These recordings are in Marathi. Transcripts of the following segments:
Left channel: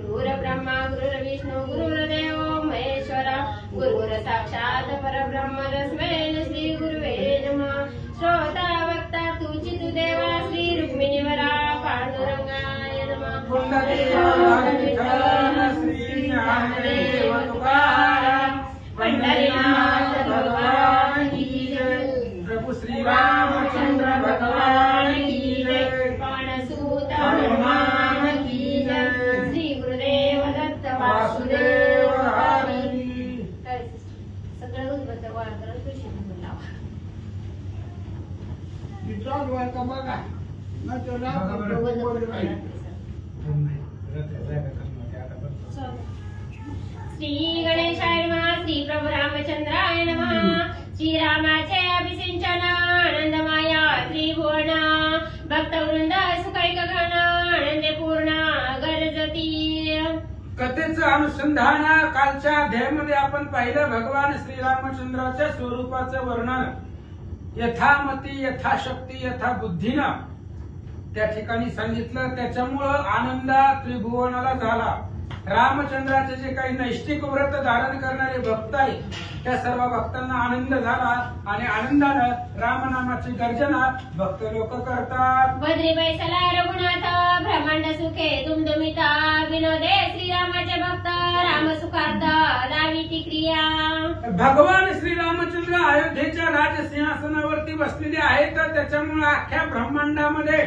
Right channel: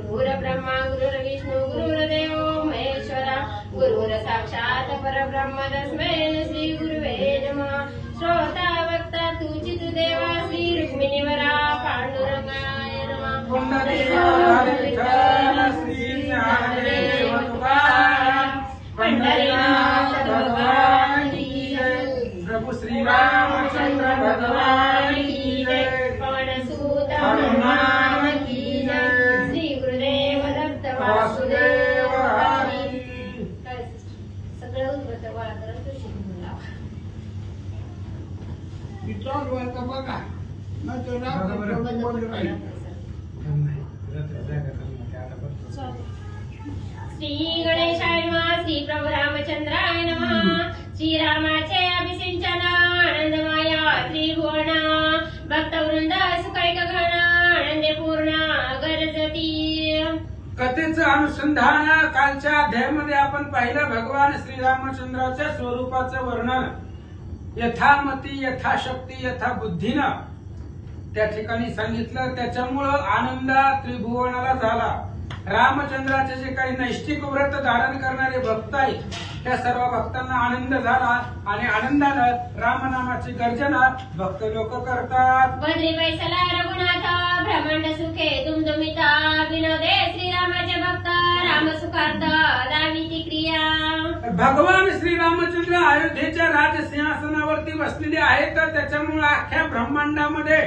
गुरुर ब्रह्मा गुरुर विष्णू गुरुर्देव महेश्वरा गुरुर साक्षात परब्रह्म तस्मै श्री गुरुवे नमः। श्रोता वक्ता तुझी तू देवा श्री रुक्मिणीवरा पांडुरंगाय नमः। पंढरीनाथ भगवान की जय। प्रभु श्री रामचंद्र भगवान की जय। पवन सुत हनुमान की जय। श्री गुरुदेव दत्त वासुदेव हरी। सगळं उद्बत्त गोळा करून तुळशी कुंकू लावा। श्री गणेशाय नमः। श्री प्रभू रामचंद्राय नमः। श्रीरामाचे अभिषेचन आनंदमाया त्रिभुवन भक्तवृंद सुखैक गण आनंदे पूर्ण गरजती। कथेचं अनुसंधान कालच्या अध्यायामध्ये आपण पाहिलं भगवान श्रीरामचंद्राच्या स्वरूपाचं वर्णन यथामती यथाशक्ती यथा बुद्धीनं त्या ठिकाणी सांगितलं। त्याच्यामुळं आनंद त्रिभुवनाला झाला। रामचंद्राचे जे काही नैष्टिक व्रत धारण करणारे भक्त आहेत त्या सर्व भक्तांना आनंद झाला आणि आनंदानं रामनामाची गर्जना भक्त लोक करतात। बद्री बैसला रघुनाथ ब्रह्मांड सुखे दुमदुमिता विनोदे श्रीरामाचे भक्त राम सुखार्थ दाविती क्रिया। भगवान श्रीरामचंद्र अयोध्येच्या राजसिंहासनावरती बसलेले आहेत तर त्याच्यामुळे अख्ख्या ब्रह्मांडामध्ये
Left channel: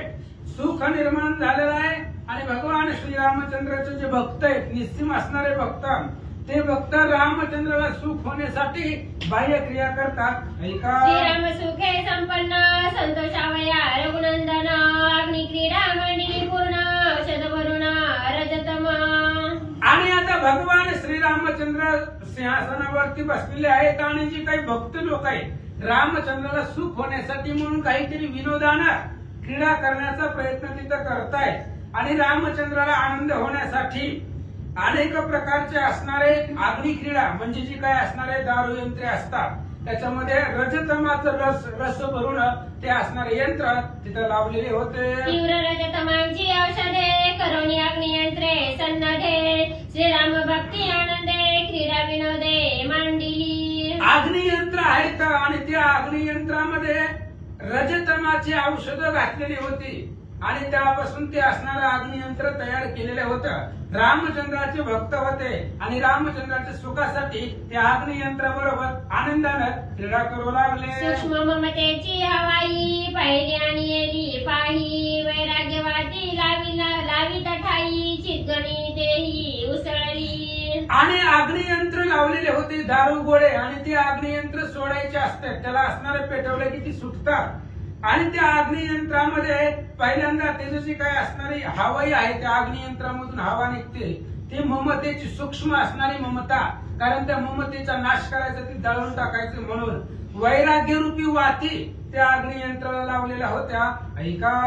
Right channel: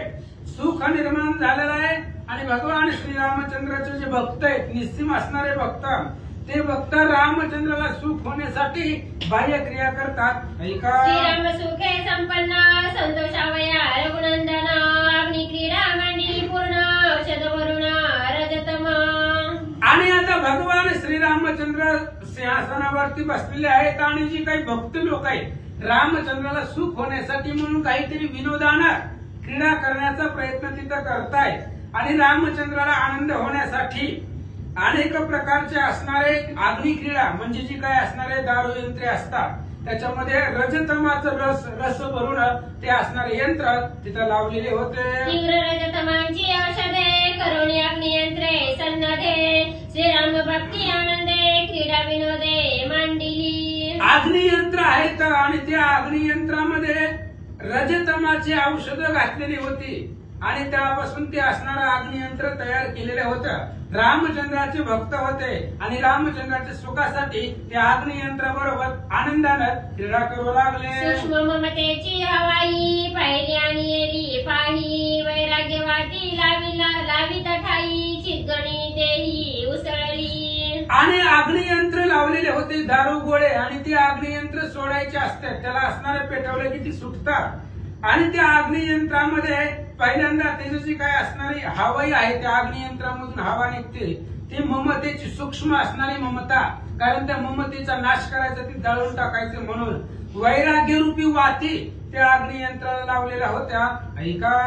सुख निर्माण झालेलं आहे आणि भगवान श्रीरामचंद्राचे जे भक्त आहेत निस्सीम असणारे भक्त ते भक्त रामचंद्राला सुख होण्यासाठी बाह्य क्रिया करतात। ऐका श्रीराम सुखे संपन्न संतोषावया रघुनंदन अग्नि क्रीडा मंडिली पूर्ण औषध वरुण रजतम। आणि आता भगवान श्रीरामचंद्र सिंहासनावरती बसलेले आहेत आणि जी काही भक्त लोक आहेत रामचंद्राला सुख होण्यासाठी म्हणून काहीतरी विनोदानं क्रीडा करण्याचा प्रयत्न तिथं करतायत आणि रामचंद्राला आनंद होण्यासाठी अनेक प्रकारचे असणारे अग्नि क्रीडा म्हणजे जी काही असणारे दारू यंत्रे असतात त्याच्यामध्ये रजतमाचं रस भरून ते असणारे यंत्र तिथं लावलेले होते। तीव्र रजतमांची औषधे करुणी अग्नियंत्रे सन्नधे श्रीराम भक्ती आनंदे क्रीडा विनोदे मांडिली। अग्नियंत्र आहेत आणि त्या अग्नियंत्रामध्ये रजतमाची औषधं घातलेली होती आणि त्यापासून ते असणारं अग्नियंत्र तयार केलेलं होतं। रामचंद्राचे भक्त होते आणि रामचंद्राच्या सुखासाठी त्या अग्नियंत्राबरोबर आनंदानं क्रीडा करू लागले। सूक्ष्म ममतेची हवाई पाहिली आणि येली पाही वैराग्य वाटी लावी ठाई चितगणी देही उसळली। आणि अग्नियंत्र लावलेले होते दारू गोळे आणि ते अग्नियंत्र सोडायचे असतात त्याला असणारे पेटवले की ती सुटतात आणि त्या अग्नियंत्रामध्ये पहिल्यांदा त्याची जी काही असणारी हवाई आहे त्या अग्नियंत्रामधून हवा निघते ती ममतेची सूक्ष्म असणारी ममता कारण त्या ममतेचा नाश करायचा ती दळून टाकायचं म्हणून वैराग्य रूपी वाती त्या अग्नियंत्राला लावलेल्या होत्या। ऐका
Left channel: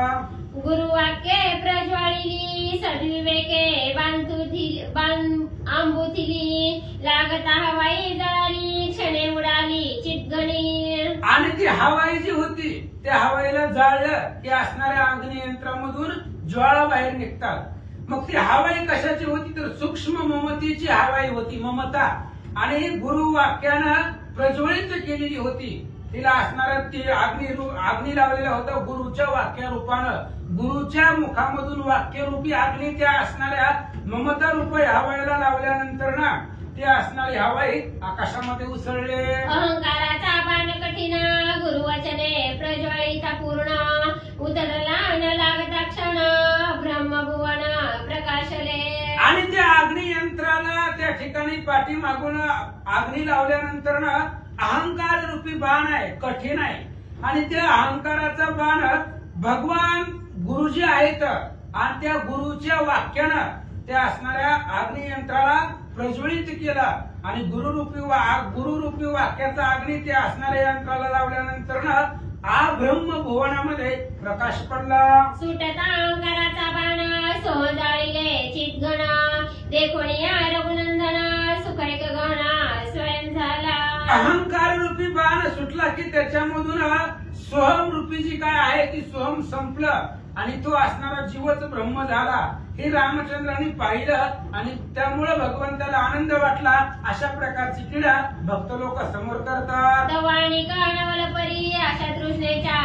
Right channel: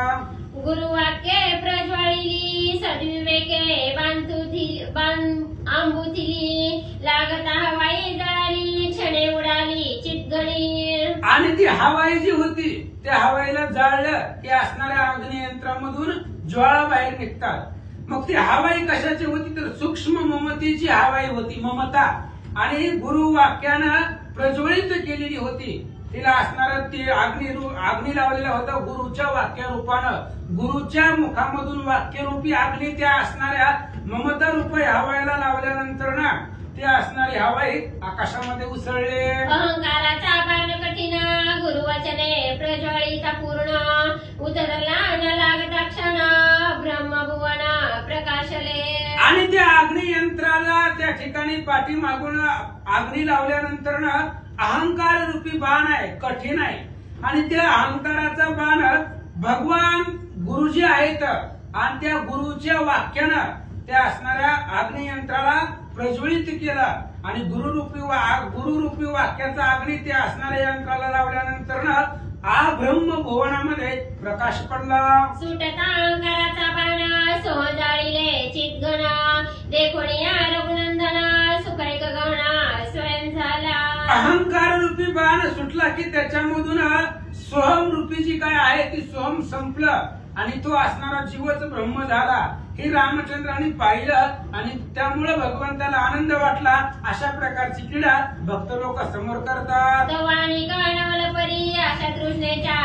गुरुवाक्ये प्रज्वलिली सद्विवेके आंबुथिली लागता हवाई जळाली क्षणे उडाली चितगणी। आणि ती हवाई जी होती त्या हवाईला जाळलं की असणाऱ्या अग्नियंत्रामधून ज्वाळा बाहेर निघतात। मग ती हवाई कशाची होती तर सूक्ष्म ममतेची हवाई होती ममता आणि गुरुवाक्यानं प्रज्वलित केलेली होती। तिला असणारा ती अग्नी लावलेला होता गुरुच्या वाक्य रूपानं गुरुच्या मुखामधून वाक्यरूपी अग्नी त्या असणाऱ्या ममता रूपी हवाईला लावल्यानंतर ना ते असणारी हवाई आकाशामध्ये उसळले। अहंकाराचा बाण कठीण गुरुवचने प्रज्वलिता पूर्ण उतरला न लागता क्षण ब्रह्मभुवन प्रकाशले। आणि त्या अग्नियंत्राला त्या ठिकाणी पाठीमागून अग्नी लावल्यानंतर ना अहंकार रूपी बाण आहे कठीण आहे आणि त्या अहंकाराचा बाण भगवान गुरुजी आहेत आणि त्या गुरुच्या वाक्यानं त्या असणाऱ्या अग्नियंत्राला प्रज्वलित केलं आणि गुरुरूपी वाक्याचा अग्नी त्या असणाऱ्या यंत्राला लावल्यानंतर ब्रह्म भुवनामध्ये प्रकाश पडला। सुटता अहंकाराचा बाण सोह जाळीले चितगण देखोनिया रघुनंदन सुखैक गण स्वयं झाला। अहंकार रूपी बाण सुटला की त्याच्यामधून सोहम रूपी जी काय आहे ती सोहम संपलं आणि तो असणारा जीवच ब्रह्म झाला। हे रामचंद्रांनी पाहिलं आणि त्यामुळे भगवंताला आनंद वाटला. अशा प्रकारची क्रीडा भक्त लोक समोर करतात. तवाणी कानवल परी अशा तृष्णेच्या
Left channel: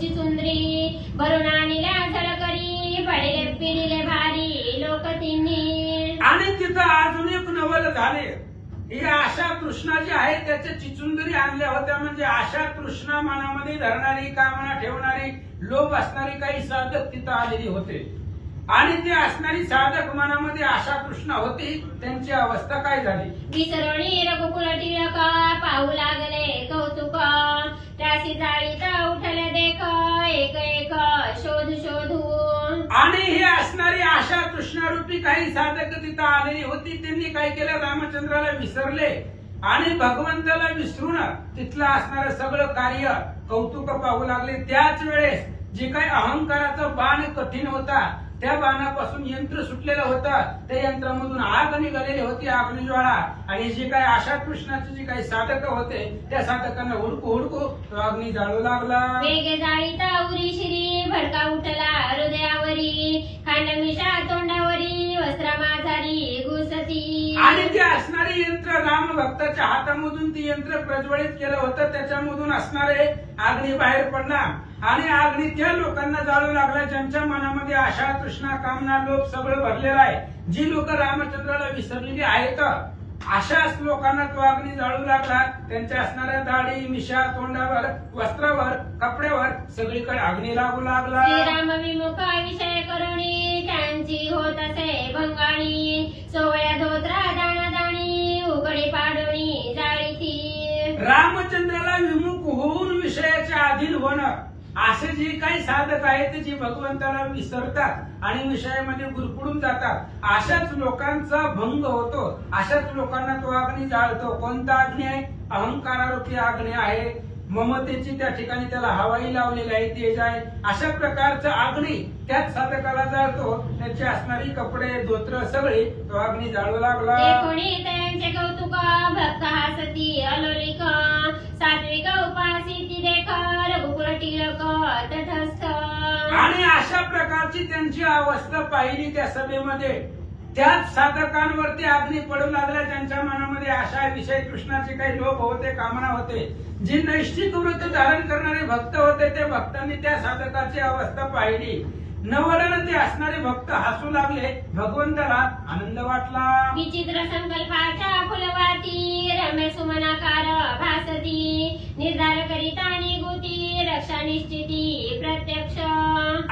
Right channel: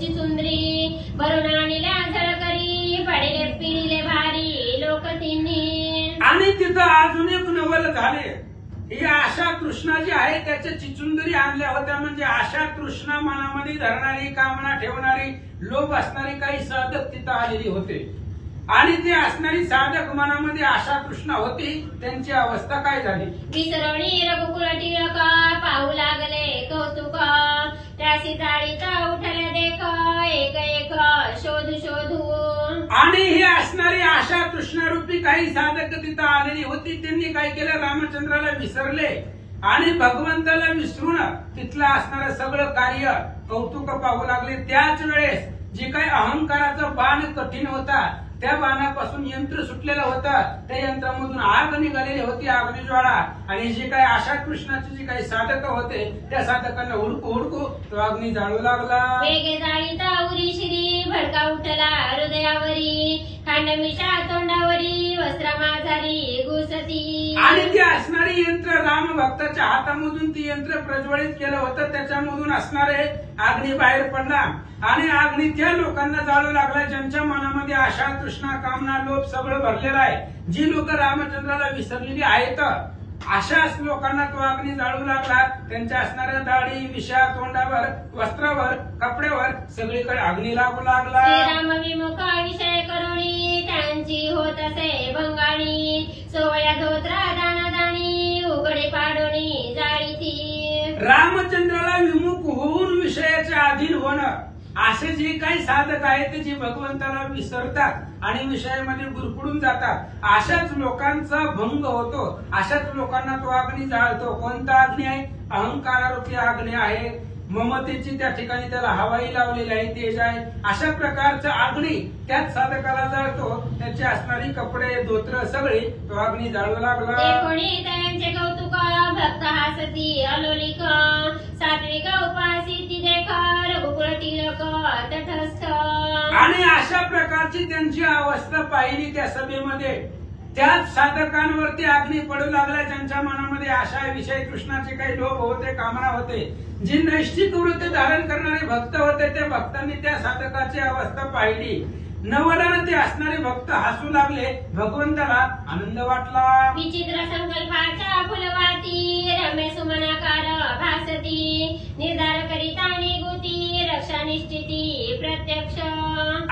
चिचुंद्री भरून आणल्या झळकरी पडले पिरिले भारी लोक तिन्ही. आणि तिथं अजून एक नवल झाले. ही आशा तृष्णा जी आहे त्याच्या चिचुंदरी आणल्या होत्या. म्हणजे आशा तृष्णा मनामध्ये धरणारी, कामना ठेवणारी, लोभ असणारी काही साधक तिथं आलेली होते. आणि ते असणारी साधक मनामध्ये आशा तृष्णा होती. त्यांची अवस्था काय झाली? विसरणी रघुकुल टिळक पाहू लागले कौतुक त्याशी जाळीत उठले देख एक एक शोधू शोधू. आणि ही असणारी आशा तृष्णारूपी काही साधक तिथं आलेली होती. त्यांनी काय केलं? रामचंद्राला विसरले आणि भगवंताला विसरून तिथलं असणारं सगळं कार्य कौतुक पाहू लागले. त्याच वेळेस जे काही अहंकाराचा बाण कठीण होता त्या बाणापासून यंत्र सुटलेलं होतं. त्या यंत्रामधून आग निघालेली होती, अग्निज्वाळा. आणि जे काही आशा कृष्णाचे जे काही साधक होते त्या साधकांना हुडकू हुडकू तो अग्नी जाळू लागला. वेगे जाळीता उरी शिरी भडका उठला हृदयावरी खांडमिशा तोंडावरी वस्त्रा माझारी घुसती. आणि ते असणारे यंत्र राम भक्ताच्या हातामधून ती यंत्र प्रज्वलित केलं होतं. त्याच्यामधून असणारे अग्नी बाहेर पडला आणि अग्नी त्या लोकांना जाळू लागला ज्यांच्या मनामध्ये आशा तृष्णा कामना लोभ सगळं भरलेलं आहे. जी लोक रामचंद्राला विसरलेली आहेत अशाच लोकांना तो अग्नी जाळू लागला. त्यांच्या असणाऱ्या दाढी मिशा तोंडावर वस्त्रावर कपड्यावर सगळीकडे अग्नी लागू लागला. श्रीराम विमुख विषय करुणी त्यांची होत असे भंगाणी सोवळ्या धोत्रा दाणादाणी उघडी पाडोणी जाळी ती. रामचंद्राला विमुख होऊन विषयाच्या अधीन होणं असे जे काही साधक आहेत ते जे भगवंताला विसरतात आणि विषयामध्ये गुरफडून जातात अशाच लोकांचा भंग होतो. अशाच लोकांना तो अग्नी जाळतो. कोणता अग्नी आहे? अहंकारारूपी अग्नी आहे. ममतेची त्या ठिकाणी त्याला हवाई लावलेली आहे, तेज आहे. अशा प्रकारचा अग्नी त्याच साधकाला जाळतो. त्याचे असणारी कपडे धोत्र सगळे तो अग्नी जाळू लागला. कोणी त्यांचे कौतुक भक्त हासती अलोलिक सात्विक उपासिती देख रघुकुल टिळक तटस्थ. आणि अशा प्रकारची त्यांची अवस्था पाहिली त्या सभेमध्ये. त्याच साधकांवरती अग्नी पडू लागला ज्यांच्या मनामध्ये आशा विषय कृष्णाचे काही लोभ होते, कामना होते. जे नैष्ठिक वृत्त धारण करणारे भक्त होते त्या भक्तांनी त्या साधकाची अवस्था पाहिली. नवलानं ते असणारे भक्त हसू लागले. भगवंताला आनंद वाटला. विचित्र संकल्पाच्या फुलवाती रम्य सुमनाकार भासती निर्धार करिता निगुती रक्षा निश्चिती प्रत्यक्ष.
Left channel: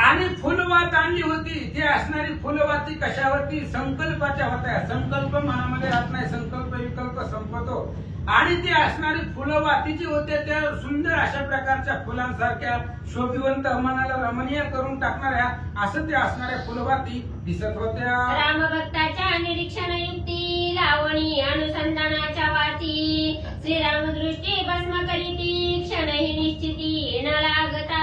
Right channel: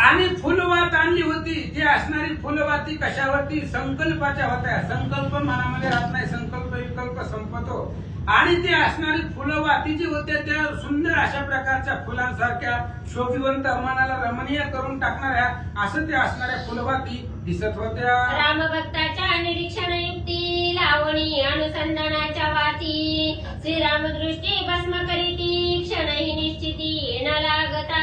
आणि फुलवात आणली होती. ती असणारी फुलवाती कशावरती? संकल्पाच्या होत्या. संकल्प मनामध्ये राहत नाही, संकल्प विकल्प संपतो. आणि ते असणारी फुलवाती जी होत्या त्या सुंदर अशा प्रकारच्या फुलांसारख्या शोभिवंत मनाला रमणीय करून टाकणाऱ्या असं ते असणाऱ्या फुलवाती दिसत होत्या. रामभक्ताच्या निरीक्षण युक्ती लावणी अनुसंधानाच्या वाती श्रीराम दृष्टी भस्म करीती क्षणही निश्चिती न लागता.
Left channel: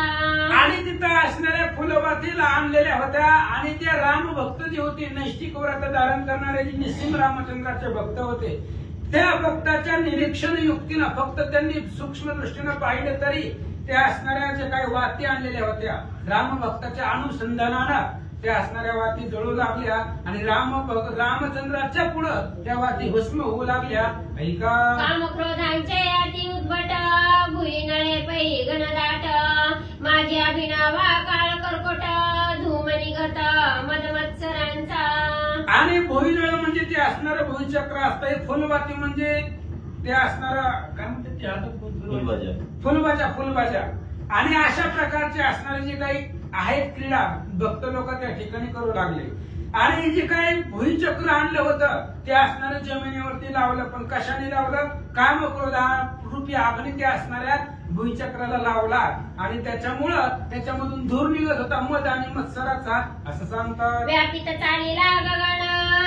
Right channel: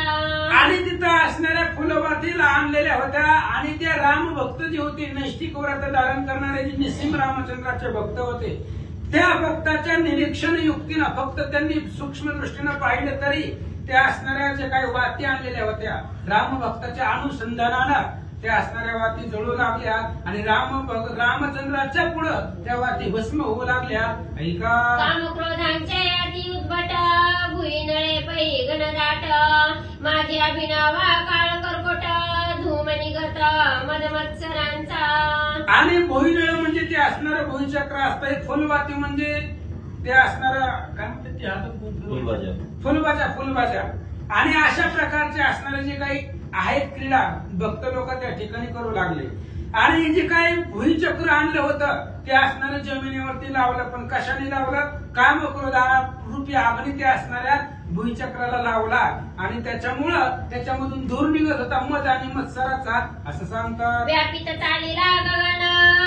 आणि तिथं असणाऱ्या फुलवातीला आणलेल्या होत्या. आणि ते राम भक्त जे होते नैष्ठिक व्रत धारण करणारे जे निस्सिम रामचंद्राचे भक्त होते त्या भक्ताच्या निरीक्षण युक्तीनं फक्त त्यांनी सूक्ष्म दृष्टीनं पाहिलं तरी त्या असणाऱ्या ज्या काही वाती आणलेल्या होत्या राम भक्ताच्या अनुसंधानानं त्या असणाऱ्या वाती जळू लागल्या. आणि रामचंद्राच्या पुढं त्या वाती भस्म होऊ लागल्या. ऐका कामक्रोधांचे अति उद्भट भुईनळे पै घनदाट माझी अभिनवा काळ कर्कोट धूम निघत मदमत्सरांचा. आणि भुईनळ म्हणजे ते असणारं भुईचक्र असतं. फुलवाती म्हणजे ते असणारं काय म्हणतात फुलबाजा. आणि अशा प्रकारचे असणारे जे काही आहेत क्रीडा भक्त लोक त्या ठिकाणी करू लागले. आणि जे काही भुईचक्र आणलं होतं ते असणारं जमिनीवरती लावलं. पण कशाने लावलं? कामक्रोधा रूपी अग्नी त्या असणाऱ्या भुईचक्राला लावला. आणि त्याच्यामुळं त्याच्यामधून धूर निघत होता मध आणि मत्सराचा असं सांगतात. व्यापित चालीला गगन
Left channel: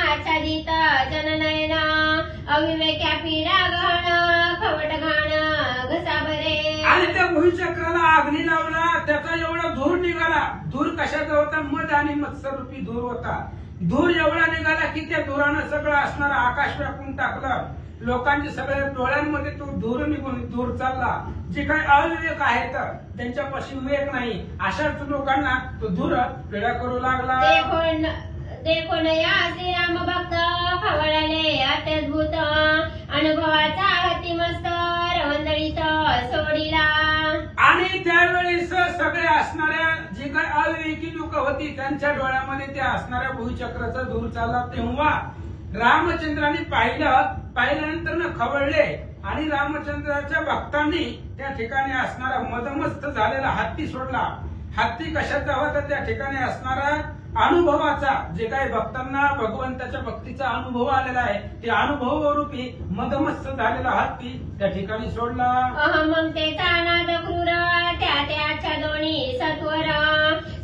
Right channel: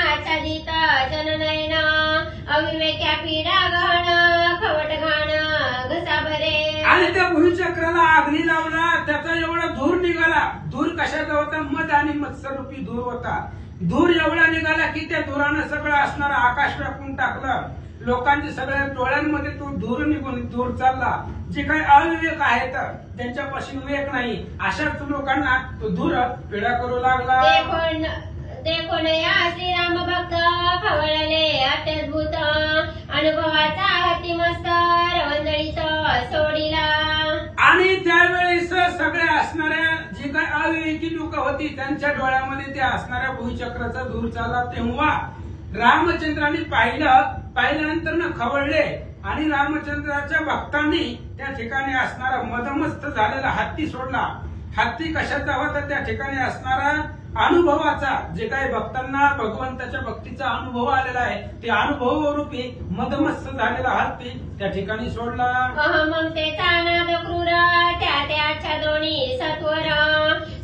आच्छादित जननयन अविवेक्या पीडा गहन खवट घाण घसा भरे. आणि त्या भुईचक्राला अग्नी लावला. त्याचा एवढा धूर निघाला. धूर कशाचा होता? मध आणि मत्सर रूपी धूर होता. धूर एवढा निघाला की त्या धुरानं सगळं असणारं आकाश व्यापून टाकलं. लोकांच्या सगळ्या डोळ्यांमध्ये तो धूर निघून दूर चालला. जे काही अविवेक आहेत त्यांच्यापासून विवेक नाही अशाच लोकांना तो दूर पिढा करू लागला. देखो नया श्रीराम भक्त खवळले अत्यद्भुत अनुभवाचा अतिमस्त रवंदळीत सोडिला. आणि त्यावेळेस सगळे असणाऱ्या जे काही अविवेकी लोक होती त्यांच्या डोळ्यामध्ये त्या असणाऱ्या भूचक्राचा धूर चालला. तेव्हा रामचंद्रांनी पाहिल्यानंतर न खवळले आणि रामचंद्राच्या भक्तांनी त्या ठिकाणी असणारा मदमस्त झालेला हत्ती सोडला. हत्ती कशाचा होता? त्या ठिकाणी असणारा अनुभवाचा, जे काही भक्तांना भगवंताच्या भक्तीचा अनुभव आलेला आहे ते अनुभवरूपी मदमस्त झालेला हत्ती त्या ठिकाणी सोडला. अहममतेचा नाद क्रूर त्याच्या दोन्ही सत्वर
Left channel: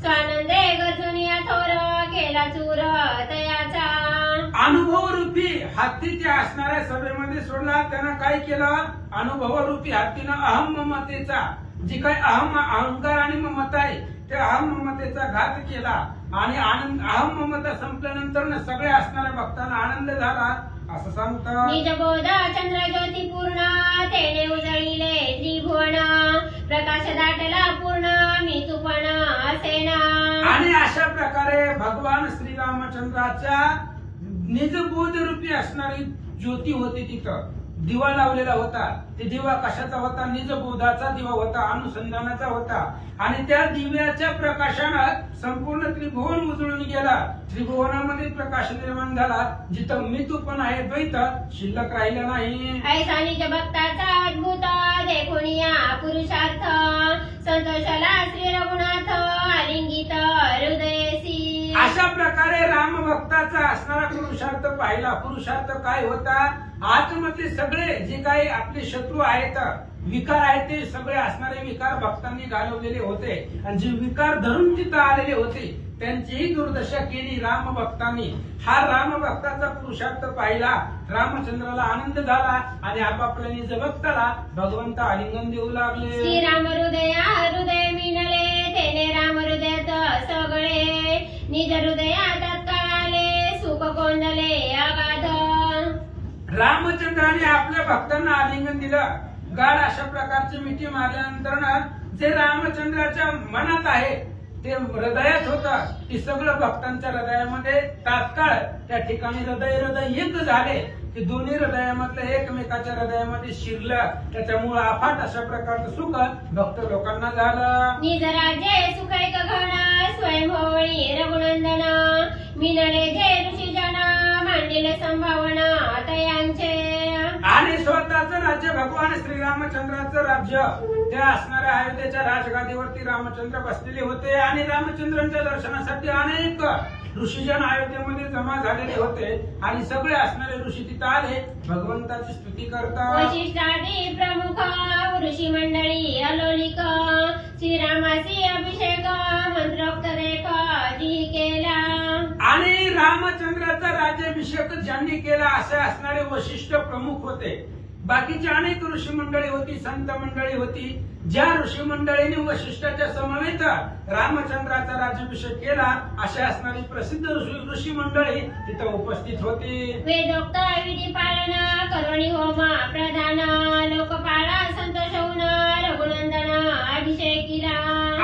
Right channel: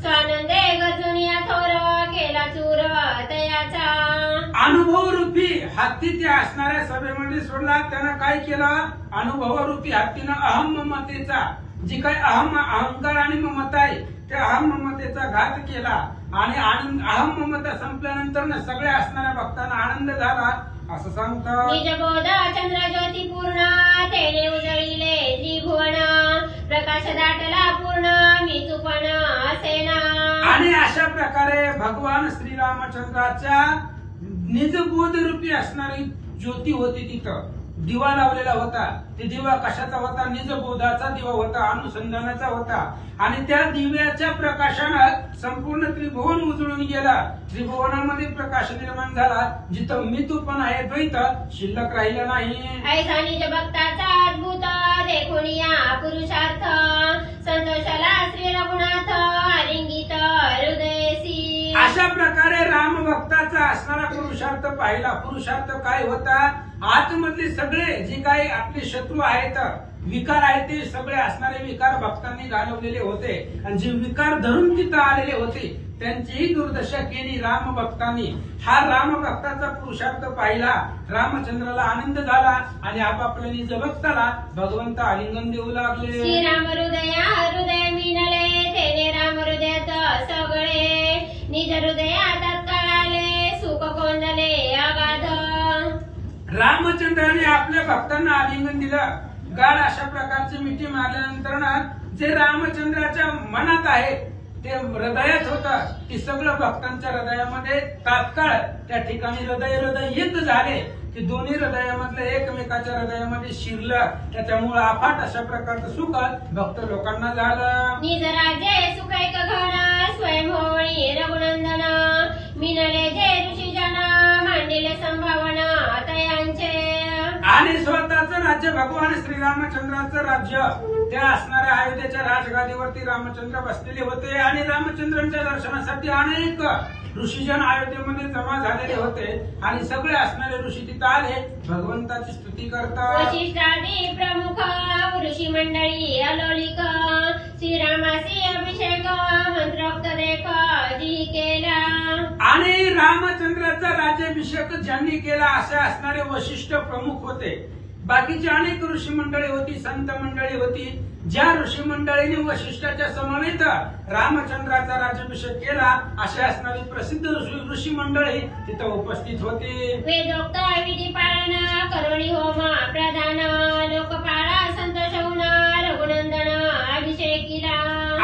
स्वानंदे गजूनिया थोर केला चूर तयाचा. अनुभवरूपी हत्ती त्या असणाऱ्या सभेमध्ये सोडला. त्यानं काय केलं? अनुभवरूपी हत्तीनं अहम ममतेचा, जी काही अहंकार आणि ममता आहे त्या अहम ममतेचा घात केला. आणि अहम ममता संपल्यानंतर सगळ्या असणाऱ्या भक्तांना आनंद झाला असं सांगतात. निजबोध चंद्र ज्योती पूर्ण तेने उजळीले त्रिभुवन प्रकाश दाटला पूर्ण मी तुपण असेना. आणि अशा प्रकारे भगवान श्रीरामचंद्राच्या निजबोध रूपी असणारी ज्योती होती. तिथं दिवा लावलेला होता. ते दिवा कशाचा होता? निजबोधाचा दिवा होता, अनुसंधानाचा होता. आणि त्या दिव्याच्या प्रकाशानं संपूर्ण त्रिभुवन उजळून गेला. त्रिभुवनामध्ये प्रकाश निर्माण झाला. जिथं मी तू पण आहे द्वैत शिल्लक राहिलं नाही. ऐसा निज भक्ताचा अद्भुत देखून या पुरुषार्थ संतोषाला श्री रघुनाथ आलिंगित हृदयसी. अशा प्रकारे राम भक्ताचा असणारा पुरुषार्थ पाहिला. पुरुषार्थ काय होता? आतमधले सगळे जे काही आपले शत्रू आहेत, विकार आहेत, ते सगळे असणारे विकार भक्तांनी घालवलेले होते. आणि जे विकार धरून तिथं आलेले होते त्यांचीही दुर्दशा केली राम भक्तांनी. हा राम भक्ताचा पुरुषार्थ पाहिला. रामचंद्राला आनंद झाला आणि आपापल्या निज भक्ताला भगवंत आलिंगन देऊ लागले. श्रीराम हृदय मिळाले तेने राम हृदयात सगळे निज हृदयात कळाले सुख कोंदले अगाध. रामचंद्राने आपल्या भक्तांना आलिंगन दिलं. गाढ अशा प्रकारची मिठी मारल्यानंतर जे रामचंद्राच्या मनात आहे ते हृदयात होतं ते सगळं भक्तांच्या हृदयामध्ये तात्काळ त्या ठिकाणी हृदय एक झाले. ते दोन्ही हृदयामधलं एकमेकाच्या हृदयामध्ये शिरलं. त्याच्यामुळे अफाट अशा प्रकारचं सुख भक्त लोकांना झालं. निज राज्य सुख एक घन स्वयं होळी रघुनंदन मिनले जे ऋषीजन मांडिले संभावना तयांचे. आणि स्वतःचं राज्य भगवान श्रीरामचंद्राचं राज्य त्या असणाऱ्या अयोध्येच्या राजगादीवरती रामचंद्र बसलेले होते. आणि रामचंद्रांच्या दर्शनासाठी अनेक ऋषीजन अयोध्येमध्ये जमा झालेले होते. आणि सगळे असणारे ऋषी तिथं आले भगवंताची स्तुती करतात. वशिष्ठादी प्रमुख ऋषी मंडळी अलोलिक श्रीरामासी अभिषेक मंत्रोक्त देख जी केला. आणि रामचंद्राचा राज्याभिषेक ज्यांनी केला असे असणारे वशिष्ठ प्रमुख होते. बाकीची अनेक ऋषी मंडळी होती, संत मंडळी होती. ज्या ऋषी मंडळीने वशिष्ठाच्या समवेत रामचंद्राचा राज्याभिषेक केला अशा असणारी प्रसिद्ध ऋषी मंडळी तिथं उपस्थित होती. वेदोक्त विधी पाळन करुणी होम प्रधान लोकपाळा संतोष होऊन रघुनंदन अभिषेकीला.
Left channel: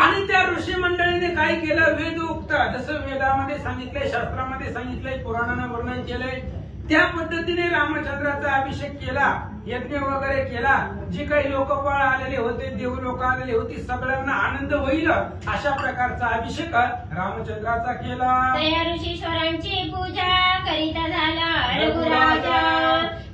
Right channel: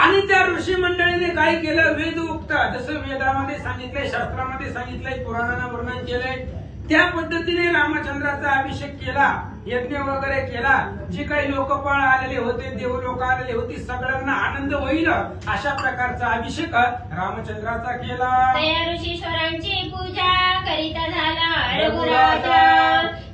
आणि त्या ऋषी मंडळीने काय केलं? वेदोक्त, जसं वेदामध्ये सांगितलंय, शास्त्रामध्ये सांगितलंय, पुराणानं वर्णन केलंय त्या पद्धतीने रामचंद्राचा अभिषेक केला. यज्ञ वगैरे केला. जे काही लोकपाळ आलेले होते, देव लोक आलेले होते, सगळ्यांना आनंद होईल अशा प्रकारचा अभिषेक रामचंद्राचा केला. त्या ऋषीश्वरांची पूजा करीता झाला रघुराजा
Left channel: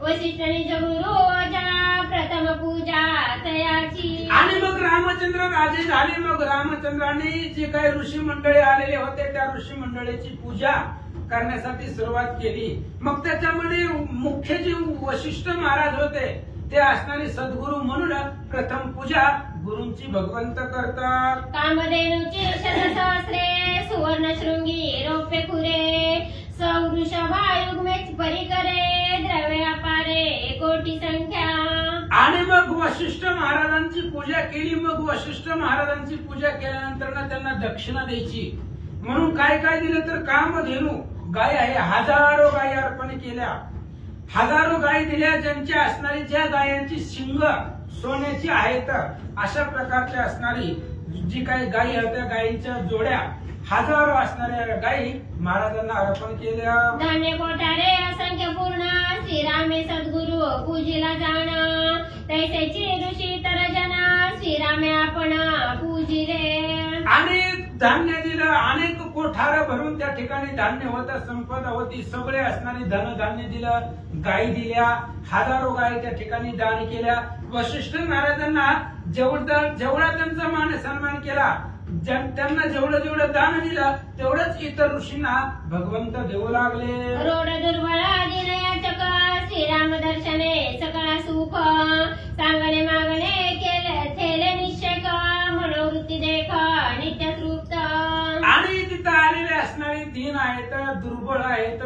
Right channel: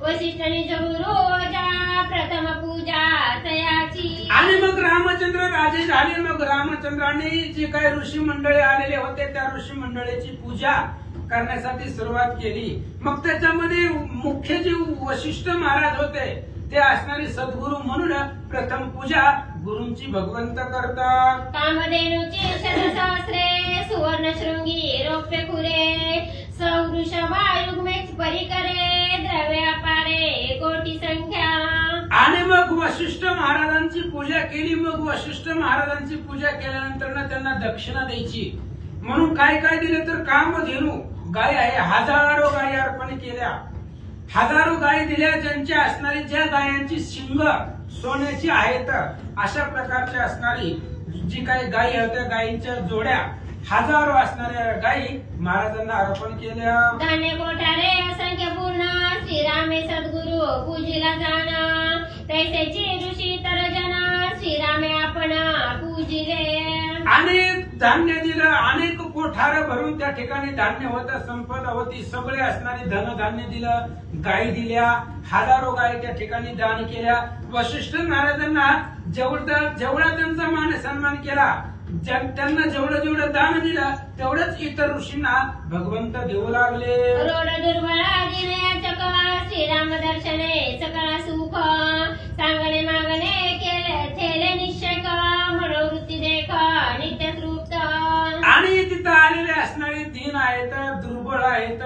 वशिष्ठ निज गुरुजा प्रथम पूजा तयाची. आणि मग रामचंद्र राजे झाले. मग रामचंद्राने जे काही ऋषी मंडळी आलेले होते त्या ऋषी मंडळीची पूजा करण्यासाठी सुरुवात केली. मग त्याच्यामध्ये मुख्य जे वशिष्ठ महाराज होते ते असणारे सद्गुरू म्हणून प्रथम पूजा गुरूंची भगवंत करतात. कामधेनूची शतसहस्रे सुवर्ण शृंगी रौप्य खुरे सौवृषभायुग्मेच परिकरे द्रव्य पारे कोटी संख्या. आणि मग वशिष्ठ महाराजांची पूजा केली. मग वशिष्ठ महाराजांची पूजा केल्यानंतर त्यांना दक्षिणा द्यायची म्हणून काय काय दिलं तर कामधेनू गाय आहे, हजारो गायी अर्पण केल्या. हजारो गायी दिल्या, ज्यांच्या असणारी ज्या गायांची शिंग सोन्याची आहेत अशा प्रकारच्या असणारी जी काही गायी होत्या, गायींच्या जोड्या हजारो असणाऱ्या गायी महाराजांना अर्पण केल्या. धान्य कोठारे असंख्य पूर्ण श्रीरामे सद्गुरु पूजिला जाणा, तैसेची ऋषी तर जना श्रीरामे आपण पूजिले. अनेक धान्य दिलं, अनेक कोठार भरून त्या ठिकाणी धान्य होतं, संपदा होती, सगळे असणारी धनधान्य दिलं, गायी दिल्या, हजारो गायी त्या ठिकाणी दान केल्या. वशिष्ठ महाराजांना जेवढा त्यांचा मान सन्मान केला, त्यांना जेवढं दान दिलं तेवढंच इतर ऋषींना भगवंत देऊ लागले. रोड दुर्बळ दिनयाचक श्रीराम दर्शने सकळ सुख, सांगणे मागणे केले थेले निश्चय मनोवृत्ती देख नित्य तृप्त. आणि तिथं आलेले असणारे दीन आहेत, दुर्बळ आहेत,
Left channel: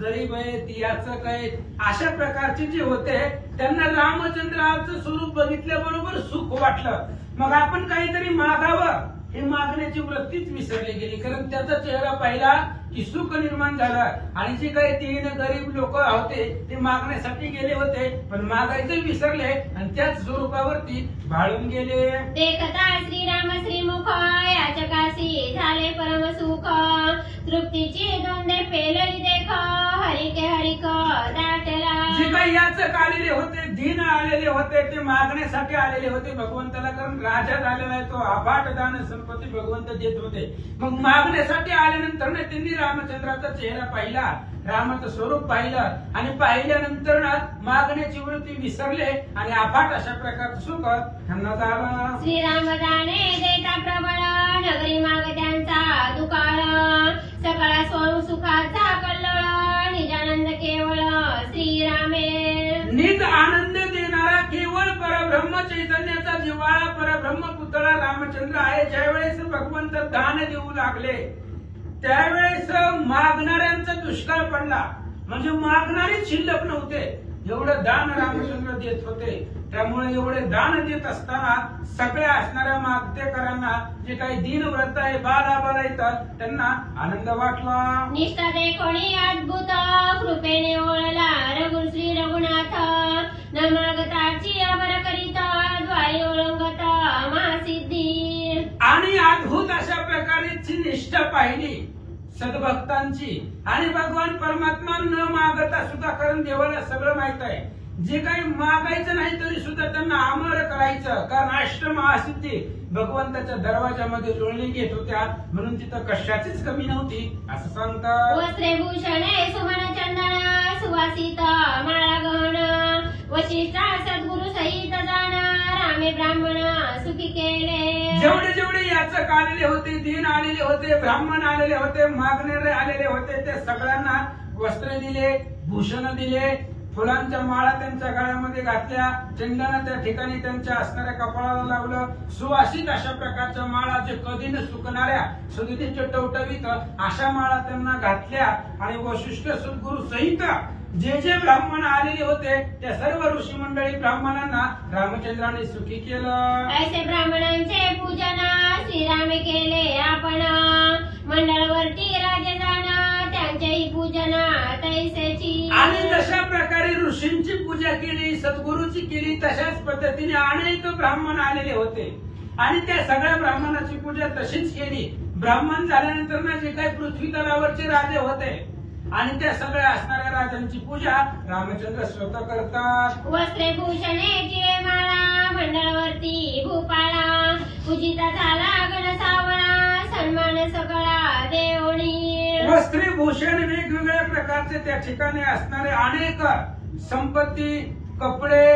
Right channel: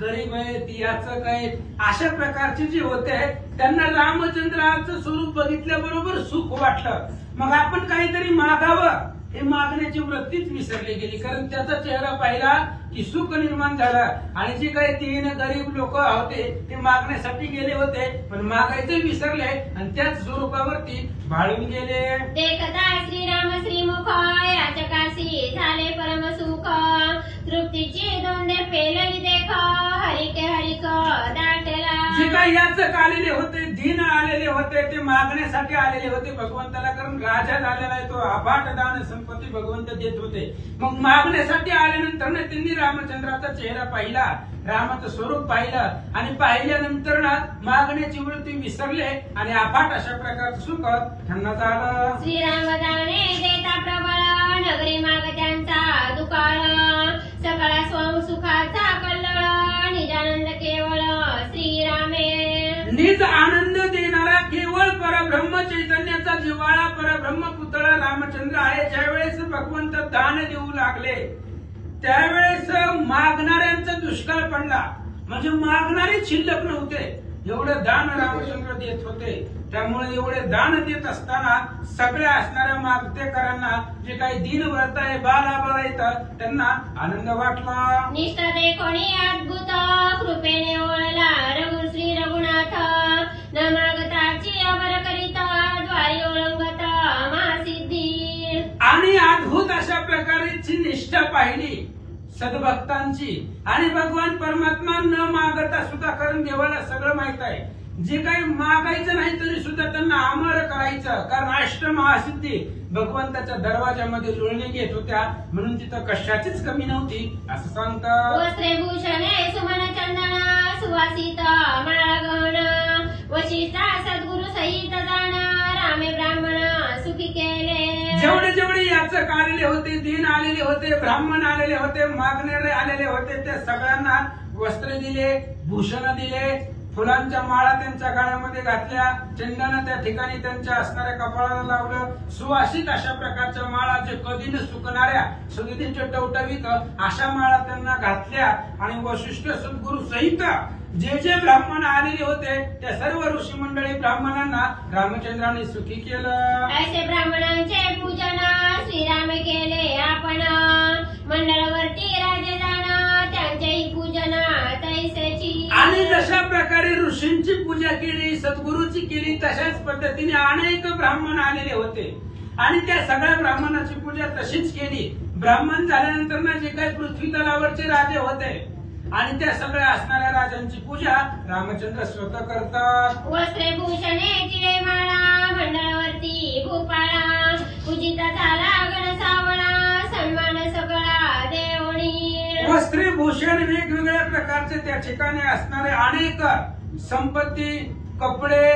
गरीब आहेत, याचक आहेत, अशा प्रकारचे जे होते त्यांना रामचंद्राचं स्वरूप बघितल्याबरोबर सुख वाटलं. मग आपण काहीतरी मागावं हे मागण्याची वृत्तीच विसरली गेली, कारण त्याचा चेहरा पाहिला की सुख निर्माण झालं. आणि जे काही तीन गरीब लोक होते ते मागण्यासाठी गेले होते, पण मागायचं विसरले आणि त्याच स्वरूपावरती भाळून गेले. देखता श्रीराम श्रीमुख याचकाशी झाले परम सुख, तृप्तीची दोंदे पेलली देख हरिक हरिक दाटला. जे काही याचक आलेले होते, दीन आलेले होते, ते मागण्यासाठी आलेले होते भगवंताला, कारण राजा झालेला आहे तो, अफाट दान संपत्ती भगवंत देत होते. मग मागण्यासाठी आल्यानंतर त्यांनी रामचंद्राचा चेहरा पाहिला, रामाचं स्वरूप पाहिलं आणि पाहिल्यानंतर मागण्याची वृत्ती विसरले आणि अफाट अशा प्रकारचं सुख त्यांना झालं. श्रीराम दाने देता प्रबळ नगरी माग त्यांचा दुकाळ, सकळ स्वम सुखाचा कल्लोळ निजानंद केवळ श्रीरामे. निज आनंद देणारा केवळ परब्रह्म चैतन्याचा जिव्हाळा परब्रह्म पुतळा रामचंद्र आहे. ज्यावेळेस भगवंत दान देऊ लागले त्यावेळेस मागणाऱ्यांचा दुष्काळ पडला, म्हणजे मागणारे शिल्लक नव्हते, एवढं दान रामचंद्र देत होते. त्यामुळे एवढे दान देत असताना सगळ्या असणाऱ्या मागतेकरांना, जे काही दीनव्रत आहे, बालाबाला येतात, त्यांना आनंद वाटला. निष्ठा दे कोणी अद्भुत कृपेने ओळला श्री रघुनाथ, न मागताची अमर करिता द्वारी ओळंगत महासिद्धी. आणि अद्भुत अशा प्रकारची निष्ठा पाहिली सद्भक्तांची. आणि भगवान परमात्मा न मागता सुद्धा, कारण देवाला सगळं माहित आहे, जे काही मागायचं नाही तरी सुद्धा त्यांना अमर करायचं, कारण अष्टमहासिद्धी भगवंताच्या दरवाजामध्ये जुळणी घेत होत्या, म्हणून तिथं कशाचीच कमी नव्हती असं सांगतात. वस्त्रे भूषणे सुमन चंदन सुवासित माळा गहन, वशिष्ठा सद्गुरु सहित जाण रामे ब्राह्मण सुखी केले. जेवढे याचक आलेले होते, दीन आलेले होते, ब्राह्मण आलेले होते, मागणारे आलेले होते, त्या सगळ्यांना वस्त्रे दिले, भूषण दिले, फुलांच्या माळा त्यांच्या गळ्यामध्ये घातल्या, चंदन त्या ठिकाणी त्यांच्या असणाऱ्या कपाळाला लावलं, सुवासित अशा प्रकारच्या माळा, जे कधी न सुकणाऱ्या सगळीचे टवटवीत अशा माळा त्यांना घातल्या. आणि वशिष्ठ सद्गुरु सहित जे ब्राह्मण आलेले होते त्या सर्व ऋषी मंडळी ब्राह्मणांना रामचंद्राने सुखी केलं. ऐसे ब्राह्मणांचे पूजन श्रीरामे केले आपण, मंडळवरती राजे जाण त्यांचेही पूजन तैसेची. आणि जशा प्रकारे ऋषींची पूजा केली, सद्गुरूची केली, तशाच पद्धतीने अनेक ब्राह्मण आलेले होते आणि त्या सगळ्या ब्राह्मणाची पूजा तशीच केली. ब्राह्मण झाल्यानंतर ना जे काही पृथ्वी तलावरचे राजे होते आणि त्या सगळ्या असणाऱ्या राजांची पूजा रामचंद्र स्वतः करतात. वस्त्रे भूषणे चिरे माळा मंडळावरती भूपाळा, पूजिता झाला गण सावळा सन्मान सगळा देवणी. वस्त्रे भूषण वेगवेगळ्या प्रकारचे त्या ठिकाणी असणारे अनेक संपत्ती, कपडे,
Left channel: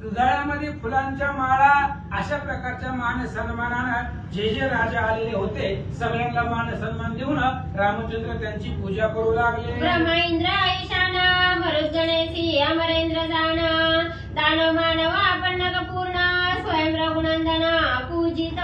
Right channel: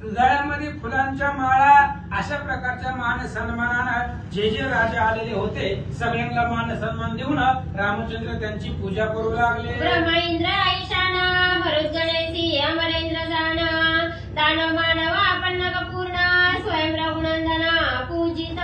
गळ्यामध्ये फुलांच्या माळा, अशा प्रकारच्या मान सन्मानानं जे राजा आलेले होते सगळ्यांना मान सन्मान देऊन रामचंद्र त्यांची पूजा करू लागले. ब्रह्म इंद्र ईशाना मरुद गणेशी अमरेंद्र जाण, दानव मानवा पन्नक पूर्ण स्वयं रघुनंदना पूजित.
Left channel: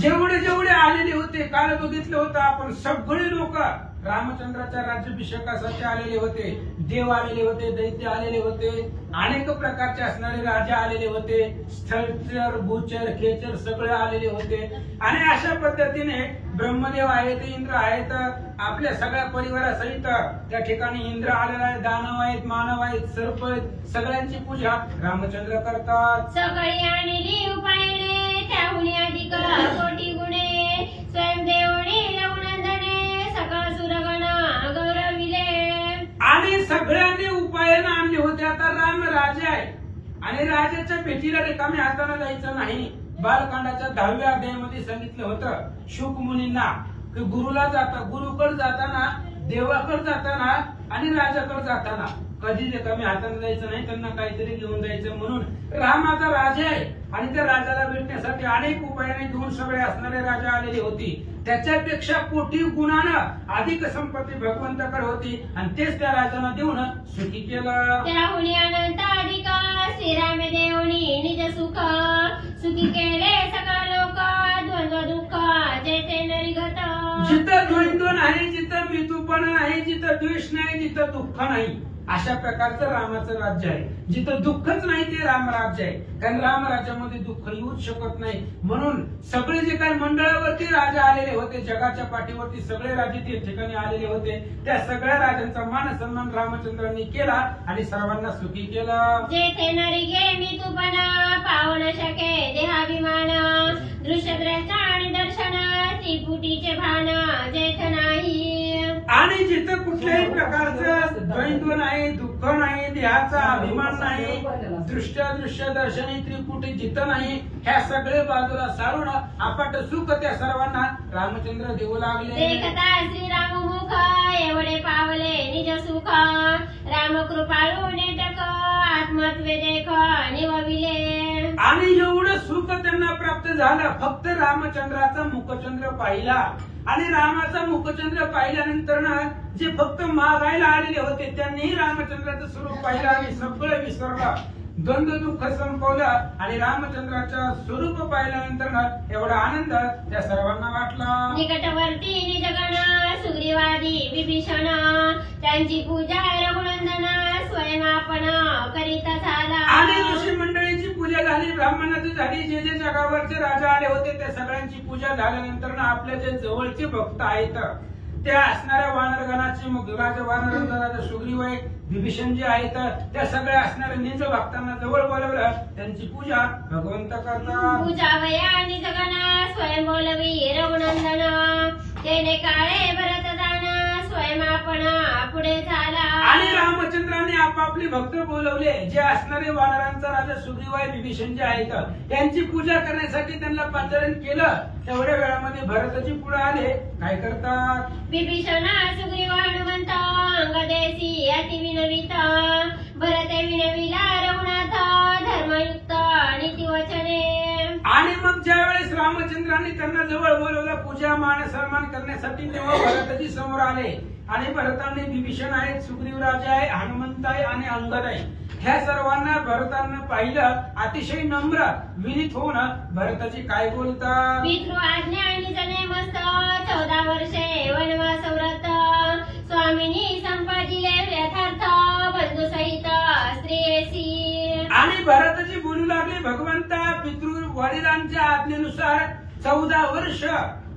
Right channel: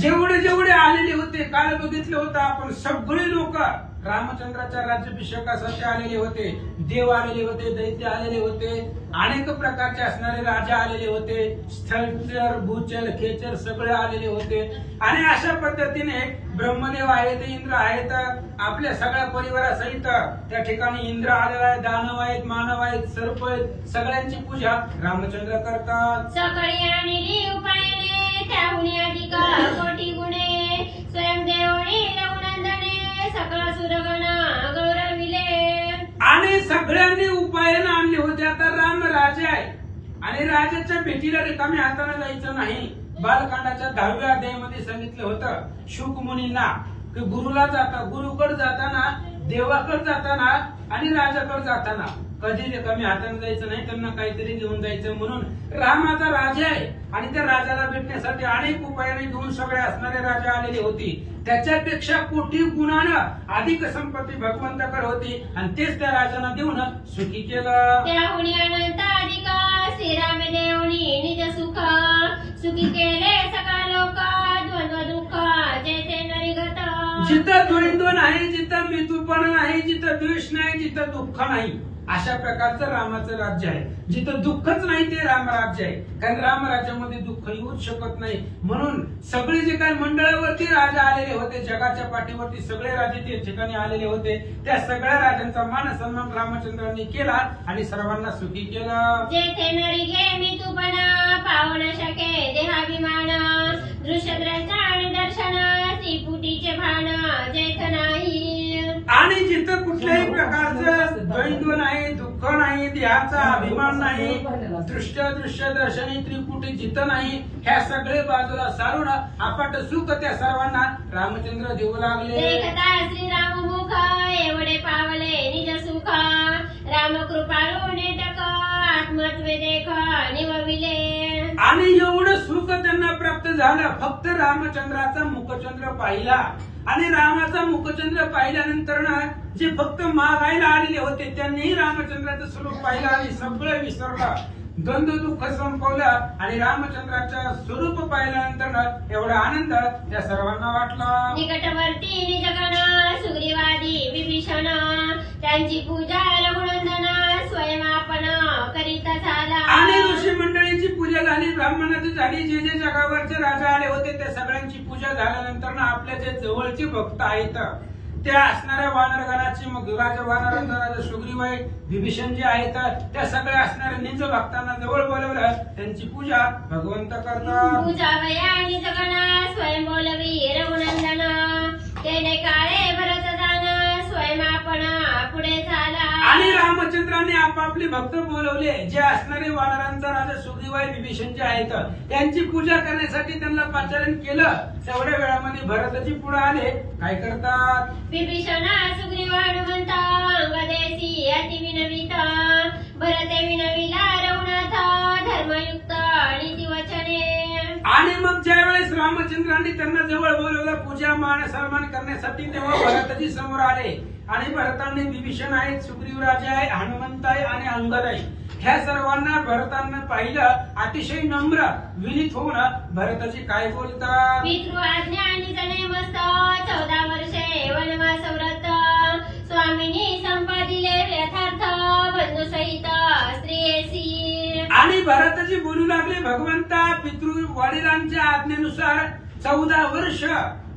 जेवढे आलेले होते, काल बघितलं होतं आपण, सगळे लोक रामचंद्राच्या राज्याभिषेकासाठी आलेले होते. देव आलेले होते, दैत्य आलेले होते, अनेक प्रकारचे असणारे राजा आलेले होते, स्थलचर भूचर खेचर सगळे आलेले होते. आणि अशा पद्धतीने ब्रह्मदेव आहेत, इंद्र आहेत, आपल्या सगळ्या परिवारासहित त्या ठिकाणी इंद्र आलेला आहे, दानव आहेत, मानव आहेत, सर्प आहेत, सगळ्यांची पूजा रामचंद्र करतात. सकाळी आणि देव पाहिले त्याहून अधिक कोटी गुणे स्वयंदेवणी रघुनंदने सकळ सुरगणा गौरविले. आणि सगळ्यांनी उपायनं आणले होते. आता राम राजा आहे आणि राजाच्या भेटीला रिकामी हाताने जायचं नाही. बालकांडाच्या 10व्या अध्यायामध्ये सांगितलं होतं शुक मुनींना की गुरुला गुरुकडे जाताना, देवाकडे जाताना आणि राजाकडे जाताना कधी रिकामी हाताने जायचं नाही, त्यांना काहीतरी घेऊन जायचं. म्हणून राम आता राजा आहे आणि त्या राजाला भेटण्यासाठी अनेक उपायाने घेऊन सगळे असणारे राजा आलेले होते. त्याच्यापेक्षा कोटी गुणानं अधिक संपत्ती भगवंताकडे होती आणि तेच त्या राजांना देऊन सुखी केलं. त्याहुनी अनंत अधिक श्रीराम देवनी निज सुख सुखी केले सकळ लोक द्वंद्व दुःख जेथे नरिगत. जिथं द्वंद्व नाही, जिथं मितूपण नाही, जिथं द्वेष नाही, जिथं दुःख नाही, अशा प्रकारचं रामाचं राज्य आहे. जिथं दुःखच नाही ते रामराज्य आहे. कारण रामराज्यामध्ये दुःख येऊच शकत नाही. म्हणून सगळे जे काही मंडळावरती राजा आलेले होते, जगाच्या पाठीवरती सगळे राजे ते ठिकाणी आलेले होते, त्या सगळ्या राजांचा मान सन्मान रामचंद्रांनी केला आणि सर्वांना सुखी केलं. जेथे नरिगे मितूपण पावन शके देहाभिमान दृश्यद्रचा आणि दर्शन त्रिपुटीचे भान जेथ नाही. आणि जिथं कुठल्याही प्रकारचं द्वैद्व नाही, दुःख नाही, देहाचा अभिमान नाही, दृश्य दर्शनी त्रिपुटी जिथं नाही, ह्या सगळे बाजूला सारून अपाट सुख त्या सर्वांना रामचंद्र देऊ लागले. देखता श्रीराम मुख एवढे पावले निज सुख राम कृपाळू नेटक आत्मत्वे देख निवविले. आणि एवढं सुख त्यांना प्राप्त झालं फक्त रामचंद्राचा मुखचंद्र पाहिला. आणि रामाचा मुखचंद्र पाहिल्यानंतर ना जे फक्त मागायला आलेले होते त्यांनीही रामचंद्राचं स्वरूप पाहिलं आणि सगळं विसरलं, द्वंद्व दुःख संपवलं आणि रामचंद्राचं स्वरूप पाहिल्यानंतर ना एवढा आनंद त्या सर्वांना वाटला. निकटवर्ती निजगण सुग्रीवादी विभीषण त्यांची पूजा रघुनंदन स्वयंपण करीत झाला. आणि ऋषी मंडळीची पूजा झाली, ब्राह्मणाची झाली, जे जे जगावरचे राजा आले होते त्या सगळ्यांची पूजा झाल्यानंतर ना आपल्या जे जवळचे भक्त आहेत त्या असणाऱ्या वानरगणाची, मग राजा वानरांचा राजा सुग्रीव आहे, विभीषण जे आहेत त्या सगळ्या असणाऱ्या निज भक्तांना जवळ बोलवलं, त्यांची पूजा भगवंत करतात. पूजा वया निजगण स्वयं बोलवी रघुनंदन केले काळे भरत जाण स्वयंपण पुढे झाला. आणि रामचंद्रांनी आपापले भक्त बोलवले, जे असणारे वानरांचा राजा सुग्रीव आहे, विभीषण जे आहेत त्यांची पूजा करण्यासाठी त्यांना पाचारण केलं. तेवढ्या वेळामध्ये भरतजी पुढे आले. काय करतात? विभीषण सुग्रीव हनुमंत अंगदेसी अति विनवित भरते विनविला रघुनाथ धर्मयुक्त नीती वचने. आणि मग ज्या वेळेस रामचंद्रांनी त्यांना जवळ बोलवलं पूजा मान सन्मान करण्यासाठी, तेव्हा भरतजी समोर आले. आणि भरतांनी विभीषण आहेत, सुग्रीव राजा आहे, हनुमंत आहे आणि अंगद आहे, ह्या सर्वांना भरतांना पाहिलं. अतिशय नम्र विनीत होऊन भरतजी काय बोलतात? पितृ आज्ञा आणि जने मस्त 14 वर्षे वनवास व्रत स्वामिनी संपादिले यथार्थ बंधू सहित स्त्रियेसी. आणि भरतजी बोलू लागले, भगवंता पितृ वडिलांच्या आज्ञेनुसार 14 वर्ष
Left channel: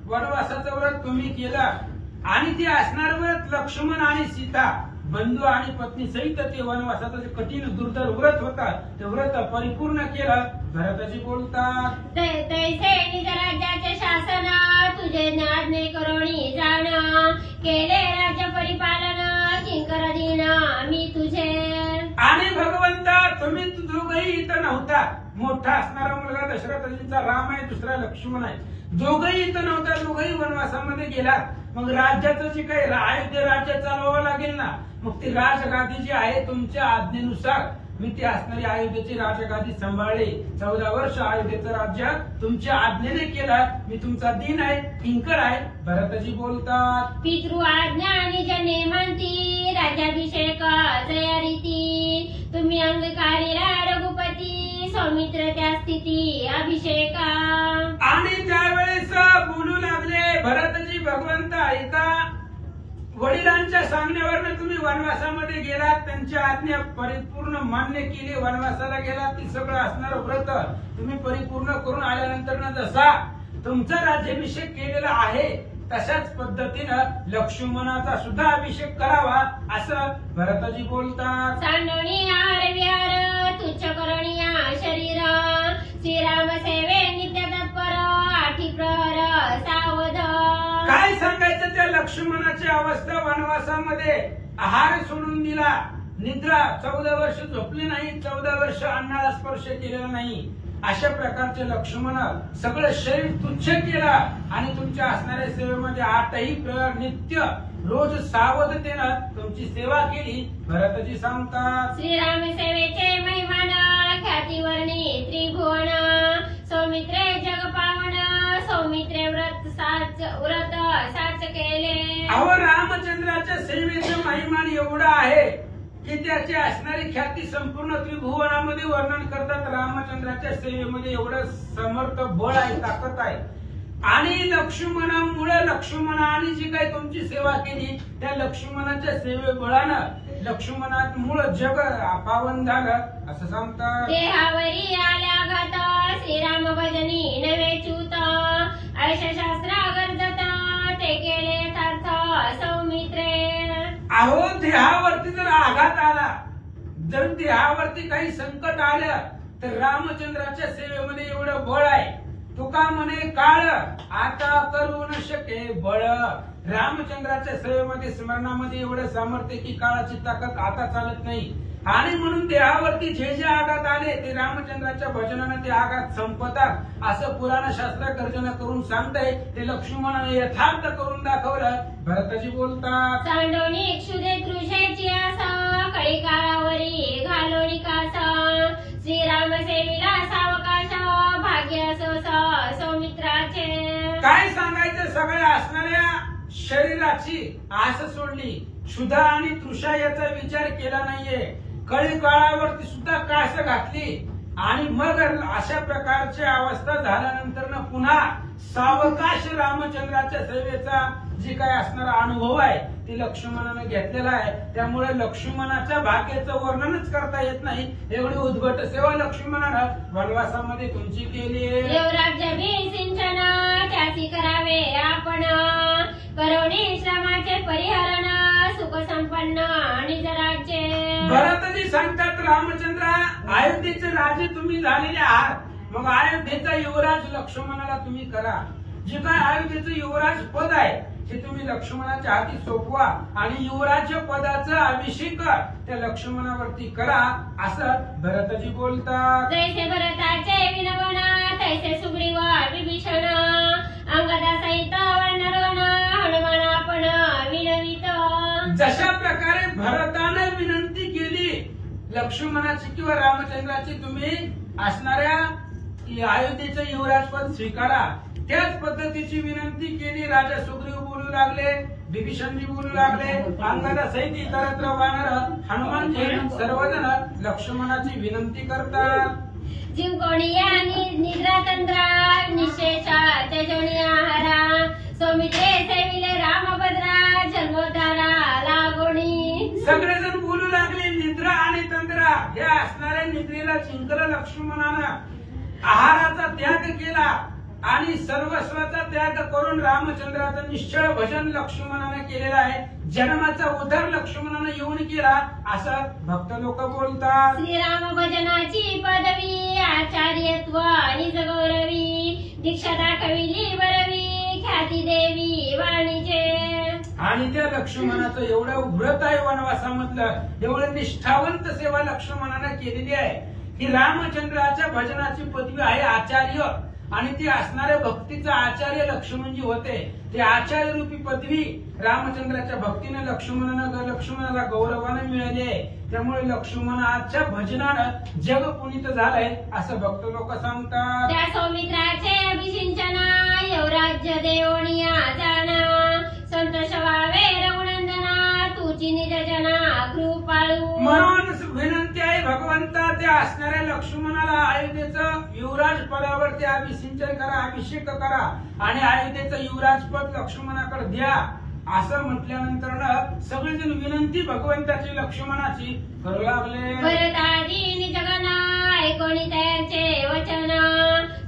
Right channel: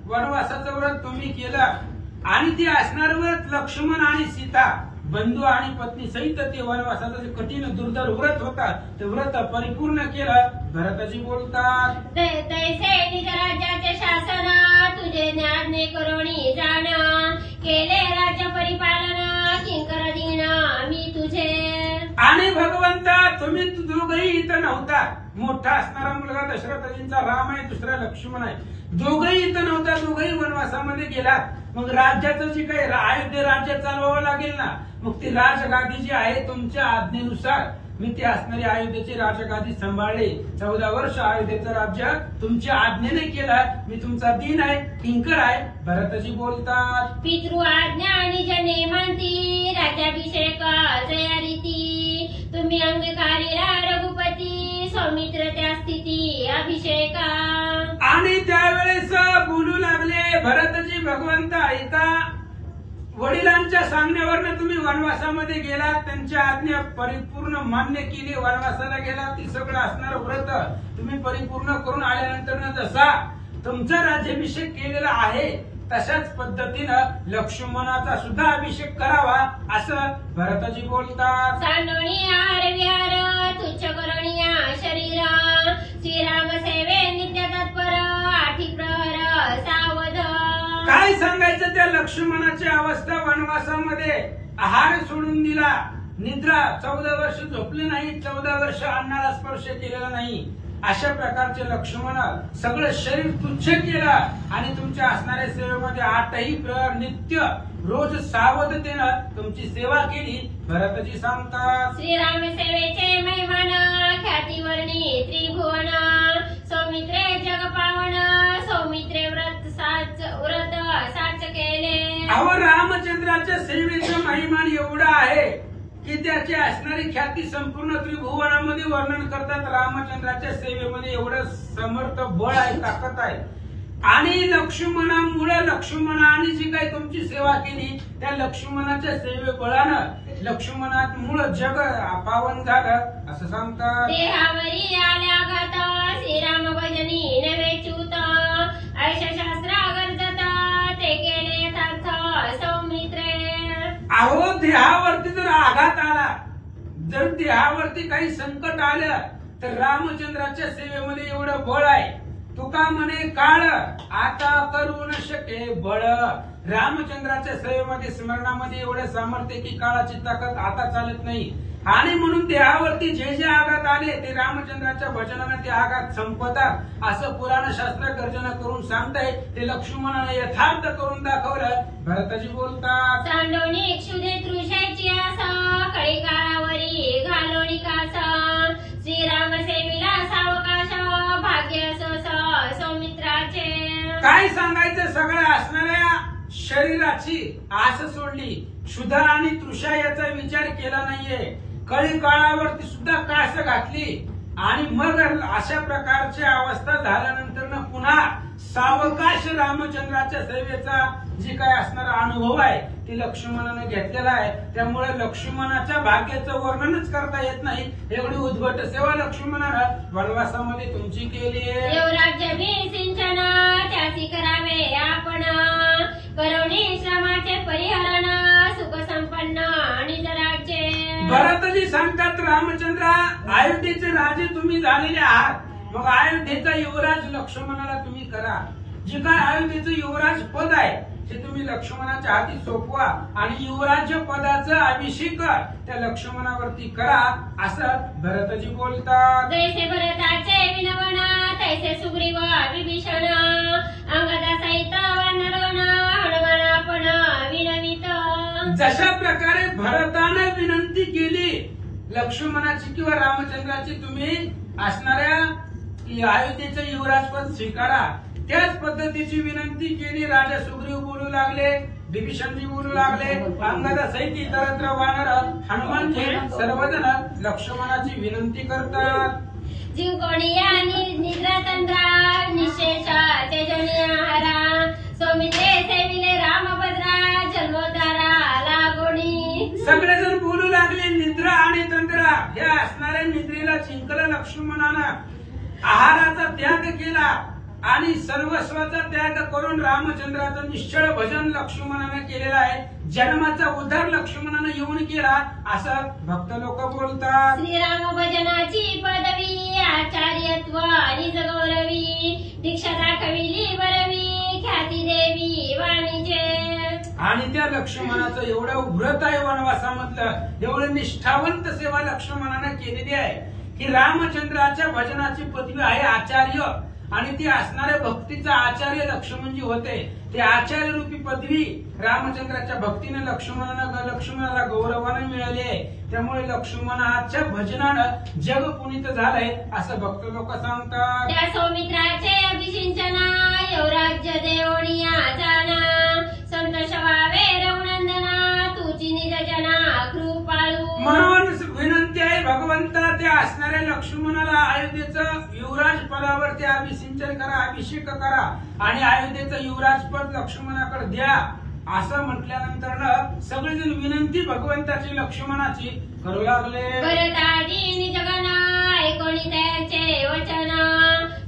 वनवासाचं व्रत तुम्ही केलं आणि ते असणार व्रत लक्ष्मण आणि सीता बंधू आणि पत्नी सहित ते वनवासाचं जे कठीण दुर्धर व्रत होता ते व्रत परिपूर्ण केलं. भरतजी बोलतात, तैसे निज राज्याचे शासन तुझे ज्ञाने करोणी जाण केले राज्य परिपालन किंकर दीन मी तुझे. आणि भगवंता तुम्ही दोघही इथं नव्हता. मोठा असणारा मुलगा दशरथजींचा राम आहे, दुसरा लक्ष्मण आहे, दोघही इथं नव्हता, दोघही वनवासामध्ये गेलात. मग राज्याचं जे काही अयोध्या राज्य चालवावं लागेल ना, मग ती राजगादी जी आहे तुमच्या आज्ञेनुसार मी ती असणारी अयोध्येची राजगादी सांभाळली. 14 वर्ष अयोध्येचं राज्य तुमच्या आज्ञेने केलं. मी तुमचा दीन आहे, किंकर आहे. भरतजी बोलतात, पितृ आज्ञा आणि जने मानती राज्याभिषेक जया रीती तुम्ही अंगीकारीला रघुपती सौमित्र त्या स्थिती अभिषेका. आणि त्यावेळेस बोलू लागले भरतजी, भगवंत ऐका, वडिलांच्या सांगण्यावरनं तुम्ही वनवासामध्ये गेलात, त्यांची आज्ञा परिपूर्ण मान्य केली, वनवासाला गेलात, ती सगळं असणारं व्रत तुम्ही परिपूर्ण करून आल्यानंतर जसा तुमचा राज्याभिषेक केलेला आहे तशाच पद्धतीनं लक्ष्मणाचा सुद्धा अभिषेक करावा असं भरतजी बोलतात. सांडोनिया विहार तुच्छ करोनिया शरीर श्रीराम सेवे नित्य तत्पर आठी प्रहर सावध. काय सांगायचं त्या लक्ष्मणाची अवस्था वनवासामध्ये आहार सोडून दिला, निद्रा 14 वर्ष झोपले नाही, 14 वर्ष अन्नाला स्पर्श केलेला नाही, अशा प्रकारचे लक्ष्मण सगळं शरीर तुच्छ केलं आणि तुमच्या असणाऱ्या सेवेमध्ये 8ही प्रहर नित्य रोज सावधतेनं तुमची सेवा केली. भरतजी सांगतात श्रीराम सेवेचे महिमान ख्यातीवर्णी त्रिभुवन सौमित्रे जग पावन सौमित्रे व्रत साच केले. अहो रामचंद्राच्या सेवेचं महिमान एवढं आहे की त्याची असणारी ख्याती संपूर्ण त्रिभुवनामध्ये वर्णन करतात. रामचंद्राच्या सेवेमध्ये एवढं समर्थ बळ आहे, ताकद आहे. आणि लक्ष्मणामुळे लक्ष्मणाने जी काही तुमची सेवा केली त्या लक्ष्मणाच्या सेवेबळानं लक्ष्मणामुळे जग पावन झालं असं सांगतात. देहावरी आल्या घात श्रीराम भजनी नवे च्युत ऐशशास्त्र गरजत ते केले यथार्थ सौमित्रे. अहो देहावरती जर आघात आला, जर देहावरती काही संकट आलं तर रामचंद्राच्या सेवेमध्ये एवढं बळ आहे. तुका म्हणे काळ आता करू न शके बळ. रामचंद्राच्या सेवेमध्ये स्मरणामध्ये एवढं सामर्थ्य की काळाची ताकद आता चालत नाही. आणि म्हणून देहावरती जे जे आघात आले ते रामचंद्राच्या भजनाने ते आघात संपतात असं पुराण शास्त्र गर्जना करून सांगताय. ते लक्ष्मणाने यथार्थ करून दाखवलं. भरतजी बोलतात सांडोनी क्षुदे तृषेची आसा कळी काळावरी घालोणी कासा श्रीराम सेविला सावकाश भाग्य सौमित्राचे. काय सांगायचं, सगळ्या असणाऱ्या शरीराची आस सोडली, क्षुधा आणि तृषा याचा विचार केला नाहीये, कळी काळावरती सुद्धा कास घातली आणि मग अशा प्रकारची अवस्था झाल्यानंतर पुन्हा सावकाश रामचंद्राच्या सेवेचा जे काय असणारा अनुभव आहे ते लक्ष्मणाने घेतलेला आहे. त्यामुळे लक्ष्मणाच्या भाग्याचं वर्णनच करता येत नाही, एवढी उद्भट सेवा लक्ष्मणानं वनवासामध्ये तुमची केली आहे. राज्य सिंचन त्याची करावे आपण करोनी श्रमाचे परिहरण सुख संपन्न आणि राज्य. भरतजी सांगतात रामचंद्र अयोध्येचे राजे तुम्ही झालेले आहात, मग अयोध्येचा युवराज लक्ष्मणाला तुम्ही करा. जे काय अयोध्येचं युवराज पद आहे ते तुम्ही लक्ष्मणाच्या हाती सोपवा आणि युवराज्य पदाचा अभिषेक त्या लक्ष्मणावरती करा असं भरतजी बोलतात. जैसे भरताचे विनवण तैसे सुग्रीव विभीषण अंगदा सहित वर्णरोण हनुमान आपण विनवित. जशा प्रकारे भरताने विनंती केली लक्ष्मणाची किंवा रामचंद्राची तुम्ही असणाऱ्या अयोध्येचं युवराजपद स्वीकारा, त्याच पद्धतीची विनंती केली. राजा सुग्रीव बोलू लागले, विभीषणजी बोलू लागले, अंगदा सहित इतरत्र वानर हनुमानजी सर्वजण लक्ष्मणाची विनंती करतात. जिंकोणिया निद्रा तंद्रा निशेषा तेजोनिया हरा सौमित्रे सेविले रामभद्रा जन्मोद्धारा लागोणी. सगळेजण बोलू लागले निद्रा आणि तंद्रा. या असणाऱ्या निद्रेला जिंकलं लक्ष्मणानं, आहाराचा त्याग केला आणि सर्वस्वाचा त्याग करून रामचंद्राचं निश्चळ भजन लक्ष्मणाने केलेलं आहे. जन्माचा उद्धार लक्ष्मणाने येऊन केला असं भक्त लोक बोलतात. श्रीराम भजनाची पदवी आचार्यत्व निज गौरवी दीक्षा दाखविली बरवी ख्याती देवी वाणीचे. आणि त्या लक्ष्मणाचं एवढं व्रत आहे वनवासामधलं, एवढं निष्ठावंत सेवा लक्ष्मणाने केलेली आहे की रामचंद्राच्या भजनाची पदवी आहे आचार्य. आणि ती असणाऱ्या भक्तीचा आचार्य लक्ष्मणजी होते. ते आचार्य रूपी पदवी रामचंद्राच्या भक्तीने लक्ष्मणाला गौरवाने मिळाली आहे. त्यामुळे लक्ष्मणाच्या भजनानं जग पुनीत झालंय असं भक्त लोक सांगतात. त्या सौमित्राचे अभिषिंचना यवराज्य देवणिया जाना संतोष व्हावे रघुनंदना तुझी निज जना कृपाळू. म्हणून विनंती आहे भगवंता, त्या असणाऱ्या लक्ष्मणाला अयोध्येचं युवराज पदावर ते अभिषिंचन करा, अभिषेक करा आणि अयोध्येचं युवराज पद लक्ष्मणाकडे द्या. असं म्हटल्यानंतर सगळेजण विनंती भगवंताची लक्ष्मणाची करू लागले. भरताजी जगना ऐकोणी त्यांचे वचन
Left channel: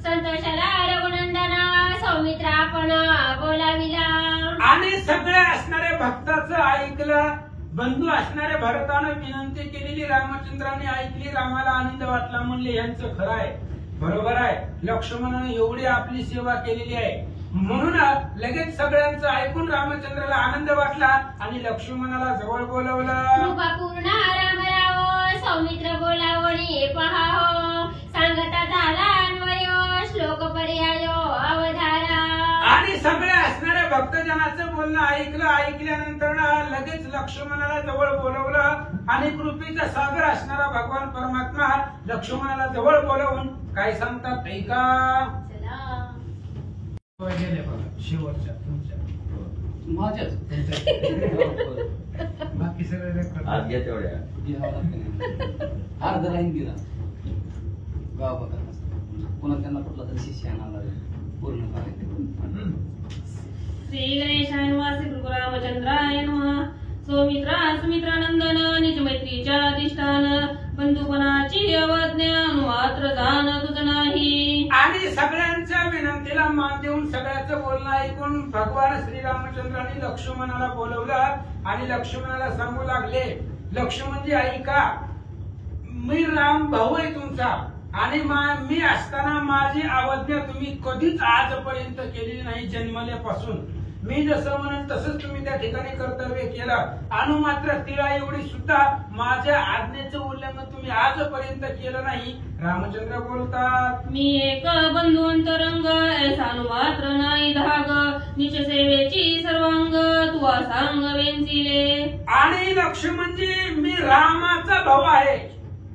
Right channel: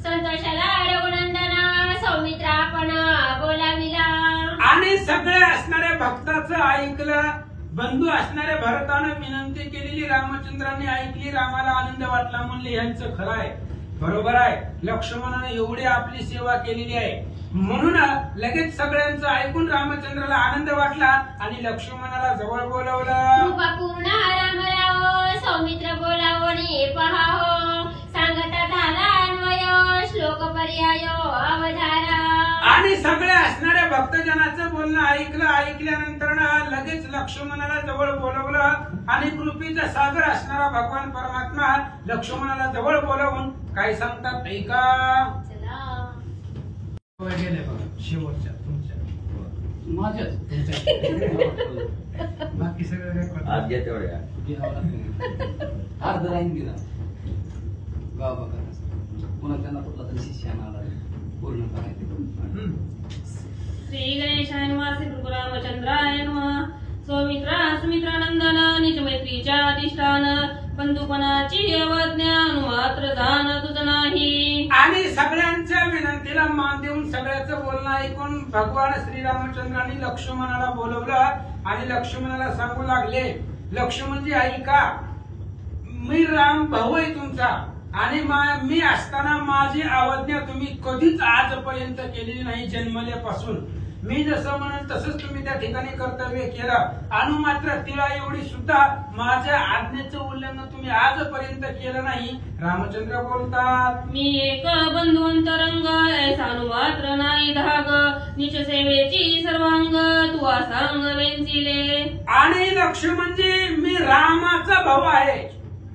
संतोषाला रघुनंदना सौमित्रापण बोलाविला. आणि सगळ्या असणाऱ्या भक्ताचं ऐकलं. बंधू असणाऱ्या भरतानं विनंती केलेली रामचंद्रांनी ऐकली. रामाला आनंद वाटला. म्हणले यांचं खरं आहे, बरोबर आहे. लक्ष्मणाने एवढी आपली सेवा केलेली आहे म्हणून लगेच सगळ्यांचं ऐकून रामचंद्राला आनंद वाटला आणि लक्ष्मणाला जवळ बोलवलं. कृपा पूर्ण रामराव सौमित्र बोलावणी पहाव सांगता झाला अन्वय श्लोक पर्याय अवधारा. आणि सगळ्या असणाऱ्या भक्तजनाचं बोलणं ऐकल्यानंतर लगेच लक्ष्मणाला जवळ बोलवलं आणि कृपेचा सागर असणारा भगवान परमात्मा लक्ष्मणाला जवळ बोलवून काय सांगतात ऐका. गेले बघा शेवटच्या तुमच्या माझ्याच बाकी सगळं आज घ्या तेवढ्या अर्ध लाईन दिला गाव बघा पुन्हा त्यांना कुठला तरी शिष्य आणायला पूर्ण करायचं. श्री गणेशाय नमः श्री कृपारामचंद्राय नमः. सौमित्रा सुमित्रानंदन निज मैत्रीच्या अधिष्ठान बंधुपणाची अवज्ञा मात्र जाण तुझ नाही. आणि सगळ्यांच्या विनंतीला मान देऊन सगळ्याचं बोलणं ऐकून भगवान श्रीरामचंद्रांनी लक्ष्मणाला बोलवलं आणि लक्ष्मणाला सांगू लागले. लक्ष्मणजी ऐका, मी राम भाऊ आहे तुमचा आणि मी असताना माझी अवज्ञा तुम्ही कधीच आजपर्यंत केलेली नाही. जन्मल्यापासून मी जसं म्हणेन तसंच तुम्ही त्या ठिकाणी कर्तव्य केलं. अनु मात्र तिला एवढी सुद्धा माझ्या आज्ञेचं उल्लंघन तुम्ही आजपर्यंत केलं नाही. रामचंद्र बोलतात. मी एक बंधुंतरंग ऐसा मात्र नाही धाग निज सेवेची सर्वांग तुवा सांग वेंचिले. आणि लक्ष्मणजी मी रामाचा भाऊ आहे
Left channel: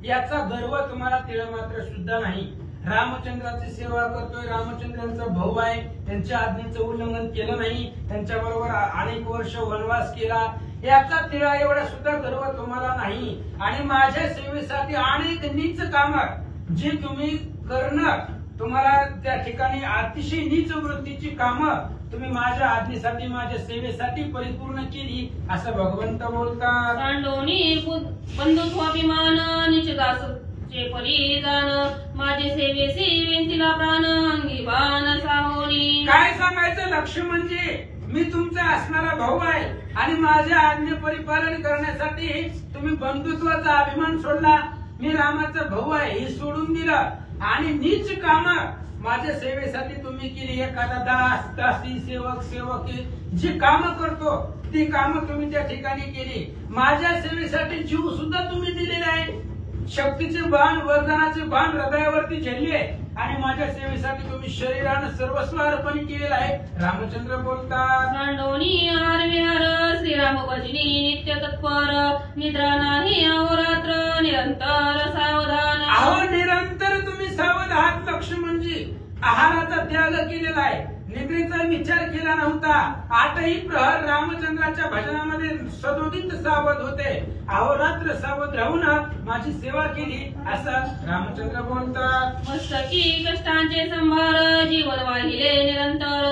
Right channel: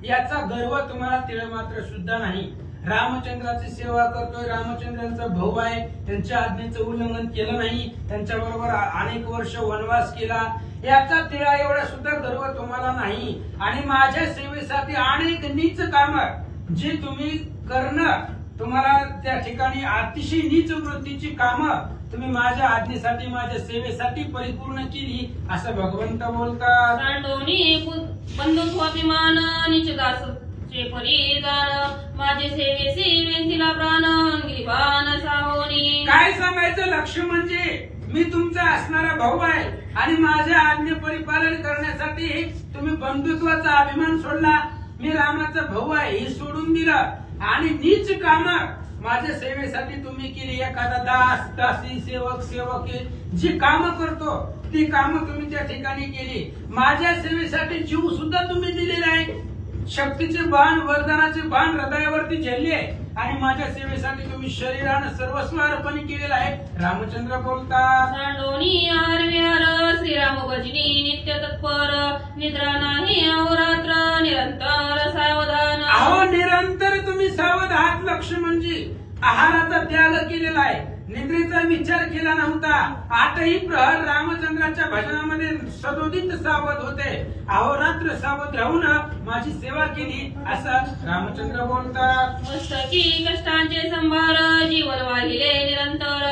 याचा गर्व तुम्हाला तिळ मात्र सुद्धा नाही. रामचंद्राची सेवा करतोय, रामचंद्रांचा भाऊ आहे, त्यांच्या आज्ञेचं उल्लंघन केलं नाही, त्यांच्या बरोबर अनेक वर्ष वनवास केला याचा तिळा एवढा सुद्धा गर्व तुम्हाला नाही. आणि माझ्या सेवेसाठी अनेक नीच काम जी तुम्ही करणं तुम्हाला त्या ठिकाणी अतिशय नीच वृत्तीची कामं तुम्ही माझ्या आज्ञेसाठी माझ्या सेवेसाठी परिपूर्ण केली असं भगवंत बोलतात. सांडोनी बंधुत्वाभिमान निजदास चे परिधान माझे सेवेसी वेंचिला प्राण अंगी बाण साहोनी. काय सांगायचं लक्ष्मणजी, मी तुमचा असणारा भाऊ आहे आणि माझ्या आज्ञे परिपालन करण्यासाठी तुम्ही बंधुत्वाचा अभिमान सोडला. मी रामाचा भाऊ आहे हे सोडून दिलं आणि नीच काम माझ्या सेवेसाठी तुम्ही केली. एखादा दास दासी सेवक सेवकी जी कामं करतो ती कामं तुम्ही त्या ठिकाणी केली. माझ्या सेवेसाठी जीव सुद्धा तुम्ही दिलेला आहे. शक्तीचे बाण वरदानाचे बाण हृदयावरती झेलले आणि माझ्या सेवेसाठी तुम्ही शरीरानं सर्वस्व अर्पण केलेलं आहे. रामचंद्र बोलतात. सांडोनी आरव्यार श्रीराम भजनी नित्य तत्पर निद्रा नाही अहोरात्र निरंतर सावधान. अहो निरंतर तुम्ही सावध आहात लक्ष्मणजी. आहाराचा त्याग केलेला आहे, निद्रेचा विचार केला नव्हता. आठही प्रहर रामचंद्राच्या भजनामध्ये सदोदित सावध होते. अहोरात्र सावध राहून माझी सेवा केली असं रामचंद्र बोलतात. मस्तकी कष्टांचे संभार जीवन वाहिले निरंतर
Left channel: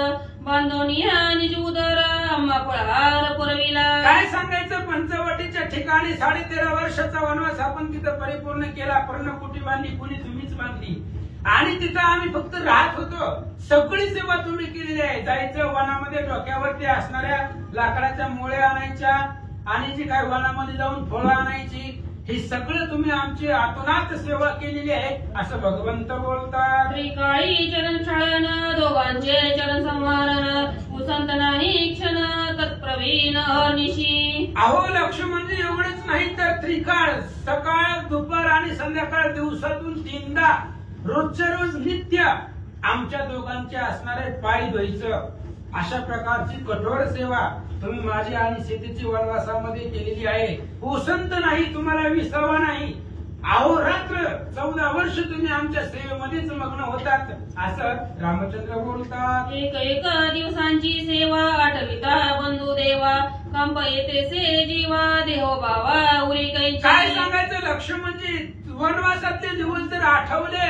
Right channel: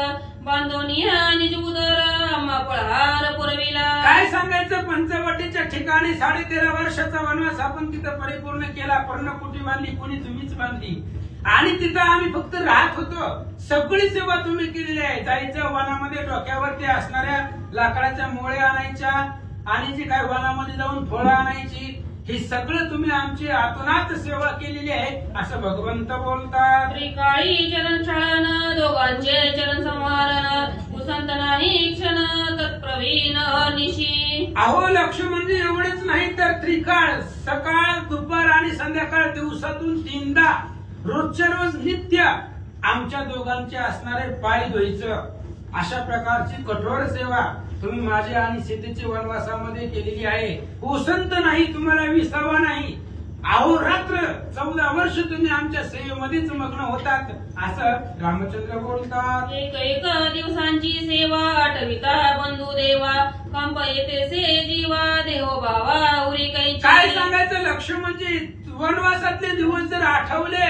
बांधोनिया निज उदर आम्हा पळहार पुरविला. काय सांगायचं, पंचवटीच्या ठिकाणी 13.5 वर्षाचा वनवास आपण तिथं परिपूर्ण केला. पर्णकुटी बांधली, कोणी तुम्हीच बांधली आणि तिथं आम्ही फक्त राहत होतो. सगळी सेवा तुम्ही केलेली आहे. जायचं वनामध्ये डोक्यावरती असणाऱ्या लाकडाच्या मोळ्या आणायच्या आणि जी काय वनामध्ये जाऊन फळं आणायची हे सगळं तुम्ही आमची आतोनात सेवा केलेली आहे असं भगवंत बोलतात. त्रिकाळी चरण छाळन दोघांचे चरण संवारण उसंत नाही क्षण तत्प्रवीण निशी. अहो लक्ष्मणजी एवढेच नाही तर त्रिकाळ सकाळ दुपार आणि संध्याकाळ दिवसातून 3दा रोजच्या रोज नित्य आमच्या दोघांचे असणारे पाय धुवायचं अशा प्रकारची कठोर सेवा तुम्ही माझ्या आणि सीतेची वनवासामध्ये केलेली आहे. उसंत नाही, तुम्हाला विसावा नाही. अहोरात्र 14 वर्ष तुम्ही आमच्या सेवेमध्येच मग्न होतात असं रामचंद्र बोलतात. एक एक दिवसांची सेवा आठविता बंधू देवा कंप येतेसे जीवा देहो बाबा उरी काही. काय सांगायचं लक्ष्मणजी, वनवासातले दिवस जर आठवले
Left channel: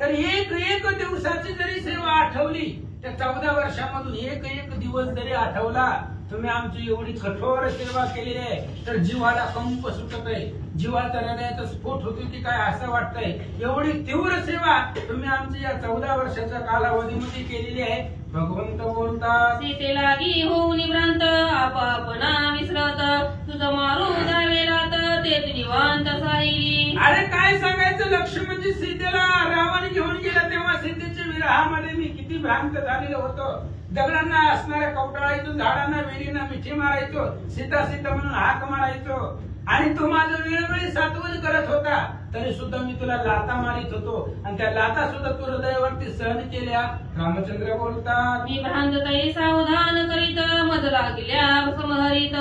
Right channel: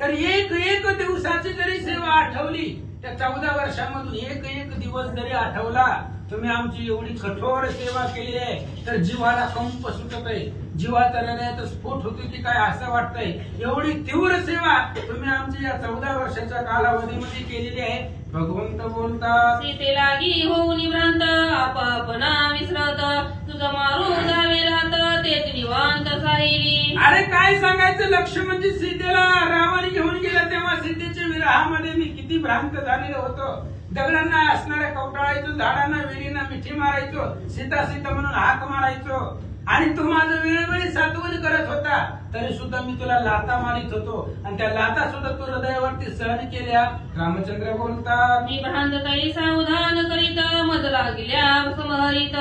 तर एक एक दिवसाची जरी सेवा आठवली त्या 14 वर्षांमधून एक एक दिवस जरी आठवला तुम्ही आमची एवढी कठोर सेवा केलेली आहे तर जीवाला कंप सुटत आहे, जीवाचा हृदयाचा स्फोट होतो की काय असं वाटतंय. एवढी तीव्र सेवा तुम्ही आमची या 14 वर्षाच्या कालावधीमध्ये केलेली आहे. भगवंत बोलतात, सीते लागी होऊन भ्रांत आपापना विसरत तुझं मारून दावेलात तेच निवांत साहिली. अरे काय सांगायचं, लक्ष्मणजी सीतेला रावण घेऊन गेला तेव्हा सीतेच्या विरहामध्ये मी किती भ्रांत झालेलो होतो. दगडांना असणाऱ्या कवटाळायचो, झाडांना वेलींना मिठी मारायचो, सीता सीता म्हणून हाक मारायचो आणि तू माझं वेळोवेळी सात्वन करत होता तरी सुद्धा मी तुला लाता मारित होतो आणि त्या लाता सुद्धा तू हृदयावरती सहन केल्या. रामचंद्र बोलतात, मी भ्रांतताई सावधान करीत मज लागल्या समहरित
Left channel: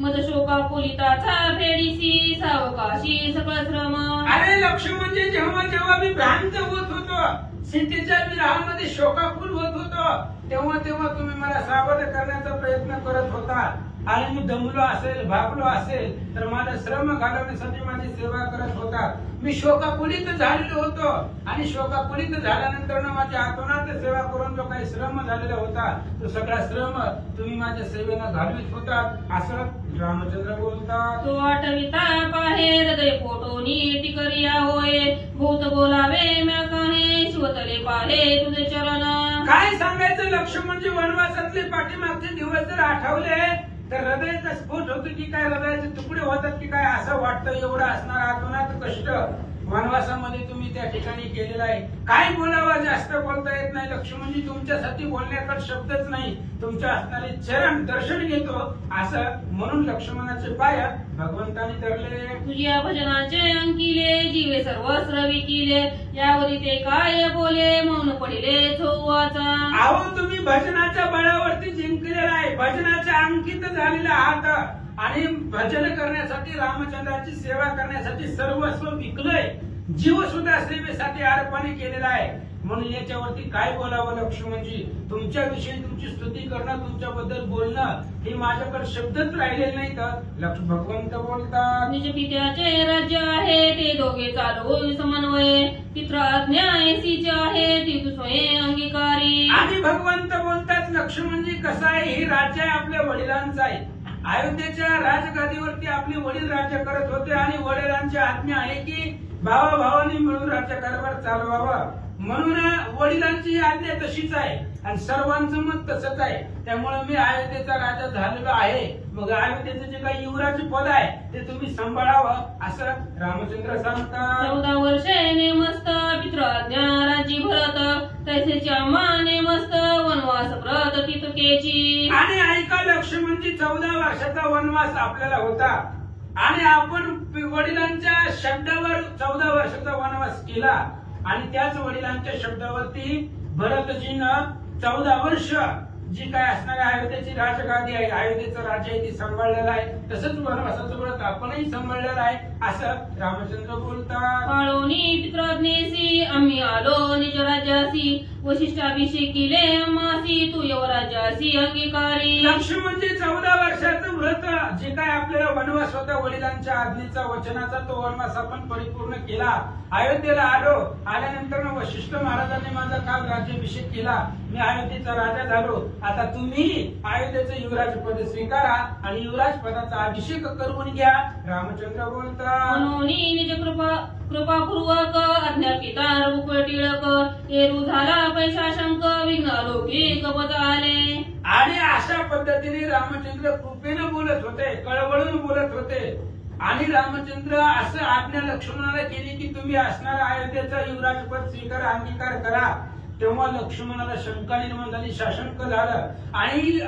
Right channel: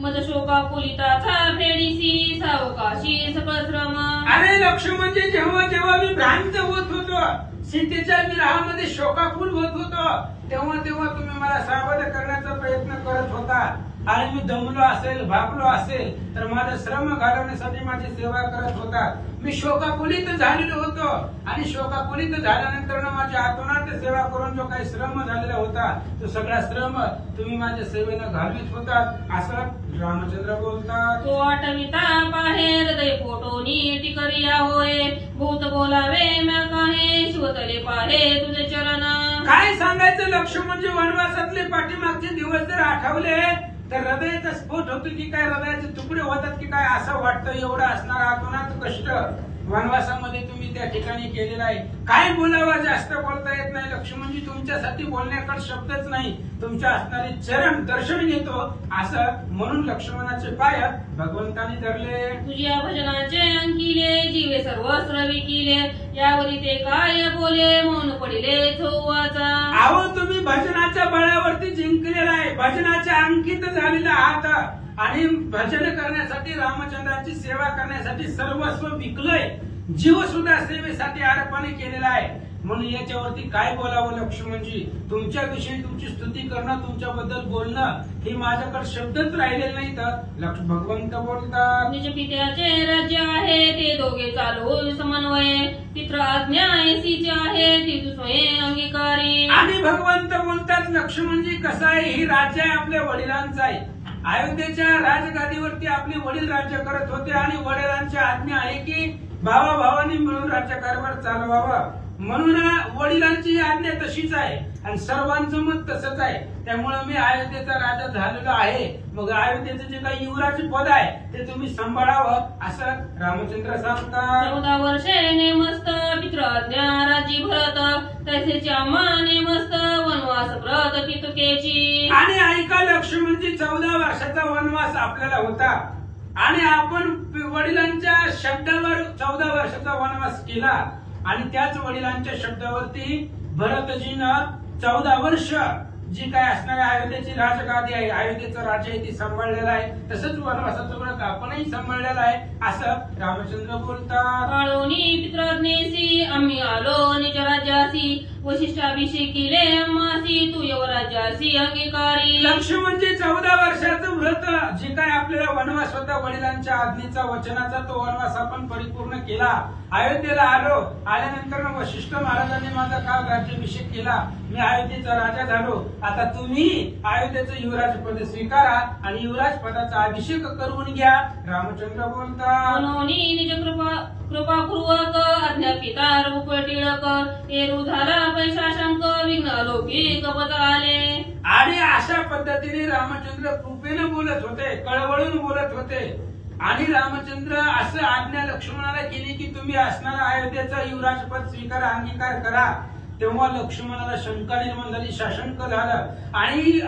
मज शोका कुलिताचा फेडीसी सावकाशी सकळ श्रम. अरे लक्ष्मणजी, जेव्हा जेव्हा मी भ्रांत होत होतो, सीतेच्या विरहामध्ये शोकाकुल होत होतो, तेव्हा तेव्हा तुम्ही मला सावध करण्याचा प्रयत्न करत होता आणि मी दमलो असेल, भागलो असेल तर माझा श्रम घालवण्यासाठी माझी सेवा करत होता. मी शोकाकुलित झालेलो होतो आणि शोकाकुलित झाल्यानंतर माझ्या आतोनात सेवा करून जो काही श्रम झालेला होता तो सगळा श्रम तुम्ही माझ्या सेवेनं घालवित होता असं रामचंद्र बोलतात. तो आठविता पाहे हृदय पोटोनी टिकरिया होय भूत बोलावे म्या काहे शिवतले पाहे तुझे चरण. काय सांगायचं लक्ष्मणजी, वनवासातले पाठीमागचे दिवस जर आठवले तर हृदयाचा स्फोट होतो की काय, हृदयाचे तुकडे होतात की काय असं वाटतं. एवढं असणार आतोनात कष्ट वनवासामध्ये तुम्ही त्या ठिकाणी केलेलं आहे. काय बोलावं, जास्त बोलता येत नाही लक्ष्मणजी. तुमच्यासाठी बोलण्याकडे शब्दच नाही, तुमच्या असणारे चरण दर्शन घेतो असं म्हणून लक्ष्मणाचे पाय भगवंताने धरले. तुझ्या भजनाचे अंकिले जीवे सर्वस्र विकिले यावरी ते काय बोले मौन पडिले चौवाचा. अहो तुम्ही भजनाच्या बळावरती जिंकलेला आहे, भजनाच्या अंकित झालेला आहात आणि भजन करण्यासाठी रामचंद्राची सेवा करण्यासाठी सर्वस्व विकलंय, जीव सुद्धा सेवेसाठी अर्पण केलेला आहे. म्हणून याच्यावरती काय बोलावं लक्ष्मणजी, तुमच्याविषयी तुमची स्तुती करणं, तुमच्याबद्दल बोलणं हे माझ्याकडे शब्दच राहिलेले नाही. तर भगवंत बोलतात, निज पित्याचे राज्य आहे ते दोघे चालवून समन्वय पित्र आज्ञा ऐसीची आहे ती तू स्वयं अंगीकारी. आणि भगवंत बोलतात, लक्ष्मणजी कसं आहे, ही राज्य आहे आपल्या वडिलांचं आहे. अयोध्येच्या राजगादीवरती आपले वडील राज्य करत होते आणि वडिलांची आज्ञा आहे की भावाभावांनी मिळून राज्यकारभार चालवावा. म्हणून वडिलांची आज्ञा तशीच आहे आणि सर्वांचं मत तसंच आहे. त्यामुळे मी अयोध्येचा राजा झालेलो आहे. मग अयोध्येचं जे काही युवराज पद आहे ते तुम्ही सांभाळावं असं रामचंद्र सांगतात. 14 वर्षे नेमस्त पित्र आज्ञा राजी भरत तैसेच्या माने मस्त वनवास व्रत तितकेची. आणि ऐका लक्ष्मणजी, 14 वर्षाचा वनवास आपल्याला होता आणि आपण वडिलांच्या शब्दावर 14 वर्षाचा वनवास केला आणि त्याच वडिलांच्या शब्दावरती भरतजीनं 14 वर्ष जी काय असणारी अयोध्येची राजगादी आहे, अयोध्येचं राज्य आहे ती सांभाळलेलं आहे. तसंच वनवासाचं व्रत आपणही सांभाळलेलं आहे असं रामचंद्र बोलतात. काळोनी पित्राज्ञेसी आम्ही आलो निज राज्यासी वशिष्ठाभिषेकीले अम्मासी तू यवराज्यासी अंगीकारी. लक्ष्मणजी 14 वर्षाचं व्रत जे काय आपल्याला वनवास होता वडिलांच्या आज्ञेचा वचनाचा तो वनवास आपण परिपूर्ण केला. अयोध्येला आलो, आल्यानंतर वशिष्ठ महाराजांनी माझा काल राज्याभिषेक केला, मी अयोध्येचा राजा झालो. आता तुम्ही अयोध्येचं युवराज पद स्वीकारा आणि युवराज पदाचा अभिषेक करून घ्या. रामचंद्र बोलतात, मनोनी निज कृपापूर्वक आज्ञापिता रूप टिळक एरू झाला पैसा शंक विघ्न लौकिक पद आले. आणि अशा पद्धतीने रामचंद्र कृपेनं बोलत होते, कळवळून बोलत होते. आणि रामचंद्र असं आज्ञा लक्ष्मणाला केली की तुम्ही असणारा अयोध्येचं युवराज पद स्वीकार अंगीकार करा. तेव्हा लक्ष्मणाला शंका निर्माण झाली, साशंक झालं आणि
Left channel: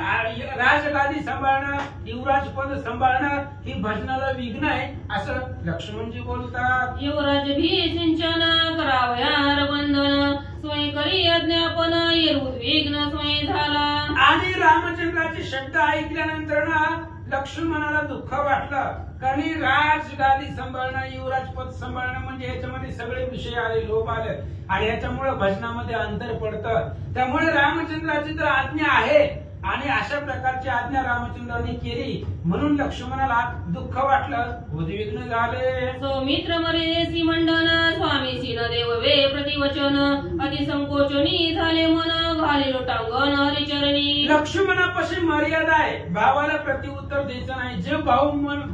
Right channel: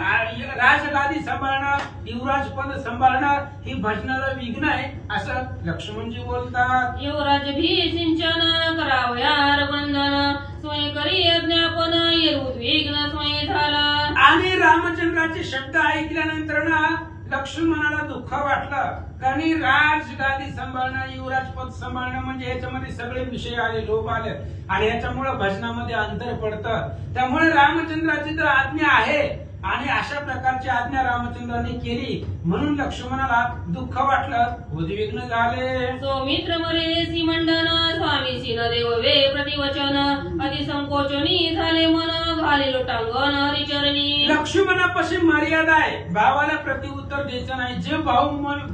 राजगादी सांभाळणं, युवराज पद सांभाळणं ही भजनाला विघ्न आहे असं लक्ष्मणजी बोलतात. युवराज भी सिंचन करावयार वंदन स्वयं करी अज्ञापन येरू विघ्न स्वयं झाला. आणि रामचंद्राचे शब्द ऐकल्यानंतर ना लक्ष्मणाला दुःख वाटलं, कारण राजगादी सांभाळणं, युवराज पद सांभाळणं म्हणजे याच्यामध्ये सगळे विषय आले, लोभ आले आणि याच्यामुळे भजनामध्ये अंतर पडतं. त्यामुळे रामचंद्राची तर आज्ञा आहे आणि अशा प्रकारची आज्ञा रामचंद्राने केली म्हणून लक्ष्मणाला दुःख वाटलं, उद्विग्न झाले. सौमित्र मरे मंडन स्वामीशी न देव वे प्रतिवचन अति संकोचनी झाले मन घाले लोटांगण हरिचरणी. लक्ष्मणापाशी मर्यादा आहे, भावाला प्रतिउत्तर द्यायचं नाही. जे भाऊ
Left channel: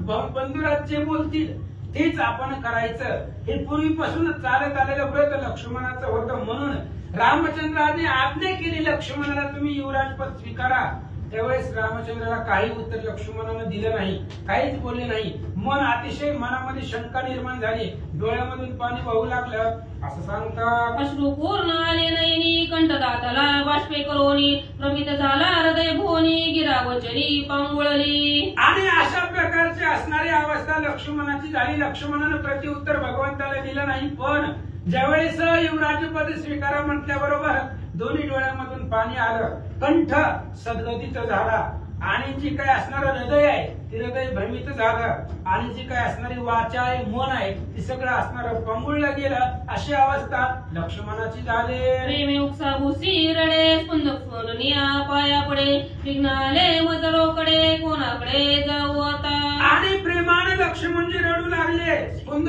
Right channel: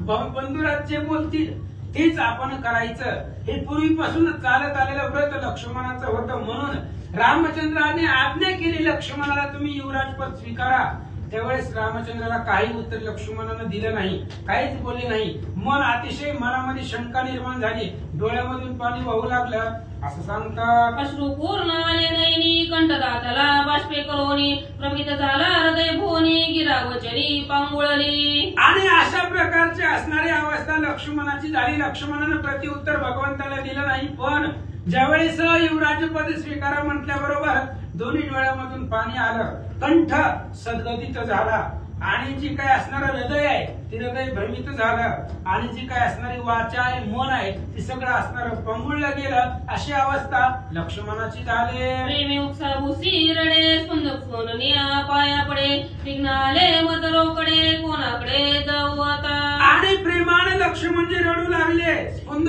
बंधुराज जे बोलतील तेच आपण करायचं. हे पूर्वीपासूनच चालत आलेलं व्रत लक्ष्मणाचं होतं. म्हणून रामचंद्राने आज्ञा केली लक्ष्मणाला तुम्ही युवराजपद स्वीकारा. त्यावेळेस रामचंद्राला काही उत्तर लक्ष्मणानं दिलं नाही, काहीच बोलले नाही. मन अतिशय मनामध्ये शंका निर्माण झाली, डोळ्यामधून पाणी वाहू लागलं. असं सांगतात, अश्रू पूर्ण आले नयनी कंठदाताला बाष्पे करोनी प्रमित झाला हृदय भोनी गिरावचनी पांगुळली. आणि अशा प्रकारची असणारी अवस्था लक्ष्मणाची झाली. लक्ष्मणानं प्रतिउत्तर भगवंताला दिलं नाही. पण ज्यावेळेस युवराजपद स्वीकारा म्हटल्याबरोबर दोन्ही डोळ्यामधून पाणी आलं, कंठ सद्गदित झाला आणि जी काय असणारं हृदय आहे ते हृदय भ्रमित झालं आणि जी काय असणारी वाचा आहे, मन आहे ते सगळं असणारं पंगुळलं गेलं. अशी अवस्था लक्ष्मणाची झाली. प्रेमी उपसा भुसी रडे स्पंदक सोननिया पाया पडे निघाले मजरोकडे कोणाकडे जाऊ आता. आणि प्रेमानं लक्ष्मणजी रडू लागले,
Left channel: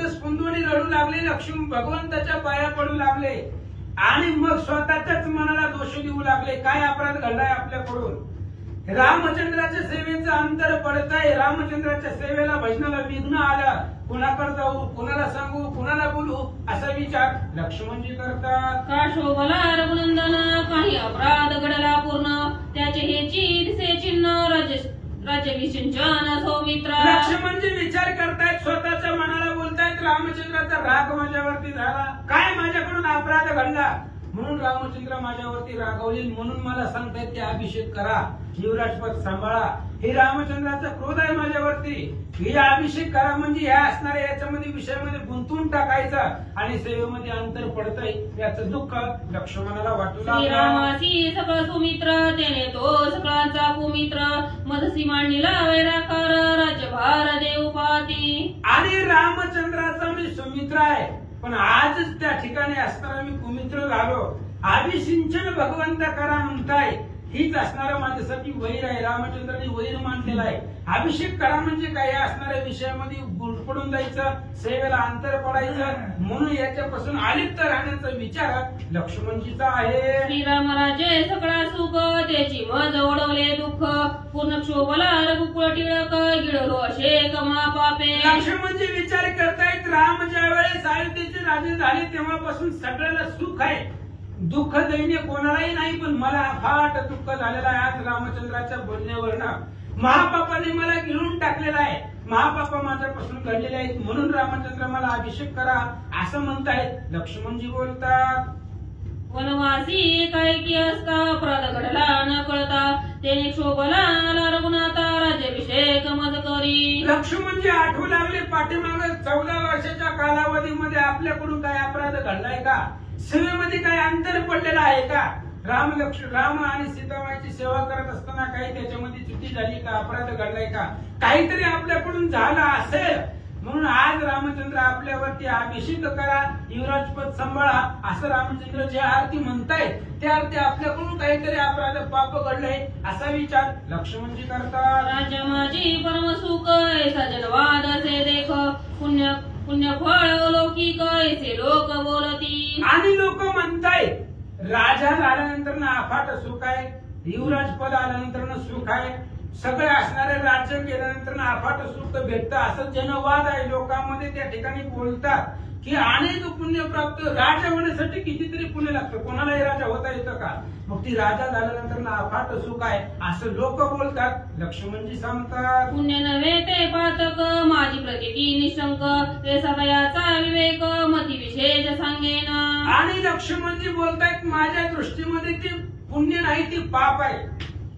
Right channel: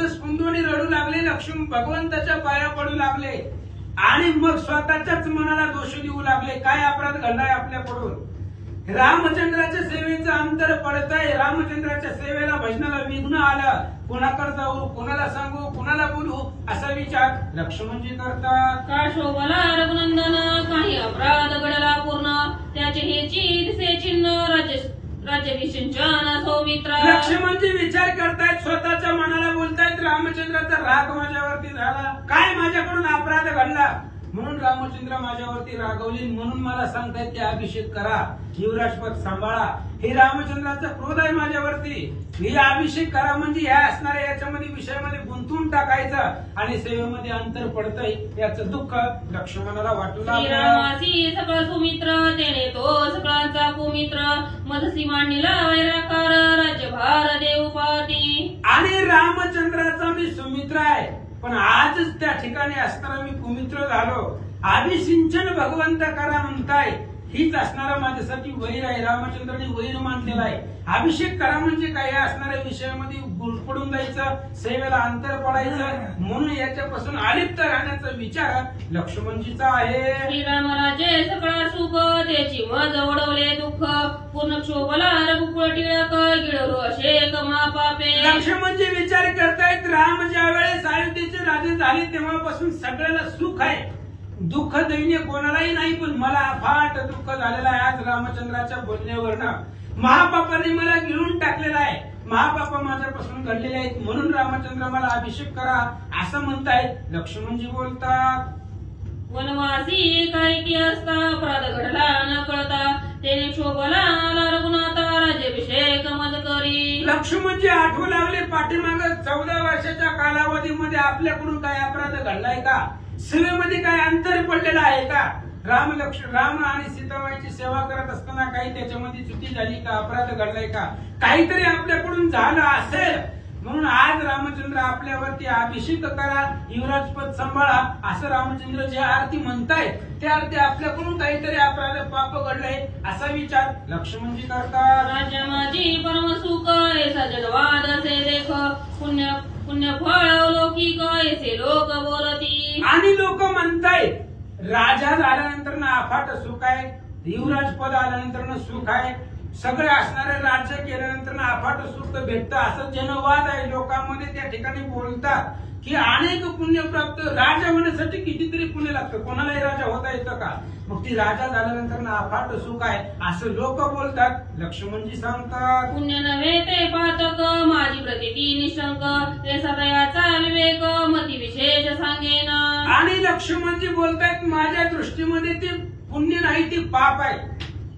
स्पुंदून रडू लागले, लक्ष्मण भगवंताच्या पाया पडू लागले आणि मग स्वतःच्याच मनाला दोष देऊ लागले. काय अपराध घडलाय आपल्याकडून? रामचंद्राच्या सेवेचं अंतर पडत आहे, रामचंद्राच्या सेवेला भजनाला विघ्न आलं. कोणाकडे जाऊ, कोणाला सांगू, कोणाला बोलू असा विचार लक्ष्मणजी करतात. का शोभला रघुनंदन काही अपराध घडला पूर्ण त्याचे हेची दिसे चिन्ह राज्याभिषेचन सौमित्रा. लक्ष्मणजी विचार करतायत, स्वतःच्या मनाला बोलतायत, रामचंद्राचा राग माझ्यावरती झाला, काय माझ्याकडून अपराध घडला म्हणून रामचंद्र माझ्यावरती रागवली. म्हणून मला सांगतायत की अभिषेक करा, युवराजपद सांभाळा. हे रामचंद्राचा क्रोध आहे माझ्यावरती. हे अभिषेक करा म्हणजे ह्या असणाऱ्या याच्यामध्ये विषयामध्ये गुंतवून टाकायचं आणि सेवेमध्ये अंतर पडतंय याचं दुःख लक्ष्मणाला वाटू लागलं. श्रीरामासी सगळं सुमित्र त्याने तो सगळ्यांचा कुमित्र मधसी मांडीला वैराकार राज्यभार देव पाती. आणि रामचंद्राचा मी सुमित्र आहे पण आजच त्या ठिकाणी असणारा मी कुमित्र झालो. अभिसिंचन भगवंत करा म्हणताय, हीच असणारा माझ्यासाठी वैर आहे. रामचंद्राने वैर मानलेला आहे. अभिषेक करा म्हणजे काय, असणाऱ्या विषयामध्ये गुरफडून जायचं, सेवेला अंतर पडायचं. म्हणून याच्यापासून अलिप्त राहण्याचा विचार लक्ष्मणजीचा आहे. श्रीरामराजे सगळा सुख त्याची मज ओढवले दुःख पूर्ण क्षोभला रघुकुळ टिळक गिळलो असे कमा पापे. लक्ष्मणजी विचार करतायत, राम ज्या वेळेस अयोध्येचे राजे झाले तेव्हापासून सगळ्याला सुख आहे, दुःख दैन्य कोणालाही नाही. पण मला फाट दुःख झालेलं आहे आज रामचंद्राच्या बोलण्यावरनं. महापापाने मला गिळून टाकलेला आहे, महापापा माझ्यापासून घडलेले आहेत. म्हणून रामचंद्र मला अभिषेक करा असं म्हणतायत. लक्ष्मणजी बोलतात, वनवासी काय की असता अपराध घडला न कळता त्याने शोभला आला रघुनाथा राज्याभिषेक मज करी. लक्ष्मणजी आठवू लागले पाठीमाग 14 वर्षाच्या कालावधीमध्ये आपल्याकडून काय अपराध घडलाय का, सेवेमध्ये काय अंतर पडलेलं आहे का, राम आणि सीतामाईची सेवा करत असताना काही त्याच्यामध्ये चुकी झाली का, अपराध घडलाय का, काहीतरी आपल्याकडून झालं असेल. म्हणून आज रामचंद्र आपल्यावरती अभिषेक करा, युवराजपद सांभाळा असं रामचंद्र जे आरती म्हणतायत त्या आरती आपल्याकडून काहीतरी अपराध पाप घडलंय असा विचार लक्ष्मणजी करतात. राजा माझी परम सुख ऐसा जगवाद असे देख पुण्य फळ लौकिक ऐसे लोक बोलती. आणि लोक म्हणतायत राजा झाल्यानंतर ना अफाट सुख आहे, युवराजपद आल्यानंतर ना सुख आहे, सगळे असणारे राज्य केल्यानंतर ना अफाट सुख भेटतं असं जनवाद आहे लोकांमध्ये. त्या ठिकाणी बोलतात की अनेक पुण्य प्राप्त, राजा होण्यासाठी कितीतरी पुण्य लागतं, कोणालाही राजा होता येतं का, मग ती राजा झाल्यानंतर ना अफाट सुख आहे असं लोक बोलतात. लक्ष्मणजी सांगतात, पुण्य नव्हे ते पातक माझी प्रतिती निशंक ते सदयाचा विवेक मती विशेष सांगेना. आणि लक्ष्मणजी बोलतायत माझ्या दृष्टीमध्ये ते पुण्य नाही ते पाप आहे.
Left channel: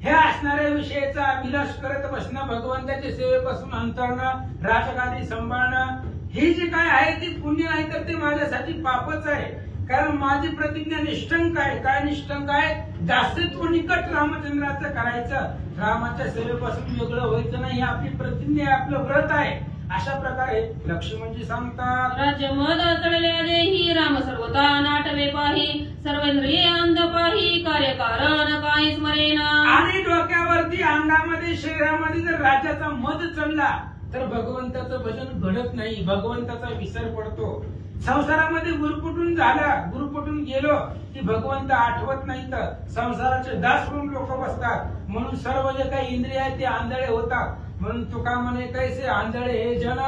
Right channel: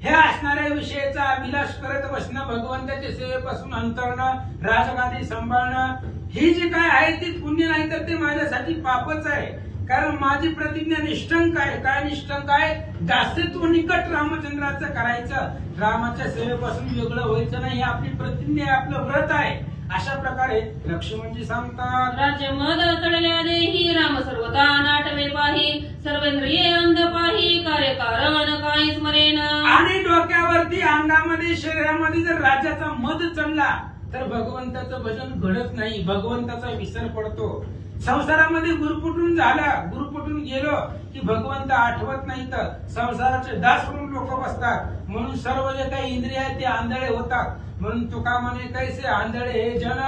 हे असणाऱ्या विषयाचा अभिलाष करत बसणं, भगवंताच्या सेवेपासून अंतरणं, राजगादी सांभाळणं, हे जे काय आहे ते पुण्य नाही तर ते माझ्यासाठी पापच आहे. कारण माझी प्रतिज्ञा निष्ठंक आहे. काय निष्ठंक आहे? दासत्व निकट रामचंद्राचं करायचं, रामाच्या सेवेपासून वेगळं व्हायचं नाही. ही आपली प्रतिज्ञा आहे, आपलं व्रत आहे. अशा प्रकारे लक्ष्मणजी सांगतात. राज्य मद चढल्या देही राम सर्वता नाटवे पाही सर्वेंद्रिये अंध पाही कार्यकारण काही स्मरेना. आणि डोक्यावरती अंगामध्ये शरीरामध्ये जर राज्याचा मद चढला तर भगवंताचं भजन घडत नाही, भगवंताचा विसर पडतो. संसारामध्ये गुरपुटून झालं, गुरपुटून गेलो की भगवंत आठवत नाही, तर संसाराचे दास म्हणून लोक बसतात. म्हणून सर्व जे काही इंद्रिय आहेत ते आंधळे होतात. म्हणून तुका म्हणे कैसे आंधळे हे जन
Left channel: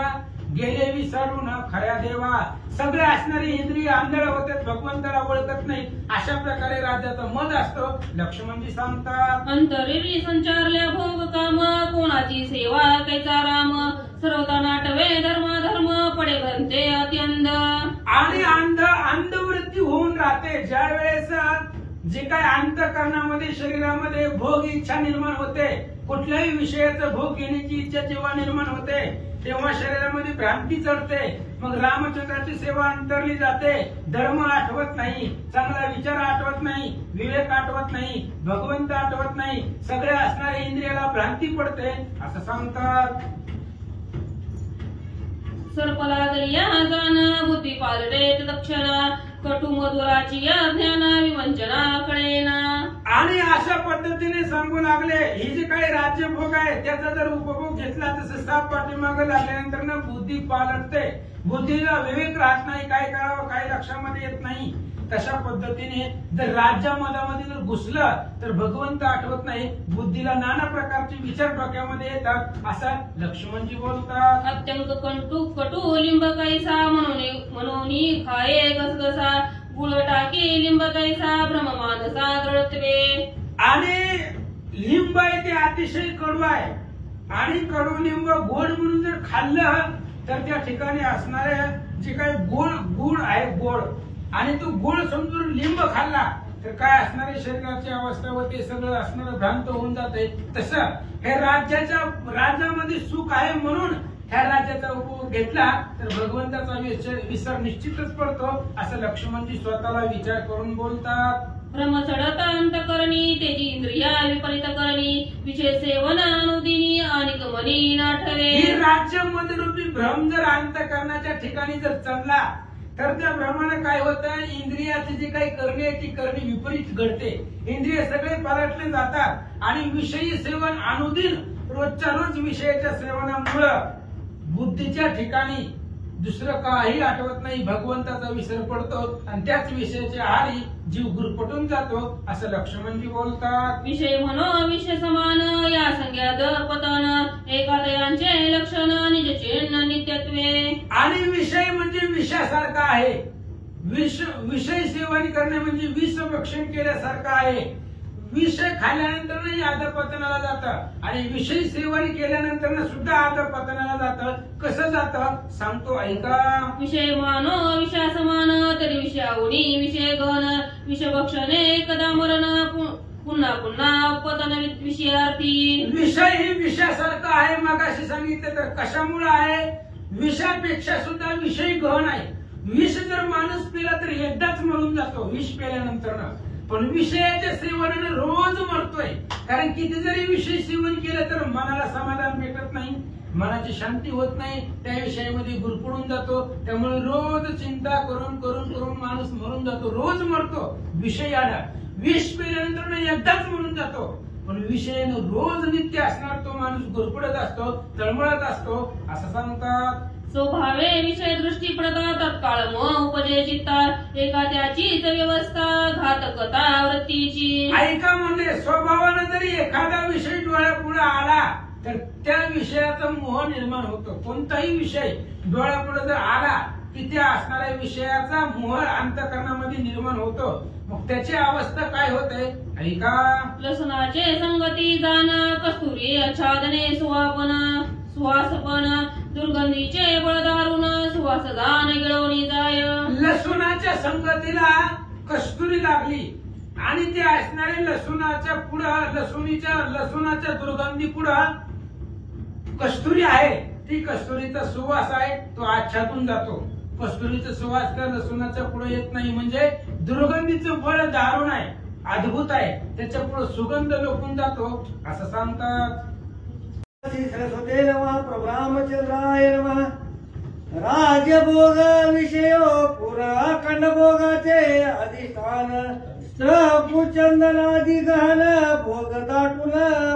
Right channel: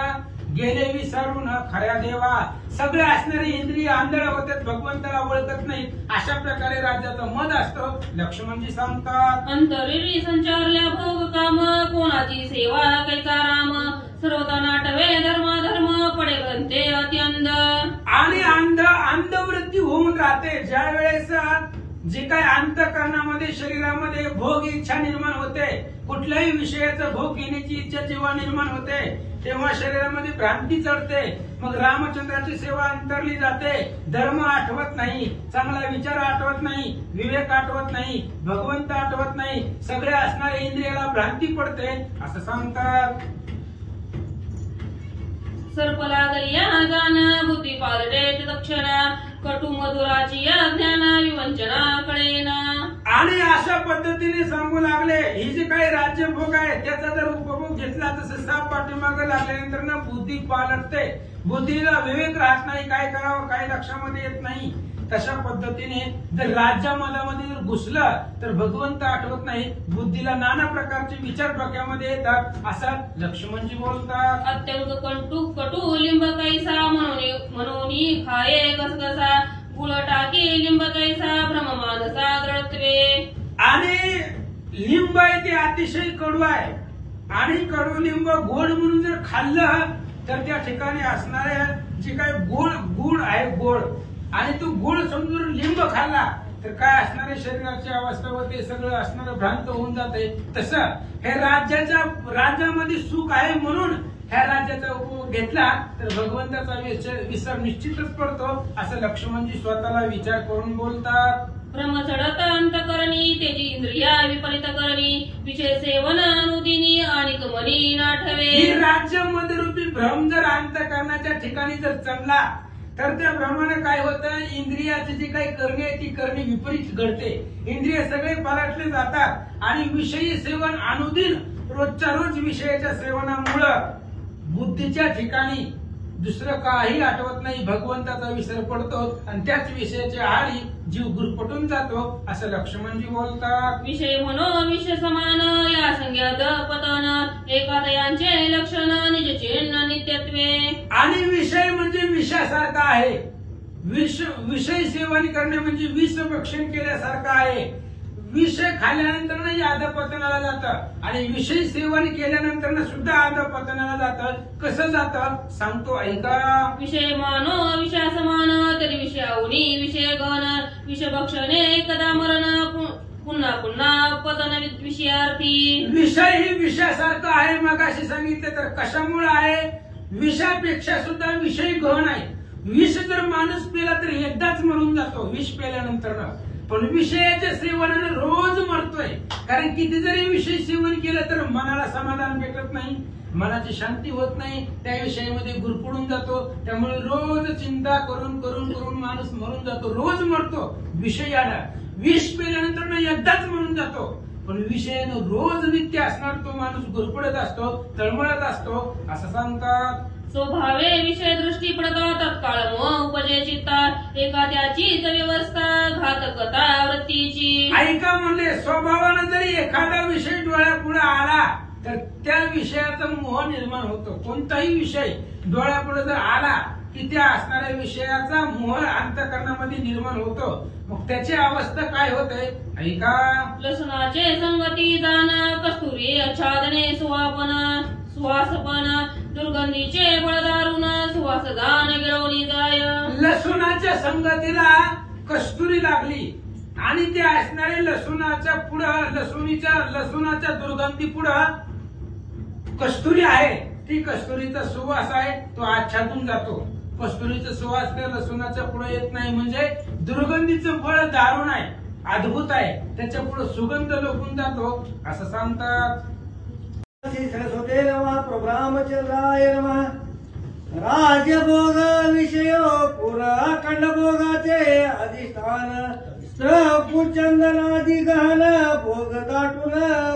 गेले विसरून खऱ्या देवा. सगळे असणारे इंद्रिय आंधळे होतात, भगवंताला ओळखत नाही. अशा प्रकारे राज्याचा मद असतो. लक्ष्मणजी सांगतात. अंतरिरी संचारल्या भोग काम कोणाची सेवा कैचा राम सर्वता नाटवे धर्म पडे ग्रंथे अत्यंत. आणि अंधवृत्ती होऊन राहते ज्या वेळेस जे काही अंतःकरणामध्ये शरीरामध्ये भोग इच्छा निर्माण होते, कुठल्याही विषयाचा भोग घेण्याची इच्छा जेव्हा निर्माण होते तेव्हा शरीरामध्ये भ्रांती चढते. मग रामचंद्राची सेवा अंतरली जाते. धर्म आठवत नाही, चांगला विचार आठवत नाही, विवेक आठवत नाही, भगवंत आठवत नाही, सगळे असणाऱ्या इंद्रियाला भ्रांती पडते असं सांगतात. सर्प लागली या जाण बुद्धी पालटे लक्षणा कटू मधुराची ज्ञाना विवंचना कळेना. आणि अशा पद्धतीने सांगू लागले ही जे काही राज्यभोग आहे त्याचा जर उपभोग घेतला तसं साप पाठीमागं लागल्यानंतर ना बुद्धी पालटते, बुद्धीला विवेक राहत नाही, काय करावं काय लक्षामध्ये येत नाही. तशा पद्धतीने जर राज्यामध्ये जर घुसलं तर भगवंत आठवत नाही, बुद्धीला नाना प्रकारचे विचार डोक्यामध्ये येतात असं लक्ष्मणजी बोलतात. अत्यंत कटू लिंब कैसा म्हणून खाये गसगसा गुळ टाकी लिंब कैसा भ्रम मानसा दळतवे. आणि लिंब आहे ते अतिशय कडू आहे आणि कडू लिंब गोड म्हणून जर खाल्लं तर त्या ठिकाणी असणारे जे काही गुळ आहे गोड आणि तो गुळ समजून लिंब खाल्ला तर काय असणारे शरीराची अवस्था व ते सगळं असणारं भ्रांत होऊन जाते. तसं हे राज्यामध्ये सुख आहे म्हणून ह्या राज्याचा उपभोग घेतला तर भगवंताचा विसर निश्चितच पडतो असं लक्ष्मणजी स्वतःला विचार करून बोलतात. भ्रम चढत अंतकरणी तेजी इंद्रिया विपरीत करणी विषय सेवन अनुदिनी आणि कमनी नाठवे. ही राज्यामध्ये रूपी भ्रम जर अंतकरणाच्या ठिकाणी जर चढला तर त्या भ्रमाने काय होतं, इंद्रियाची जी काही करणी आहे ती करणी विपरीत घडते. इंद्रिय सगळे पालटले जातात आणि विषयी सेवन अनुदिन रोजच्या रोज विषयाच्या सेवनामुळं बुद्धीच्या ठिकाणी दुसरं काही आठवत नाही, भगवंताचा विसर पडतो आणि त्याच विषयाच्या आहारी जीव गुरपटून जातो असं लक्ष्मणजी बोलतात. विषय म्हणो विषय समान या संज्ञात पतन एकादयांचे लक्षण निजचे नित्यत्वे. आणि विषय म्हणजे विषयासारखा आहे. विषय सेवन करणे म्हणजे विष भक्षण केल्यासारखं आहे. विषय खाल्ल्यानंतर अधपतनाला जातं आणि विषय सेवन केल्यानंतर सुद्धा अधपतनाला जातं. कसं जातं सांगतो ऐका. विषय मानो विषया समान तरी विषयाहुनी विषय गहन विषय भक्षणे एकदा मरण पुन्हा पुन्हा पतन विषयार्थी. विषय ही विषयासारखं आहे. मग असे सांगितले तर कशामुळे आहे, विषयापेक्षा सुद्धा विषय गहन आहे. विष जर माणूस पिला तर एकदाच मरून जातो विष पिल्यानंतर, पण विषयाच्या सेवनाने रोज मरतोय. कारण किती जरी विषय सेवन केलं तर मनाला समाधान भेटत नाही, मनाची शांती होत नाही, त्या विषयामध्ये गुरफडून जातो. त्यामुळे रोज चिंता करून करून करून माणूस मरून जातो, रोज मरतो विषयाला. विष पिल्यानंतर एकदाच मरून जातो, पण विषयानं रोज नित्य असणार तो माणूस गुरफडत असतो, तळमळत असतो असं सांगतात. स्वभावे विषय दृष्टी पडता तत्काळ उपजे चित्ता एखाद्याचीच व्यवस्था घातकता वृत्तीची. ऐका म्हणजे स्वभावानं जरी एखादा विषय डोळ्यापुढे आला तर त्या विषयाचा मोह निर्माण होतो. कोणताही विषय डोळ्यापुढे जर आला की त्या असणाऱ्या विषयाचा मोह अंतःकरणामध्ये निर्माण होतो. मग त्याची अवस्था काय होते ऐका. लसणाचे संगती जाण कस्तुरी आच्छादने सुवासपण दुर्गंधीचे बळदारुण सुवास दान गिळवली जाय. लसूणाच्या संगतीला कस्तुरी लागली आणि ते असणारे लसूणाच्या पुढं लसूणाच्या दुर्गंधी पुढं कस्तुरी आहे. ती कस्तुरीचा सुवास आहे तो आच्छादून जातो. कस्तुरीचा सुवास त्या लसूणाच्या पुढे येत नाही. म्हणजे दुर्गंधीचं फळ दारुण आहे, अद्भुत आहे, त्याच्या पुढे सुगंध लोकून जातो असं सांगतात. श्री सरस्वते नमः प्रभु रामचंद्राय नमः। राज्यभोग विषयो पुरा खंडभोगाचे अधिष्ठान कुचंदनादी गहन भोग दाटून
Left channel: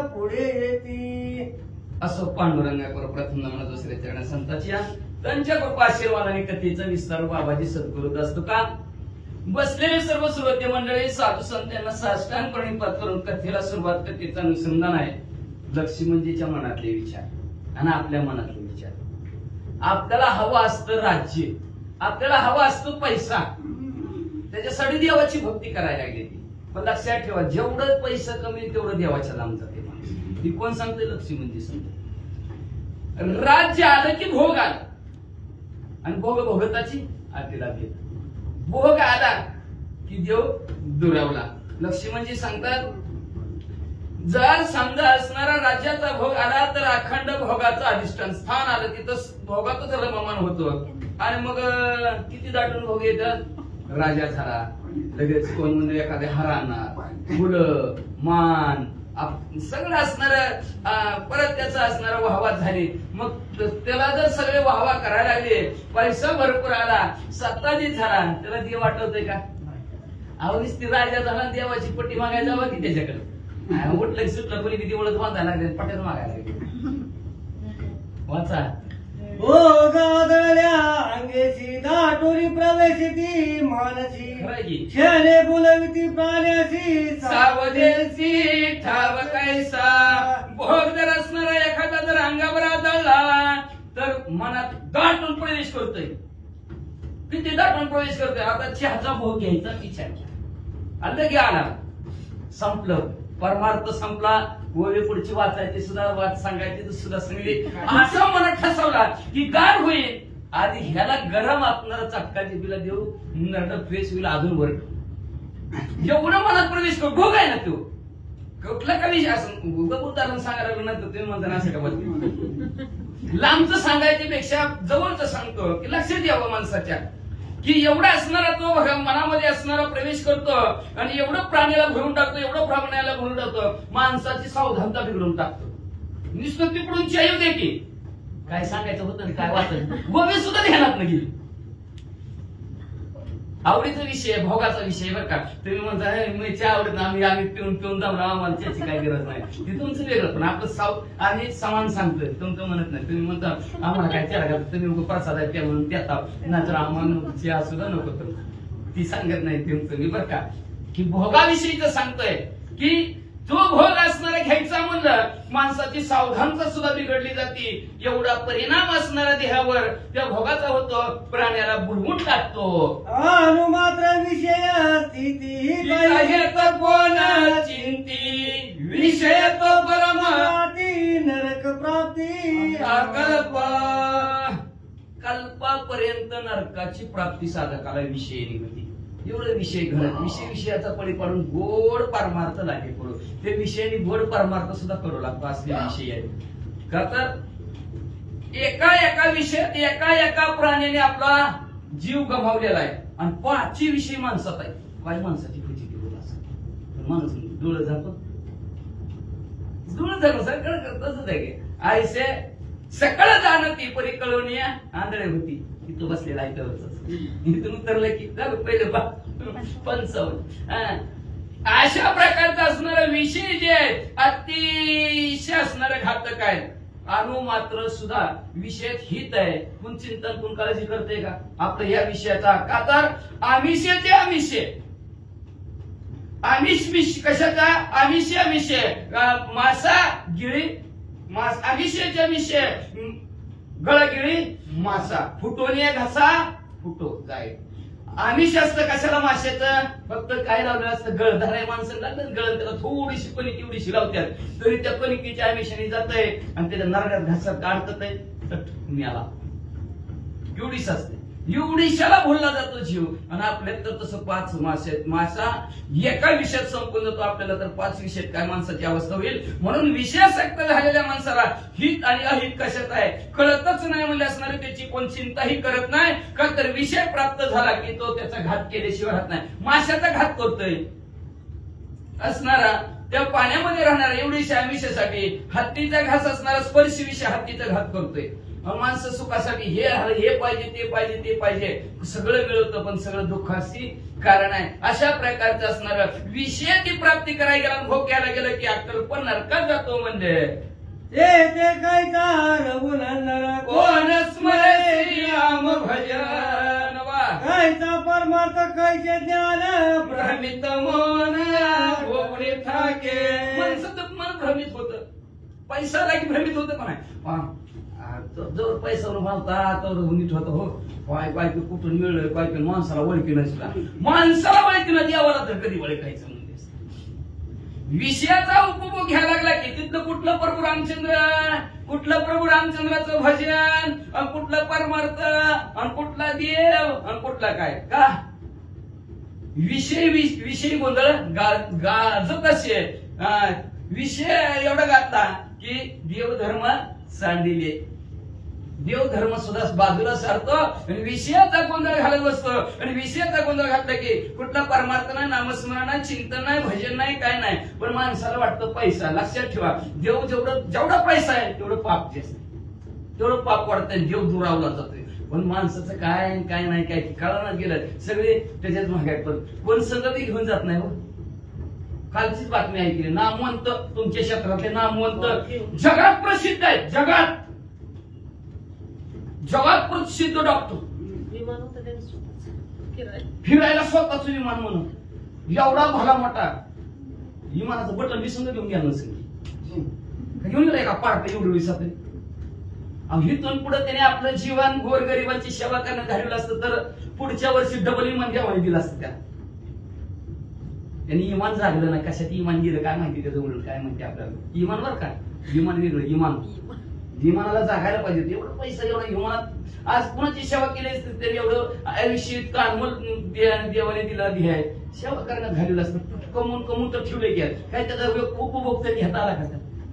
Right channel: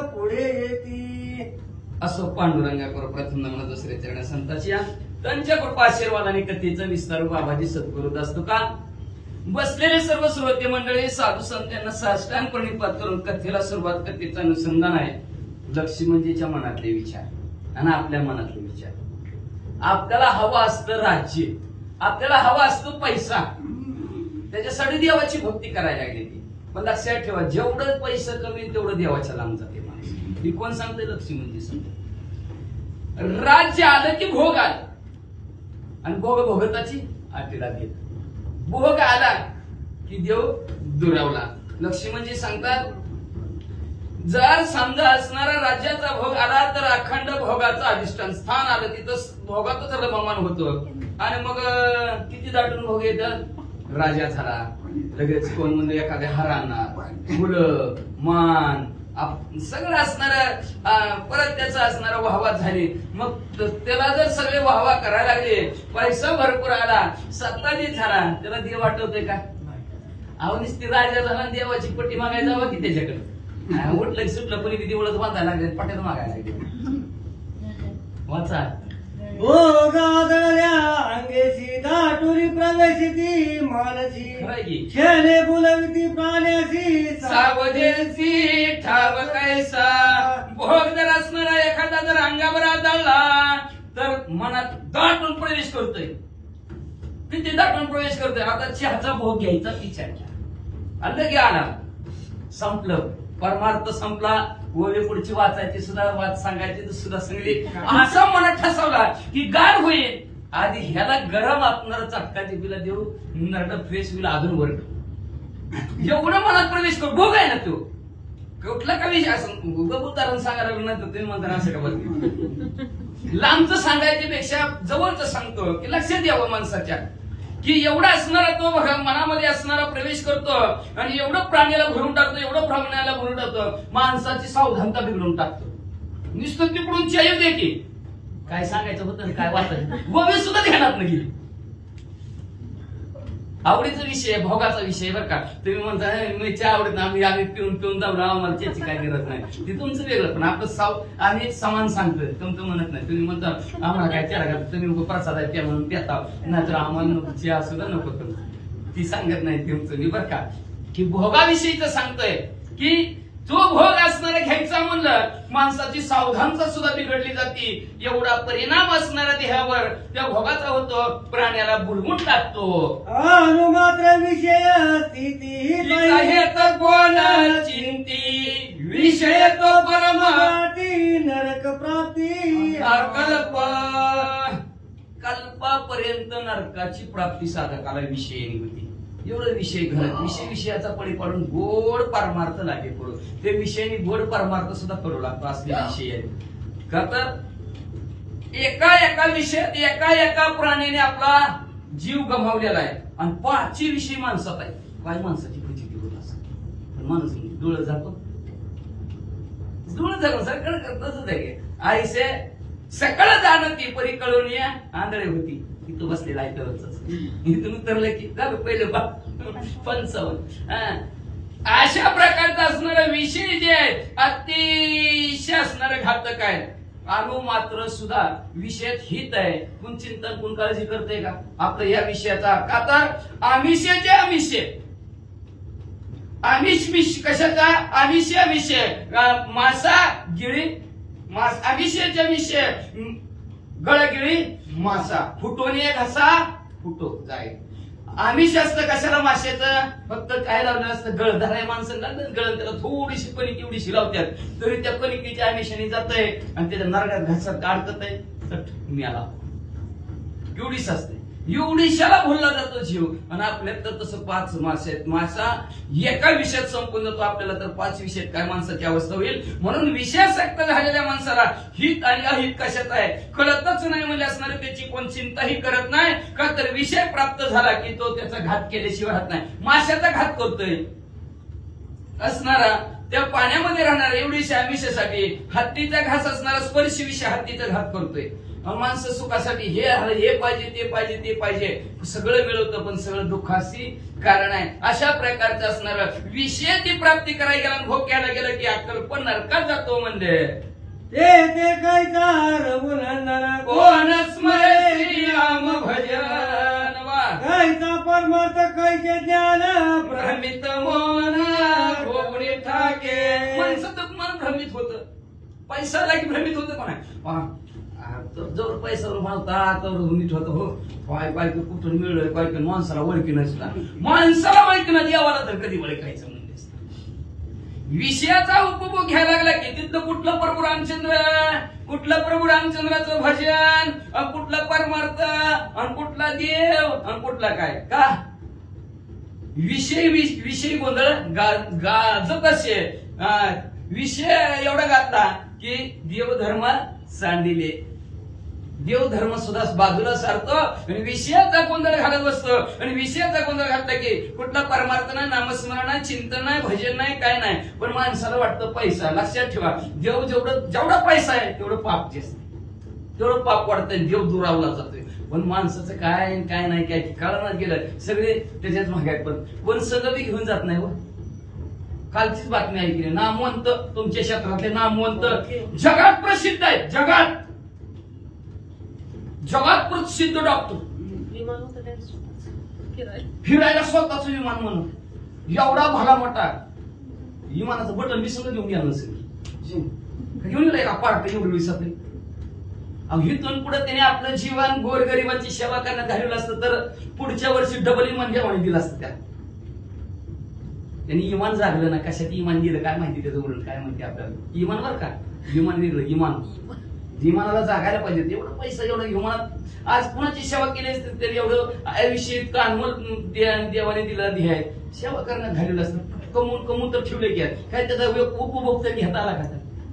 पुढे येती। असो पांडुरंगावर प्रथम नमन दुसरे चरण संताची त्यांच्या कृपा आशीर्वादाने कथेचा विस्तार बाबाजी सद्गुरूत असतो का। बसलेले सर्व श्रोते मंडळी साधू संतांना साष्टांग प्रणिपात करून कथेला सुरुवात कथेचं अनुसंधान आहे लक्ष्मणजीच्या मनातले विचार आणि आपल्या मनातले विचार। आपल्याला हवं असतं राज्य, आपल्याला हवं असतं पैसा, त्याच्यासाठी देवाची भक्ती करायला लागली ती। पण लक्षात ठेवा जेवढं पैसा कमी तेवढं देवाच्या लांब जाते माणूस। ती कोण सांगते? लक्ष्मणजी सांगते। राज्य आलं की भोग आला आणि भोग भोगताची आटीला गेला। भोग आला की देव दुरावला। लक्ष्मणजी सांगतात जर समजा असणारा राज्याचा भोग आला तर अखंड भोगाचं अधिष्ठान स्थान आलं तिथं भोगातच रममान होतो आणि मग किती दाटून भोग येतं? राजा झाला लगेच कोण म्हणजे एखाद्या हराना मुलं मान सगळं असणार परत त्याचा असणारा वाहवा झाली। मग त्याला जर सगळे वाहवा करायला लागले पैसा भरपूर आला सत्ताधीश झाला त्याला देव वाटवतोय का? आवनीच ती राजा झाला देवाची पट्टी मागायला जावं की त्याच्याकडे उठलं सुटलं कोणी किती ओळख बांधायला लागले पट्ट्यात मागायला लागले। वाचा भोगादल्या अंगेशी दाटुरी प्रवेशिती मानसी शने बुलविती प्राण्यासी सावधेसी ठाव कैसा। भोग जर असणारा एखादा जर अंगावर आदळला तर मनात दाटून प्रवेश करतोय। किती दाटून प्रवेश करतोय? आता चहाचा भोग घ्यायचा विचार केला आता की आला संपलं परमार्थ संपला। गोवे पुढची वाचायची सुद्धा वाच सांगायची सुद्धा सांगली असा मनात ठसवला की गार होईल आधी ह्याला गरम आपणारा चटका जिबीला देऊ नरड फ्रेश होईल अजून वर एवढं मनात प्रवेश करू भोग आहे ना तो कुठला कवी असं उदाहरण सांगायला नंतर तुम्ही म्हणता असं का लांबचं सांगायच्या पेक्षा जवळचं सांगतो की लक्षात यावं माणसाच्या की एवढा असणारा तो मनामध्ये असणारा प्रवेश करतो आणि एवढं प्राण्याला भरून टाकतो एवढं प्राण्याला भरून टाकतो माणसाची सावधानता बिघडून टाकतो। नुसतं तिकडून चायव देते काय सांगायचं होतं काय वाचायचं गोवे सुद्धा ध्यानात नाही गेली। आवडीचा विषय भोगाचा विषय बरं का। तुम्ही म्हणता मी चहा आवडत आम्ही पिऊन पिऊन दाबला आम्हाला त्याची काही गरज नाही ती तुमचं वेगळं पण आपलं आम्ही समान सांगतोय तुमचं म्हणत नाही। तुम्ही म्हणता आम्हाला काय त्याला का तुम्ही प्रसाद आहे त्या म्हणून देता नाहीतर आम्हाला चहा सुद्धा नको ती सांगत नाही तुमचं मी बरं का की भोगाविषयीच सांगतोय की तो भोग असणारा घ्यायचा म्हणलं माणसाची सावधानता सुद्धा बिघडली जाते। एवढा परिणाम असणारा देहावर त्या भोगाचा होतो प्राण्याला बुडवून टाकतो। अनुमात्र विषय स्थिती कोण चिंती विषय तो परम नरक प्राप्ती कल्प कल्पापर्यंत नरकाची प्राप्ती साधकाला विषय होती। एवढं विषय घडत विषयाचा पडी पाडून गोड परमार्थ लागे करू ते विषयाने गोड परमार्थ सुद्धा करू लागतो असले विषय आहेत का तर एका विषयात एका प्राण्याने आपला जीव गमावलेला आहे आणि 5 विषय माणसात आहे। काय माणसाची फजिती बोल असं माणूस डोळं झाकून सगळं करतच आहे आईसे सकाळ जाणं ती परी कळून या आंधळे होती तिथं बसलेला आहे तरच इथून उतरलं की झालं पहिलं 55 अशा प्रकारचा असणारा विषय जे आहेत अतिशय असणारे घातक आहेत। अणु मात्र सुद्धा विषयात हित आहे कोण चिंतन कोण काळजी करते का आपलं या विषयाचा का तर आमिषाचे विषय आमिष कशाचा आमिषा विषय मासा गिळी आमिषाच्या विषय गळगिळी मासा फुटोने घसा फुटो जाय आमिष असतं कशाला माशाचं फक्त काय लावलं असतं गळधार आहे माणसाला गळण त्याला थोडीशी कणिक एवढीशी लावतात तरी त्या कणिकीच्या आमिषाने जात आहे आणि त्याच्या नरड्यात घासात काढत आहे तर मिळाला एवढीच असते एवढीशाला भुलला जातो जीव आणि आपल्यात तर तसं 5 मासे आहेत मासा एका विषयात संपून जातो आपल्याला तर 5 विषयात काय माणसाची अवस्था होईल। म्हणून विषयासक्त झालेल्या माणसाला हित आणि अहित कशात आहे कळतच नाही म्हणजे असणारे त्याची कोण चिंताही करत नाही का तर विषय प्राप्त झाला की तो त्याचा घात केल्याशिवाय राहत नाही। माशाचा घात करतोय असणारा त्या पाण्यामध्ये राहणाऱ्या एवढीशा आयुष्यासाठी हत्तीचा घास असणारा स्पर्श विषय हत्तीचा घात करतोय. माणसं सुखासाठी हे पाहिजे ते पाहिजे ते पाहिजे सगळं मिळवतं, पण सगळं दुःखाची कारण आहे. अशा प्रकारचं असणारं विषयाची प्राप्ती करायला गेला, भोग घ्यायला गेलं की अक्कल पण नरकात जातो. म्हणजे ते काय का रघुनंदन कोण स्मरे श्रीराम भजन वा कायचा परमार्थ कायचे ज्ञान भ्रमित मन होणे ठाके. मन सतत मन भ्रमित होत, पैसा की भ्रमित होत पण आहे. जवळ पैशावर मानता तर नीट होत. हो काय कुठून मिळलोय काय माणसाला ओळखी नसला, माणसाला ओळखी ना देवाला तर कधी ओळखायचं म्हणते. विषयाचा उपभोग घ्यायला लागला की तिथलं कुठलं प्रभू रामचंद्र, कुठलं प्रभू रामचंद्राचं भजन, आणि कुठलं परमार्थ, आणि कुठला देव, आणि कुठला काय का विषय गोंधळ गाज कसे विषय एवढा घातला की देवधर्म सांडिले. देवधर्म सुद्धा बाजूला सारतो आणि विषयाचा गोंधळ घालत बसतो. आणि विषयाचा गोंधळ घातला की कुठला परमार्थ नाही, नामस्मरण नाही, चिंतन नाही, भजन नाही, काय नाही. पण माणसाला वाटतं पैसा. लक्षात ठेवा, देव जेवढा पैसा आहे तेवढं पाप जास्त, तेवढं पाप वाढतंय, देव दुरावला जातोय. पण माणसाचं काय काय नाही काय कळणार गेलं, सगळे त्याच्यात महागाय. पण कोण सगळं बी घेऊन जात नाही. हो कालचीच बातमी ऐकली, नामवंत तुमच्या क्षेत्रातले नामवंत जगात प्रसिद्ध आहेत, जगात प्रसिद्ध डॉक्टर, विमान होतं त्यांचं स्वतःचं, फिरायला स्वतःच विमान म्हणून एवढा भला मोठा विमानाचं बटन मी सगळं घेऊन गेलं नसेल, घेऊन गेलं का पार्ट एवढी विसापे. इथून पुढे त्याने आपलं जीवन गोरगरिबांची सेवा करण्यात घालवलं असतं तर पुढच्या वर्षी डबल इमान घ्यावं दिलं असतं. त्या त्यांनी इमान जागलं ना, कशात इमान गेलं काय माहिती, त्याचं उलट काय माहिती आपल्याला. इमान बरं का, विमान वेगळं. विमानाला जागायला पाहिजे. एवढं पैसा एवढा विमानात आज कुणाची सेवा केली असते तरी एवढं आयुष्य इतकं अनमोल देवाने दिला आहे, सेवा करण्यात घालवलं असतं. कमवून तर ठेवले की काय त्याचा उपभोग तरी घेता आला का,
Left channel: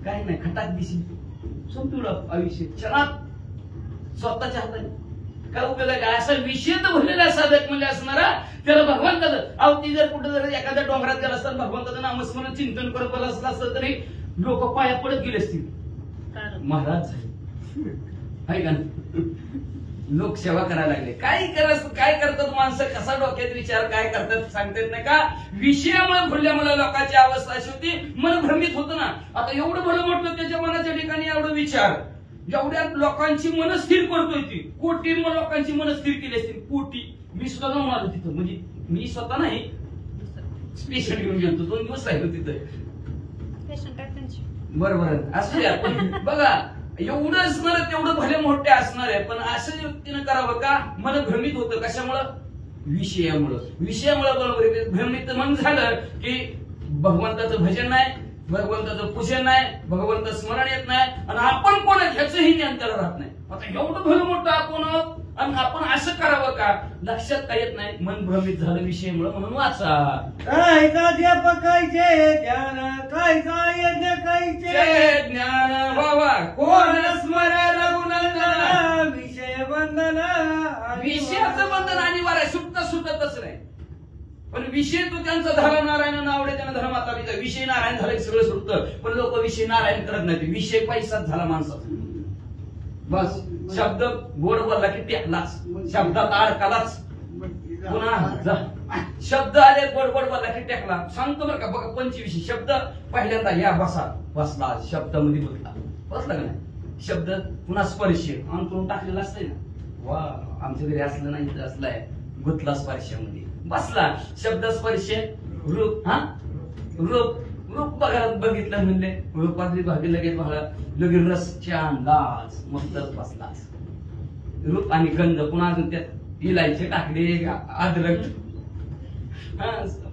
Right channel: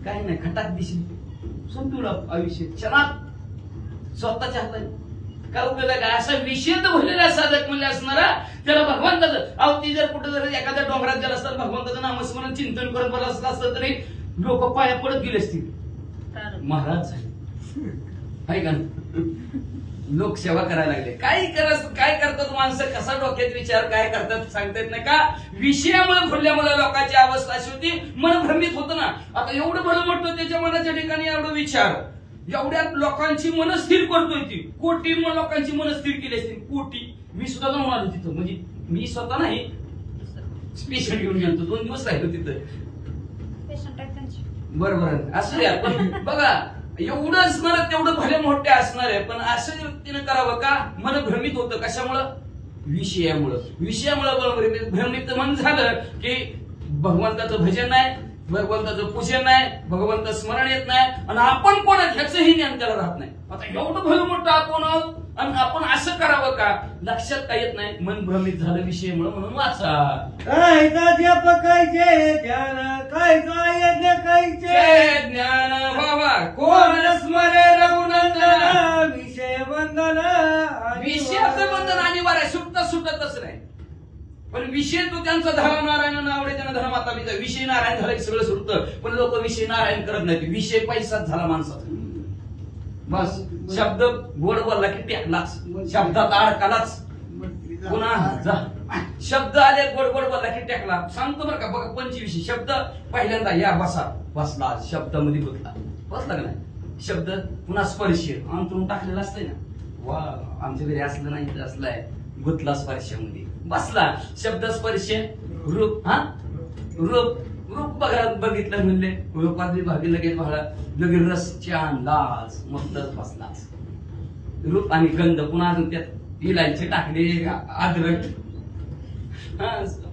काय नाही. खटाक दिशी संपवलं आयुष्य क्षणात स्वतःच्या हाताने. काय उपयोग आहे का, असा विषय तर भरलेला साधक म्हणजे असणारा त्याला भगवंताचं अवती जर कुठं जर एखाद्या डोंगरात गेला असतात भगवंताचं नामस्मरण चिंतन करत बसला असला असतं तरी लोक पाया पडत गेले असतील. महाराज आहे का, लोक सेवा करायला लागले. काय करतात माणसं, कसा डोक्यात विचार काय करतात सांगता येत नाही का. विषयामुळे भरल्यामुळे लोकांची अवस्था अशी होती, मन भ्रमित होतं ना. आता एवढं भलं म्हटलं त्याच्या मनाच्या ठिकाणी एवढं विचार, एवढ्या लोकांची मन स्थिर करतोय ती. कोटी लोकांची मन स्थिर केली असतील, कोटी. मी सुद्धा जाऊन आलो तिथं, म्हणजे मी स्वतः नाही, स्पेशल घेऊन गेलो, 2 दिवस राहिलो तिथं. बरोबर असू द्या, पण बघा एवढं असणार तेवढं भले मोठे असणार आहे. पण अशा व्यक्तीनं करावं का, मन भ्रमित होतं कशामुळं, विषयामुळं बरोबर भ्रमित मन झालं की भगवंताचं भजन नाही, भगवंताचं पूजन नाही, भगवंत स्मरण येत नाही, आणि आपण कोण ह्याचंही ज्ञान त्याला राहत नाही. आता एवढं भलं मोठं आपण आणि आपण असं करावं का, लक्षात काय येत नाही. मन भ्रमित झालं विषयामुळे, म्हणून वाचा. काय कायचे ध्यान, काय यज्ञ कायचे ज्ञान बाबा कोण स्मरे रघुनंदन. विषय बंधन, विषयाचं बंधन अनिवार्य, सुटतच नाही. पण विषय तो त्यांचा झाला नारायण आवडे त्यांना धर्माता पिता. विषय नारायण झाला की सगळं सुटतं. पण लोक विषय नारायण करत नाही, विषय पैसाच झाला माणसाचा. बस शब्द गोड बोलला की टेकलाच, शब्दात अडकालाच. पुन्हा शब्द आले गोड बोलला की टेकला. सांगतो बरं का, बघा 25 शब्द पहिल्यांदा या बसला, शब्दामध्ये बसला का नाही शब्द. पुन्हा स्पर्श अंतरून टाकलेला असतंय ना, वा आमच्या घरी असलं नाही तर असलाय, गुतला स्पर्शामध्ये बसला. शब्द स्पर्श रूप, रूप बघा बघितलं म्हणले, रूपात विभागी लगेच बघा लगेच रस छान लाज मस्तच बसला. रूप आणि गंध, पुन्हा अजून त्यात इलायची टाकले, अद्रक,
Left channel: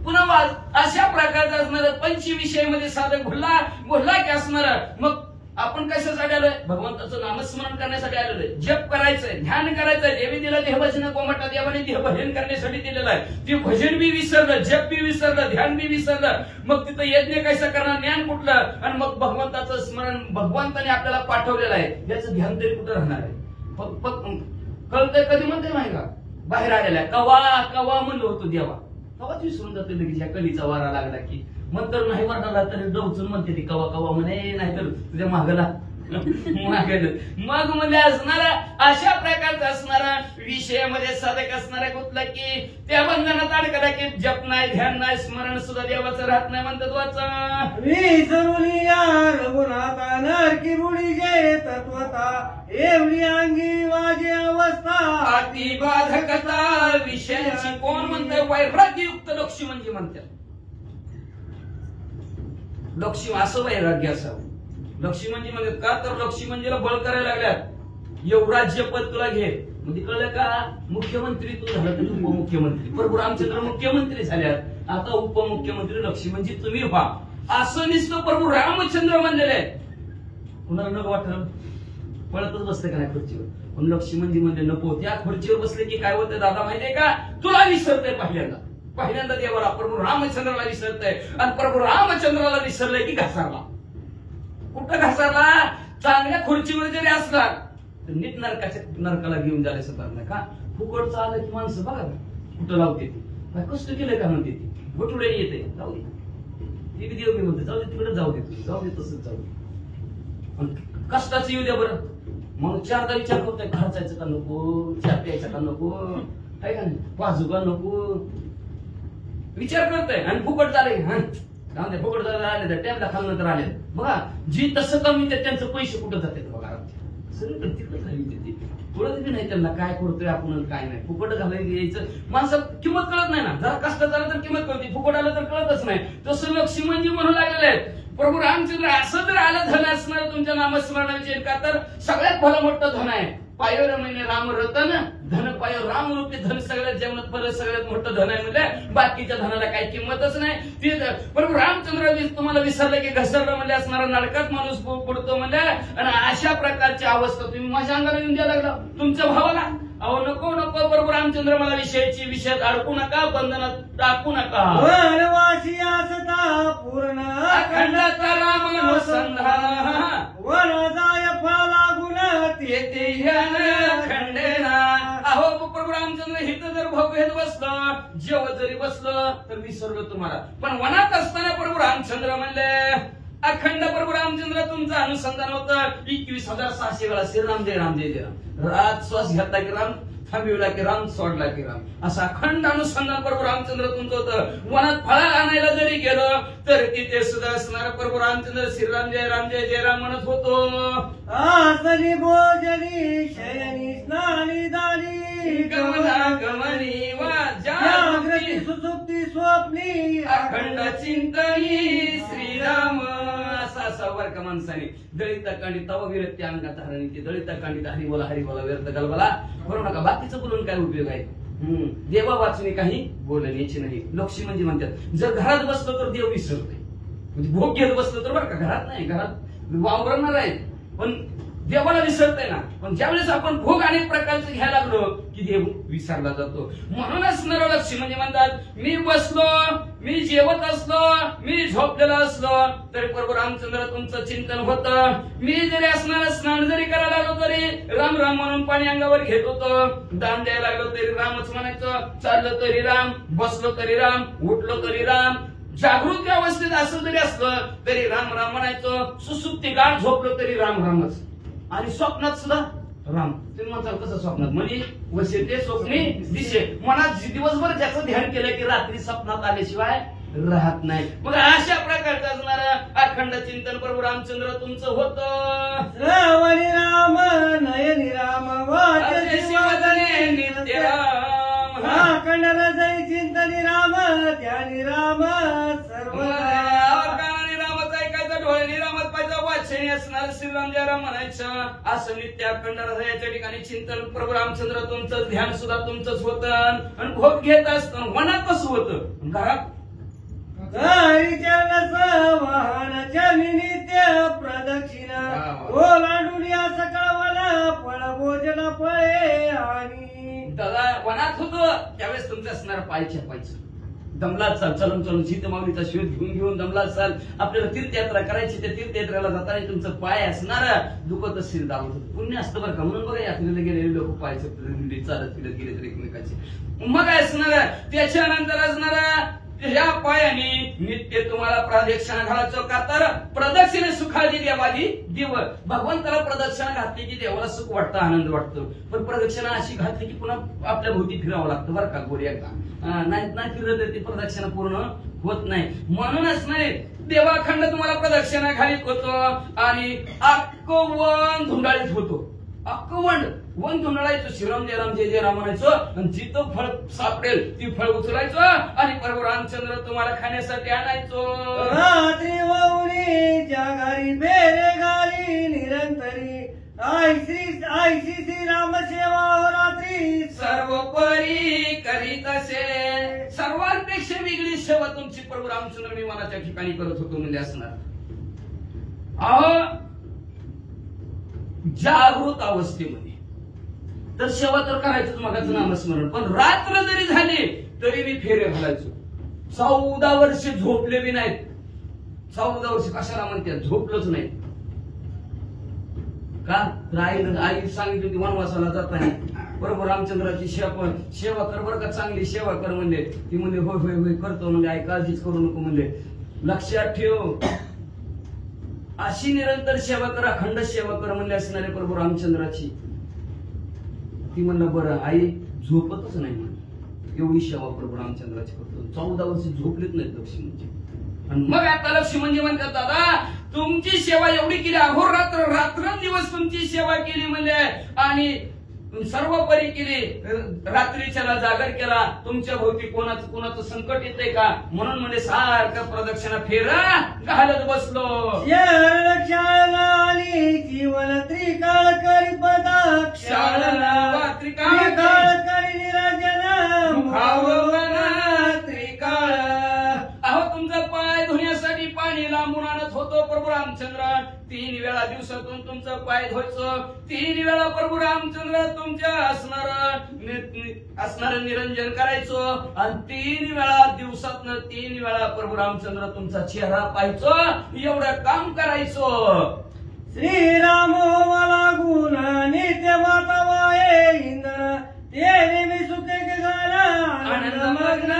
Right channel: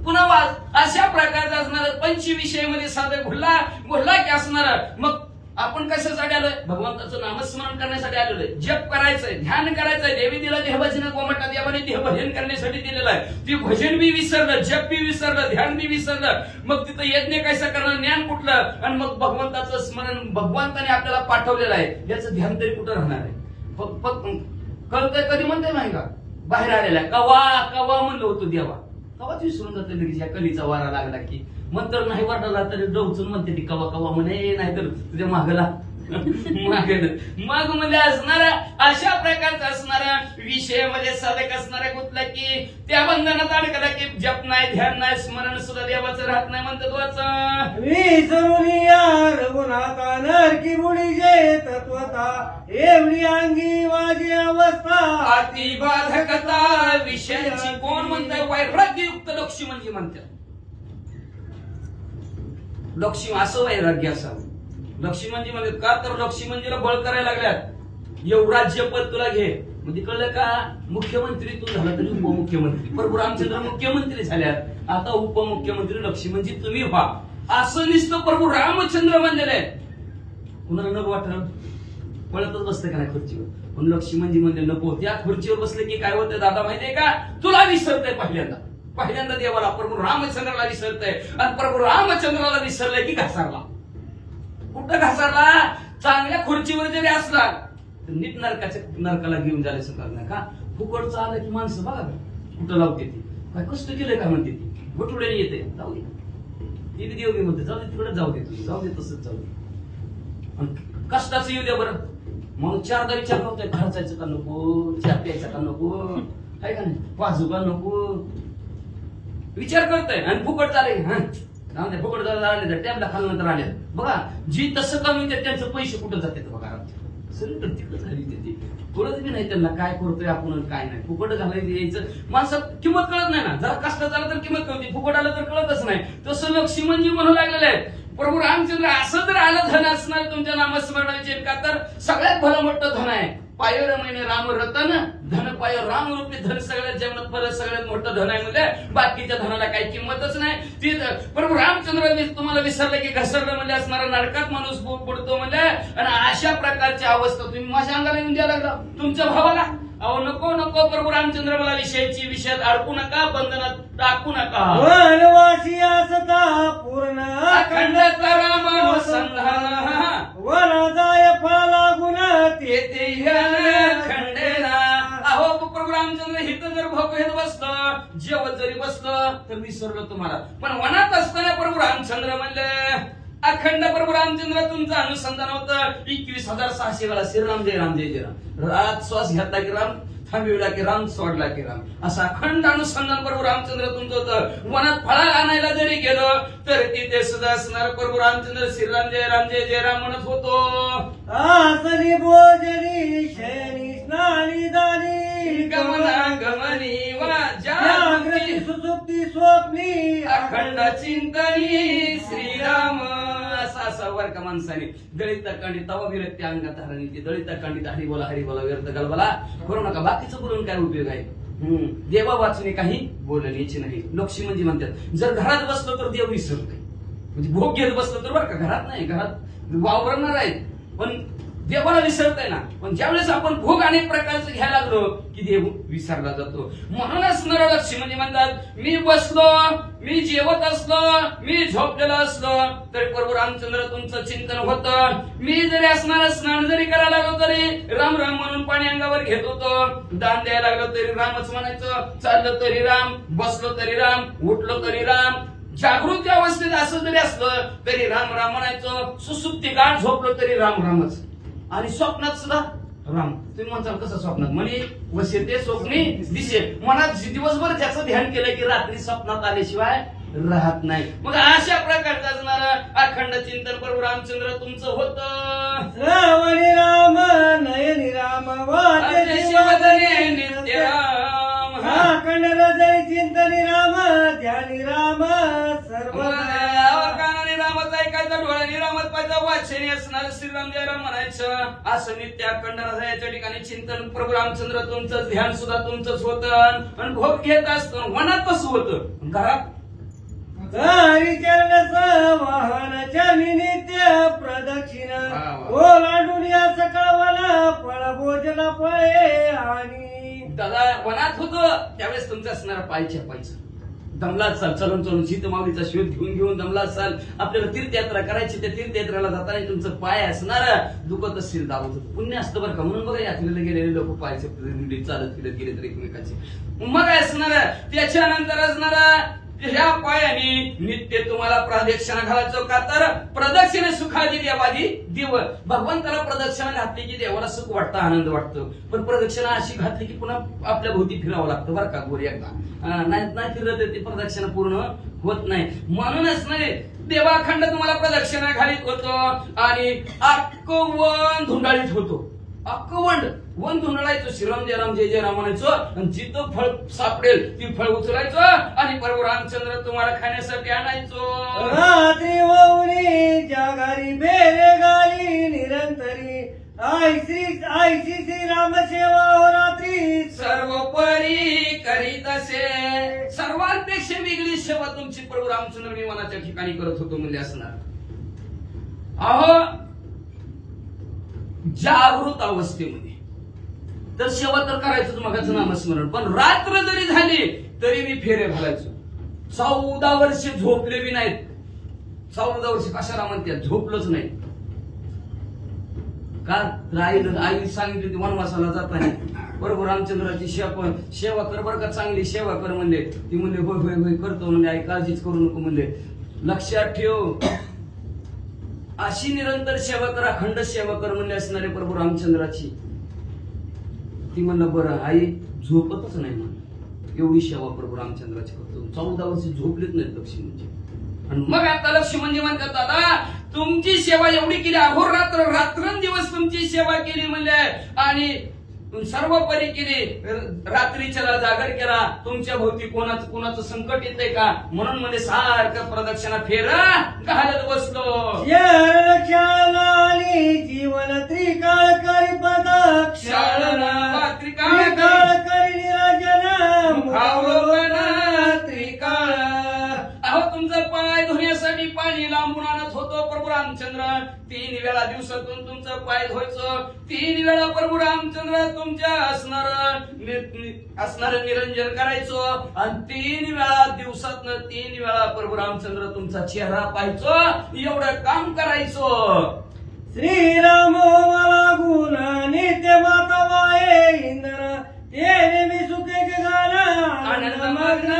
पुन्हा वाज. अशा प्रकारचा असणार 25 विषयामध्ये साधक घुरला की असणार. मग आपण कशासाठी आलोय, भगवंताचं नामस्मरण करण्यासाठी आलेलोय. जप करायचंय, ध्यान करायचंय. देवी दिला देहभजन गोमटा, देवाने देहभजन करण्यासाठी दिलेलं आहे. ते भजन बी विसरलं, जप बी विसरलं, ध्यान बी विसरलं. मग तिथं यज्ञ कसं करणार, ज्ञान कुठलं, आणि मग भगवंताचं स्मरण भगवंताने आपल्याला पाठवलेलं आहे, याचं ध्यान तरी कुठं राहणार आहे. कळतंय कधी म्हणते नाही का, बाहेर आलेला आहे. कवा म्हणलं होतं देवा, तेव्हाच विसरून जातो लगेच या कलीचा वारा लागला की. मग तर नाही वाटायला तरी डवचून म्हणते ती कवा कवा म्हणे, नाहीतर तुझ्या मागला मग म्हणजे असणारा अशा प्रकारचा असणारा विषयामध्ये साधक असणारा कुठला की त्या बंधनात अडकला की जप नाही, ध्यान नाही, स्मरण सुद्धा देवाचं राहत नाही म्हणतात वाचा. विसरून या रघुनाथा नरकी बुडीचे तत्वता एवढी अंगी माझी अवस्था. अतिबाधकता विषयांची कोण म्हणतात? वैराग्ययुक्त लक्ष्मी म्हणजे म्हणतात. लक्ष्मी असं वैराग्य असावं. लक्ष्मी म्हणजे म्हणतात का तर लक्ष्मी मंदिरला बळ करायला लागल्यात. एवढा पद तुला घे म्हणजे कळलं का? मुख्यमंत्री तू झाला तरी उपमुख्यमंत्री. प्रभू रामचंद्र मुख्यमंत्री झाल्यात, आता उपमुख्यमंत्री लक्ष्मी म्हणजे तुम्ही व्हा. असं नुसतं प्रभू रामचंद्र म्हणलेलं आहे. कुणाला नको वाटलं? पळतच बसतं का नाही खुर्चीवर. पण लक्ष्मी म्हणजे नको. त्या खुर्चीवर बसले की काय होतं दादा माहितीये का? तुला विसरतंय पहिल्यांदा देवाला प्रभू रामचंद्राला विसरतंय. आणि प्रभू रामचंद्राला विसरलंय की घासारला. कुठं घासारला? चांगल्या खुर्चीवर जरी असला तर नीट नरकाला घेऊन जायचं करणार नाही का? फुकटचं आलं की माणसं बघा कुठं लावते ती. काय कष्ट केलंय का म्हणते ती. घोटुड्याने येते. जाऊ दे ती देव मी म्हणते जाऊ दे तिकडे जाऊ दे. तुझी जाऊ दे तसंच जाऊ दे. आणि कष्टाचं येऊ द्या बरं. म्हणून चारदा विचार करतोय खर्चायचं का नको, चहा प्यायचा का नको, आहे का नाही, वाजू का नको विचार करतोय. आणि फुकट चालेल फुकट झाले तर टॅबला खाल्लं तर आले बघा. जी तसं कमी त्यांचं पैसे कुठं जाते बघा. सगळीकडे तिकडे झाली ती कळत बी नाही त्यांना काय करतोय आपण काय नाही. फुकट घालायचं यायचं माणसात किंमत कळत नाही ना. जरा कष्ट झालं तर किंमत कळते, फुकट आलं तर कळतच नाही. तसं लक्ष्मी म्हणजे म्हणू लागलेलं आहे प्रभू रामचंद्र. असं जर आलं धन असणार तुमच्या नामस्मरणाचे का तर सगळ्यात भलं मोठं धन आहे. पायर महिने राम रतन धन पायो राम रूपी धन सगळ्यात जेवणात परत सगळ्यात मोठं धन आहे. म्हणजे बाकीच्या धनाला काही किंमतच नाही. ती प्रभू रामचंद्र तुम्हाला विसरलं की घसरलं म्हणजे असणारा नरकात माणूस पडतो म्हणजे. आणि अशा प्रकारची अवस्था तुम्ही माझ्या अंगाला येऊन द्यायला लागला तुमच्या भावाला. अहो नको नको प्रभू रामचंद्र मला विषयात अडकू नका, बंधनात टाकू नका. वनवासी असता पूर्ण अखंडता रामानुसंधान वन जाय फळ लागून तेथे खंडेना. अहो प्रभू रामचंद्र हिथं जर भोग घेत बसलं, जेवत जरी बसलं तर विसरलं तुम्हाला. पण वनात असताना प्रभू रामचंद्र म्हणले अखंड प्रभू रामचंद्र तुमचं अनुसंधान होतं. 21,600 वेळा श्रीराम जय राम जय जय राम. रात श्वास घेतला की राम, थांबविला की राम, सोडला की राम. असं अखंड अनुसंधान प्रभू रामचंद्र तुमचं होतं. वनात फळा आणायला जरी गेलो तर तिथे सुद्धा असणार प्रभू रामचंद्र श्रीराम जय जय राम म्हणत होतो. आसनी भोजनी शयनी स्नानी दानी गमनी जागृती सुसुप्ती स्वप्नी अखंड चिंतनी श्रीराम. असा वर का माणसाने दळिता कांडी तवा विरक्ती अंगात हरणी दळिता कांडी हरी बोला व्यर्थ गलबला करू नका. बाकीचं बोलून काय उपयोग आहे? देवा वाचणे काही बोलण्याची नाही. लक्ष्मी म्हणजे म्हणतात जर घरात बसलो तर देव विसरतोय. म्हणजे भोग घेत बसलो तर बरं का, घरात नाही, घरात वावरणार आहे पण देवाला विसरतोय ना. पण ज्यावेळेस आपण भोग अनेक प्रकारचं घ्यायला लागलो की देव विसरला जातो. म्हणूनच नरलक्ष्मी म्हणजे म्हणतात मी बसलो, मी जेवत असलो, मी झोपलेलो असलो तरी प्रभू रामचंद्र तुमचं चिंतन होतं. मी जरी असणार स्नान जरी करायला लागलो तरी राम राम म्हणून पाणी अंगावर घेत होतो. दान द्यायला लागलो तरी रामच म्हणायचं, चाललो तरी राम, बसलो तरी राम, उठलो तरी राम. जागृत अवस्थेत असं जरी असलं तरी राम राम म्हणायचं. सुसुप्ती गाठ झोपलो तरी राम रामच. आणि स्वप्नात सुद्धा राम. तुम्ही म्हणताल कसं स्वप्नात? म्हणे वसते स्वप्नी दिसे. मनात दिवसभर त्याचं ध्यान केलं की रात्री स्वप्नात आल्याशिवाय राहत नाही. मग अशा प्रकारचं असणारं अखंड चिंतन प्रभू रामचंद्र तुमचं होतं. श्रावणी राम नयनी राम वाचने नित्य राम. अखंड जय चिंतनी राम ध्यानी राम सर्व रामच ऐकायचं, डोळ्यांनी रामच पाहिजे, वाचनी असणार श्रीराम जय राम म्हणायचं. असं नित्य अखंड याच्या ठिकाणी चिंतन प्रभू रामचंद्र तुमचं ध्यान सुद्धा तुमचंच होतं. आणि भोग घेत असतं. वनात कसं होतं? घरात घरी केलं वाहन चली नित्य प्रदक्षिण ओलांडून या सकावाला फळ भोजन फळे. आणि दादा वनात होतं त्यावेळेस तुमचं असणार पाय छापायचं. दमला चाल, चलून चलून सीतमाऊलीचा शोध घेऊन दमला चाल. आपल्याला तीर्थयात्रा करायची, त्या तीर्थयात्रेला जाताना तुमचं पाय असणार दुखत असतील दावत पुण्य असतं बरं का. म्हणून बघा यात्रेला गेलेले लोक पाय चालत फिरत गेले तर एकमेकाचे मग असणार त्याच्यानंतर असणार ह्या पायाने नित्य तुम्हाला प्रदक्षिणा घालायचं का तर प्रदक्षिणा सुखादी देवादी देव भगवंताला प्रदक्षिणा घातली की देवाला सुख वाटतं आनंद वाटतो पण प्रदक्षिणा अशी घातली की पुन्हा आपल्या भोवती फिरावं लागतं बरं का गोरी एकदा नाही फिरत ती प्रदक्षिणा पूर्ण होत नाही म्हणून असणारे देवाखंड तुम्हाला प्रदक्षिणा घालीत होतो आणि अक्कवन धुंडाळीत होतो अक्कवंड वन धुंडाळायचं श्रीराम जय राम जय जय राम म्हणायचं आणि जिथं फळ सापडेल ती फळ उचलायचं आणि प्रभू रामचंद्र तुम्हाला खाण्यासाठी आणायचो रात्री वौरी जागारी बेरे गाली निरंतरी आयसी श्री राम सेवा रात्री सर्वोपरी करीत असे सर्वांपेक्षा वेगळी सेवा तुमची प्रभू रामचंद्र विमानाच्या ठिकाणी करत होतो म्हणजे असणार अहो जागृत अवस्थेमध्ये तर सेवा तर करायचं मगाचं नामस्मरण पण रात्र जरी झाली तरी मी फेरे घालायचो 14 वर्ष झोपले बी नाहीत 14 वर्ष कशाला म्हणतात झोपलोच नाही का आई सांगितली ती वनवासाला जाताना बरोबर रामचंद्राची सेवा कर बरं का चांगली सेवा कर म्हणले ती म्हणले होय होय होय करतो म्हणजे आई काळजीच करू नको म्हणले लक्षात ठेव अशी निरंतर सेवा कर अखंड सेवा कर म्हणले असणारे प्रभू रामचंद्राची ती म्हणलं बरं आई झोपतच नाही म्हणून एवढी सेवा प्रभू रामचंद्राची करतो 14 वर्ष झोपलेच नाहीत लक्ष्मणजी आणि मग आता लक्ष्मणजी म्हणतात दादा तुमची सेवा एवढी केली अहोरात्र रात्रंदिवस तुमची सेवा केली म्हणले आणि सर्वोपरी केली रात्रीच्याला जागर केला तुमच्या भोवती कोणाचं संकट येतंय का म्हणून म्हणजे सारखं प्रदक्षिणा फेरा घालत बसलो जीवन त्रिकाळ करी प्रदक्षिणा त्रिकाळ करी निरंजन त्रिकाळ अहो तुमचा पाय धुण्यासाठी पाणी लांबून आणत होतो प्रभू रामचंद्र 3 वेळा दिवसातून तुमचं पाय धुवायचं 3 वेळा प्रभू रामचंद्र तुमच्या असणार निरंजन करायचं आणि 3 वेळा दिवसातनं 3 वेळा प्रभू रामचंद्र तुमचा चेहरा पाहायचो एवढं काम करायचं श्रीराम मला गुण नित्य माता वाये इंद्र ते मी सुखे आनंद मग्न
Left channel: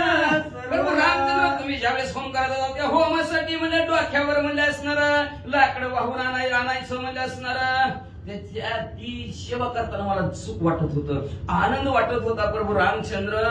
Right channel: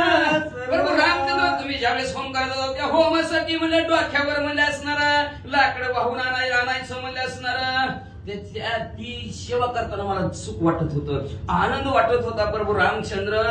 प्रभू रामचंद्र तुम्ही ज्यावेळेस होम करत होता त्या होमासाठी म्हणजे डोक्यावर म्हणजे असणार लाकडं वाहून आणायचं म्हणजे असणार ती सेवा करताना मला सुख वाटत होतं आनंद वाटत होता प्रभू रामचंद्र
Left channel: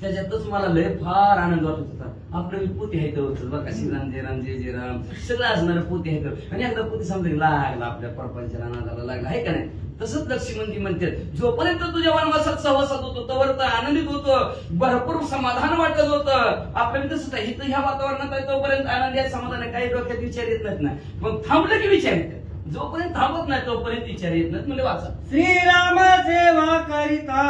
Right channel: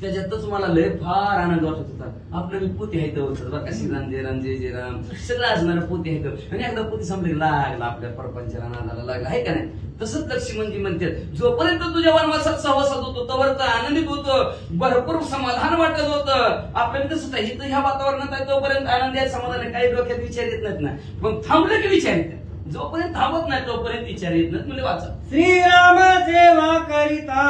त्याच्यातच मला लय फार आनंद वाटत होता आपलं पोती आहे बघा श्रीराम जय राम जय जय राम सगळं असणार पोती आहे आणि एकदा पोती समजा लागला आपल्या प्रपंचाला नादाला लागला आहे का नाही तसंच लक्ष्मणजी म्हणतात जोपर्यंत तुझ्या वनवासात सहवासात होतो तोवर तर आनंदित होतो भरपूर समाधान वाटत होतं आपल्याला तसंच आहे ह्या वातावरणात आहे तोपर्यंत आनंदी आहे समाधान आहे काही डोक्यात विचार येत नाहीत ना पण थांबलं की विचार येतात जोपर्यंत थांबत नाही तोपर्यंत विचार येत नाहीत म्हणजे वाचा श्रीराम सेवा करिता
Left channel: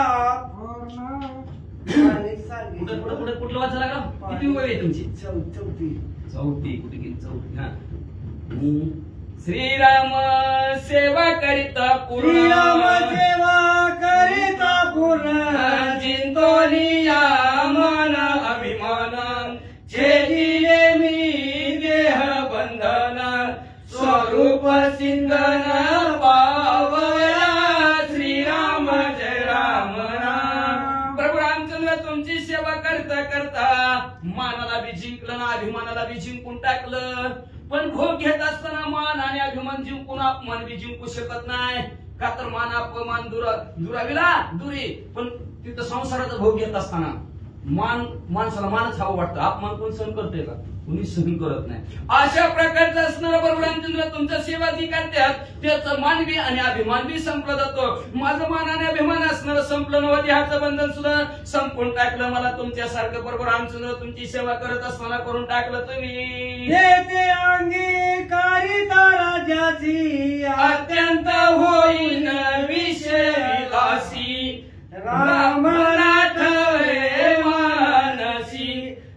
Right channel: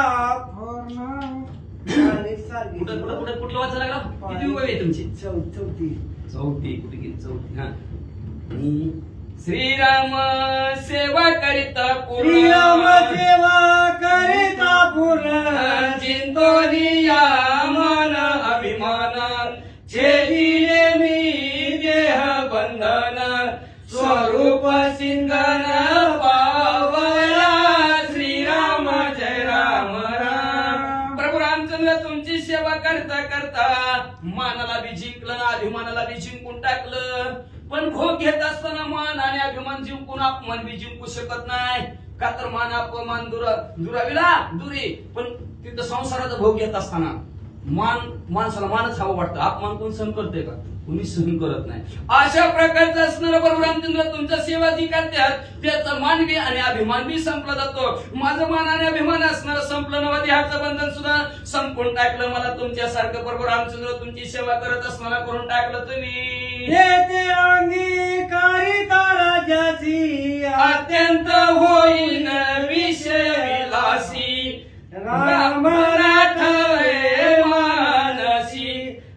कुठलं वाचा लागला किती वय आहे तुमची चौथी कुठे गेली चौथी हा श्रीराम सेवा करिता श्रीराम सेवा करिता पूर्ण चिंतोनिया मन अभिमान छेदिले मी देह बंधन स्वरूप सिंधन पावया श्रीराम जय राम राम प्रभू रामचंद्र तुमची सेवा करता करता मानाला बी जिंकलं ना अभिमानाला बी जिंकून टाकलं पण भोग घेत असताना मान आणि अभिमान जिंकून अपमान बी जिंकू शकत नाही का तर मान अपमान दुराविला दुरी पण तिथं संसाराचा भोग घेत असताना माणसाला मानच हवं वाटतं अपमान कोण सहन करतोय का कोणी सहन करत नाही अशा प्रकारचं असणारं प्रभू रामचंद्र तुमच्या सेवा जी करतात त्याचा मान बी आणि अभिमान बी संपला जातो माझं मान आणि अभिमान असणारं संपलं नव्हतं देहाचं बंधन सुद्धा संपून टाकलं मला तुमच्यासारखं प्रभू रामचंद्र तुमची सेवा करत असताना करून टाकलं तुम्ही येते अंगी कारिता राजाची अत्यंत होईन विषय विलासी राम राठवे मानसी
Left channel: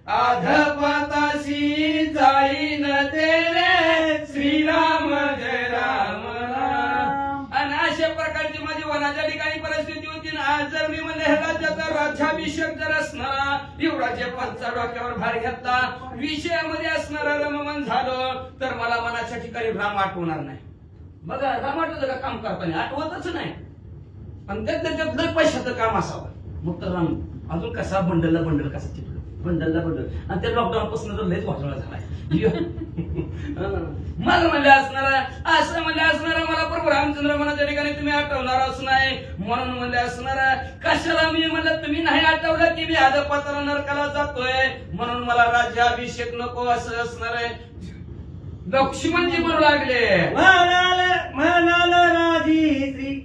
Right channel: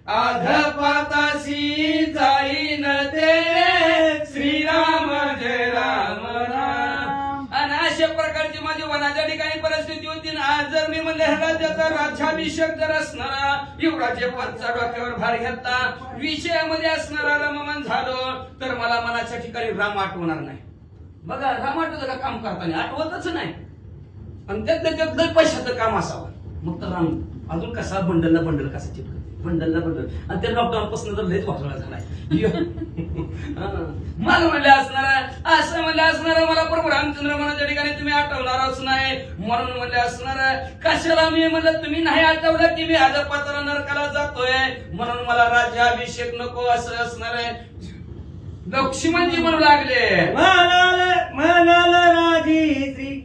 अधपातासी जाईन तेरे श्रीराम जय राम राम आणि अशा प्रकारची माझी वनाच्या ठिकाणी परिस्थिती होती ना आज जर मी म्हणले राज्याचा राज्याभिषेक जर असणारा युवराज्य पंचा डोक्यावर भार घेतला विषयामध्ये असणारा रममान झालं तर मला मनाच्या ठिकाणी राम आठवणार नाही बघा राम आठवतं का काम करताना आठवतच नाही आणि त्यात पैशाचं काम असावं मग तर राम अजून कसा बंडलला बंडल कसा चिपक बंडलला बंडल आणि त्या लॉकडाऊन पासून तर लयच वाटला झालाय. मला म्हणले असणार असं म्हणले असणार मला प्रभू रामचंद्र मनाच्या ठिकाणी तुम्ही आठवणारच नाही म्हणून म्हणले असणार कशाला मी म्हणलं तुम्ही नाही आठवलं की मी अधपाताला नरकाला जातोय म्हणून मला राज्याभिषेक नको असं असणार आहे. लक्ष्मणजी म्हणू लागले म्हणाला राजी श्री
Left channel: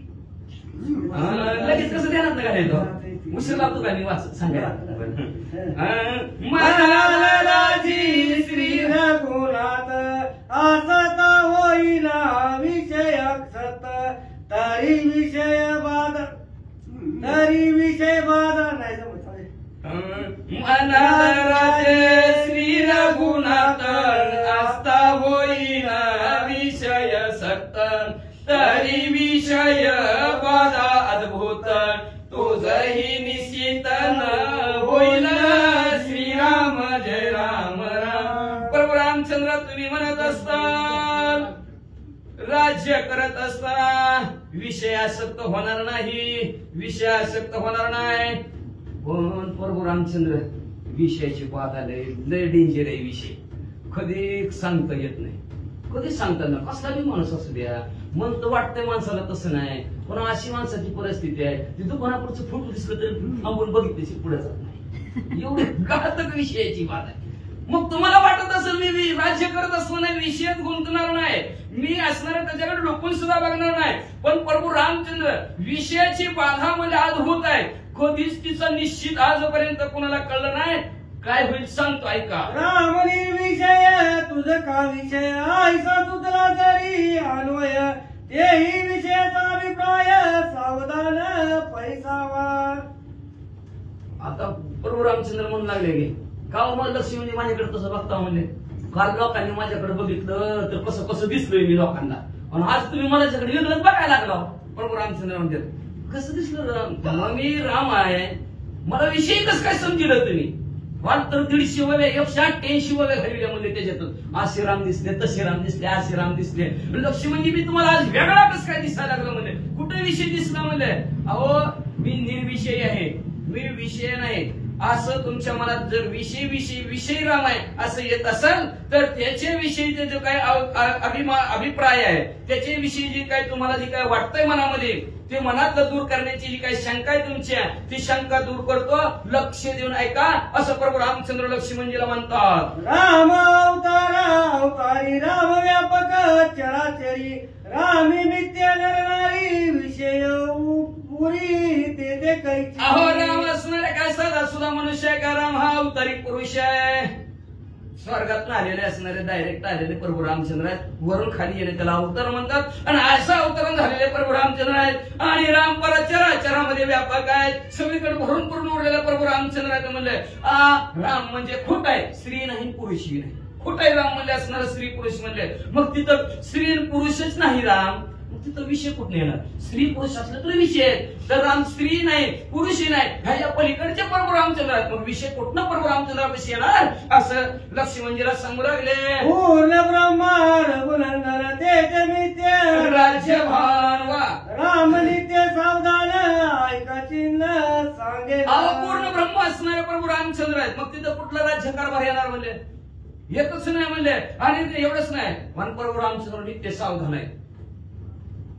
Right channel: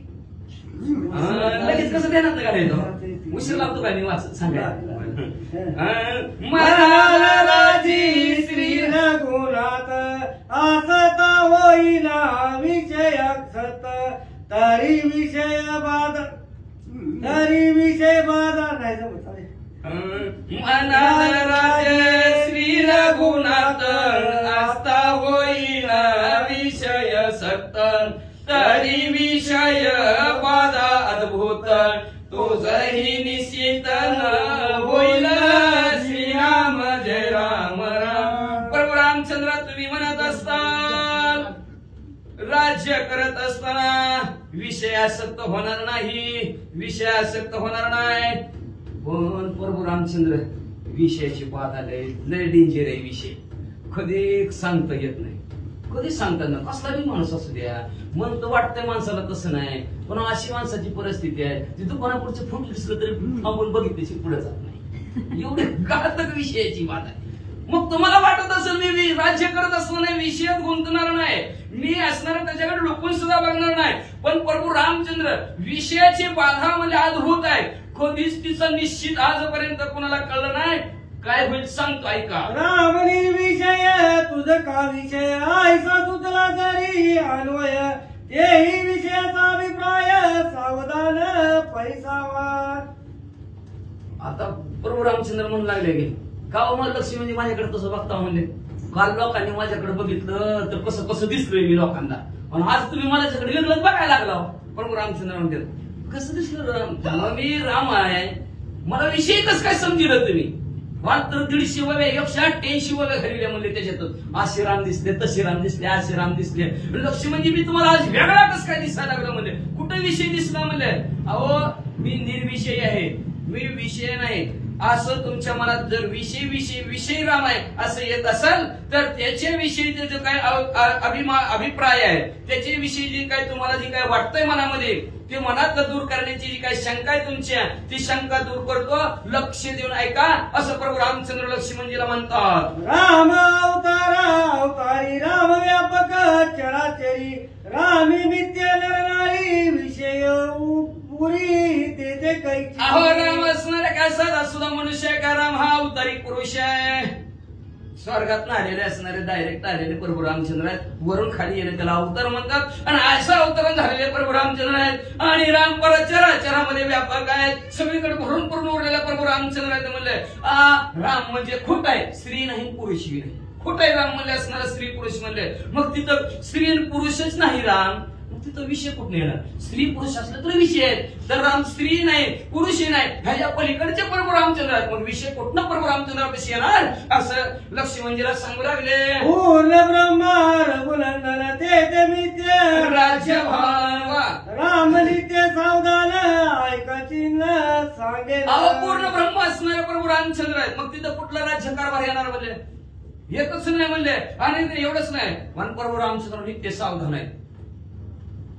लगेच कसं ध्यानात नका येतो उशीर लागतो काय वाच सांगा. म्हणाला राजी श्री रघुनाथ असता होईना विषय सत तरी विषय बाधा नाही जमत. म्हणाल राजे श्री रघुनाथ असता होईना विषय सक्त तरी विषय बाधा अद्भुत तुझही निश्चित होईल श्रीराम जय राम राम. प्रभू रामचंद्र तुम्ही म्हणत असताल राज्य करत असताना विषयासक्त होणार नाही विषयासक्त होणार नाही. पण प्रभू रामचंद्र विषयाची बाधा लय डेंजर आहे विषय कधी सांगता येत नाही कधी सांगता ना कसला बी माणूस असू द्या मन तर वाटतंय माणसाला तसं नाही पण अशी माणसाची परिस्थिती आहे ती दुकानापुढचं फोटो दिसलं तरी थांबून बघितल्याशी पुढे जात नाही एवढे घातक विषयाची बात आहे. मग तुम्हाला वाटत असेल मी राज्य करत असताना नाही विषयात गुंतणार नाही मी असणार त्याच्याकडे लुकून सुद्धा बघणार नाही पण प्रभू रामचंद्र विषयाची बाधा म्हणजे अद्भुत आहे कधीच तिचा निश्चित आजपर्यंत कोणाला कळलं नाही. काय होईल सांगतो ऐका. रामनी विषय तुझ का विषय आयसा तुझला जरी अन्वय तेही विषयाचा अभिप्राय सावधान पैसावा. आता प्रभू रामचंद्र म्हणू लागले की का मला लक्ष्मी माझ्याकडे तसं बघता म्हणले काल लोकांनी माझ्याकडे बघितलं तर कसं कसं दिसलोय मी लोकांना आणि आज तुम्ही माझ्याकडे वेगळंच बघायला लागला. प्रभू रामचंद्र म्हणतात कसं दिसलं मग मी राम आहे मला विषय कसं काय समजिलं तुम्ही मला तर 150 ववे 188 ववे घालले म्हणले त्याच्यातून असे राम दिसले तसे राम दिसले असे राम दिसले लक्ष्मणजी मी तुम्हाला आज वेगळा कसं काय दिसायला लागलं म्हणजे कुठे विषय दिसला म्हणजे अहो मी निर्विषय आहे मी विषय नाही असं तुमच्या मनात जर विषय राम आहे असं येत असेल तर त्याच्याविषयीचे जो काय अभिप्राय आहे त्याच्याविषयी जी काय तुम्हाला जी काय वाटतंय मनामध्ये ते मनातलं दूर करण्याची जी काही शंका आहे तुमच्या ती शंका दूर करतो लक्ष देऊन ऐका असं प्रभू रामचंद्र लक्ष्मणजीला म्हणतात. राम अवतारी राम व्यापक चराचरी रामी नित्य नरनारी विषय पुरी ते काही अहो राम असणारे काय साधा सुद्धा मनुष्य आहे का राम हा अवतारी पुरुष आहे स्वर्गात आलेले असणारे डायरेक्ट आलेले प्रभू रामचंद्र आहेत वरून खाली येणे त्याला अवतार म्हणतात आणि असं अवतरण झालेले प्रभू रामचंद्र आहेत आणि राम चराचरामध्ये व्यापक आहेत सगळीकडे भरून पूर्ण उरलेला प्रभू रामचंद्र आहेत म्हणले राम म्हणजे खोट आहे स्त्री नाही पुरुषही नाही खोट आहे राम म्हणले असणारा स्त्री पुरुष म्हणले मग तिथं स्त्री पुरुषच नाही राम तिथं विषय कुठे येणार स्त्री पुरुष असलं तर विषय आहे तर राम स्त्री नाही पुरुषही नाही ह्याच्या पलीकडचे प्रभू रामचंद्र आहेत मग विषय कुठनं प्रभू रामचंद्र कशी येणार असं लक्ष्मणजीला सांगू लागले. पूर्ण ब्रह्मा रघुनंदन ते नित्य राज्यभान राम नित्य सावधान ऐका चिन्ह सांगे पूर्ण ब्रह्म असणारे प्रभू रामचंद्र आहेत मग तिथं कुठला राज्यकारभार येणार म्हणले येतच नाही म्हणले आणि एवढंच नाही पण प्रभू रामचंद्र नित्य सावधान आहे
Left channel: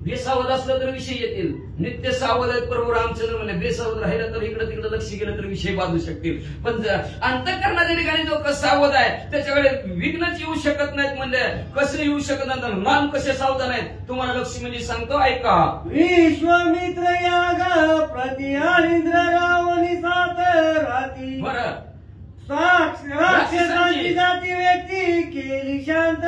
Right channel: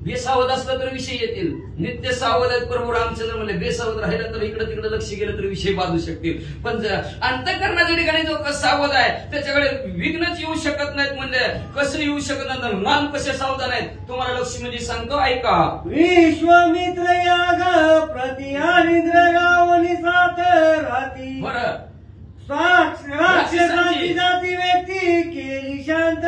बेसावध असलं तर विषय येतील नित्य सावध आहेत प्रभू रामचंद्र म्हणले बेसावध राहिलं तर इकडे तिकडे लक्ष गेलं तर विषय बाजू शकतील पण अंतःकरणाच्या ठिकाणी जो सावध आहे त्याच्याकडे विघ्नच येऊ शकत नाहीत म्हणजे कसं येऊ शकत नाही नाम कसे सावधान आहेत तुम्हाला लक्ष्मणजी सांगतो ऐका. विश्वामित्र याग प्रति आलिंद्र रावणी सात राती बरं राक्षसाची जाती व्यक्ती केली शांत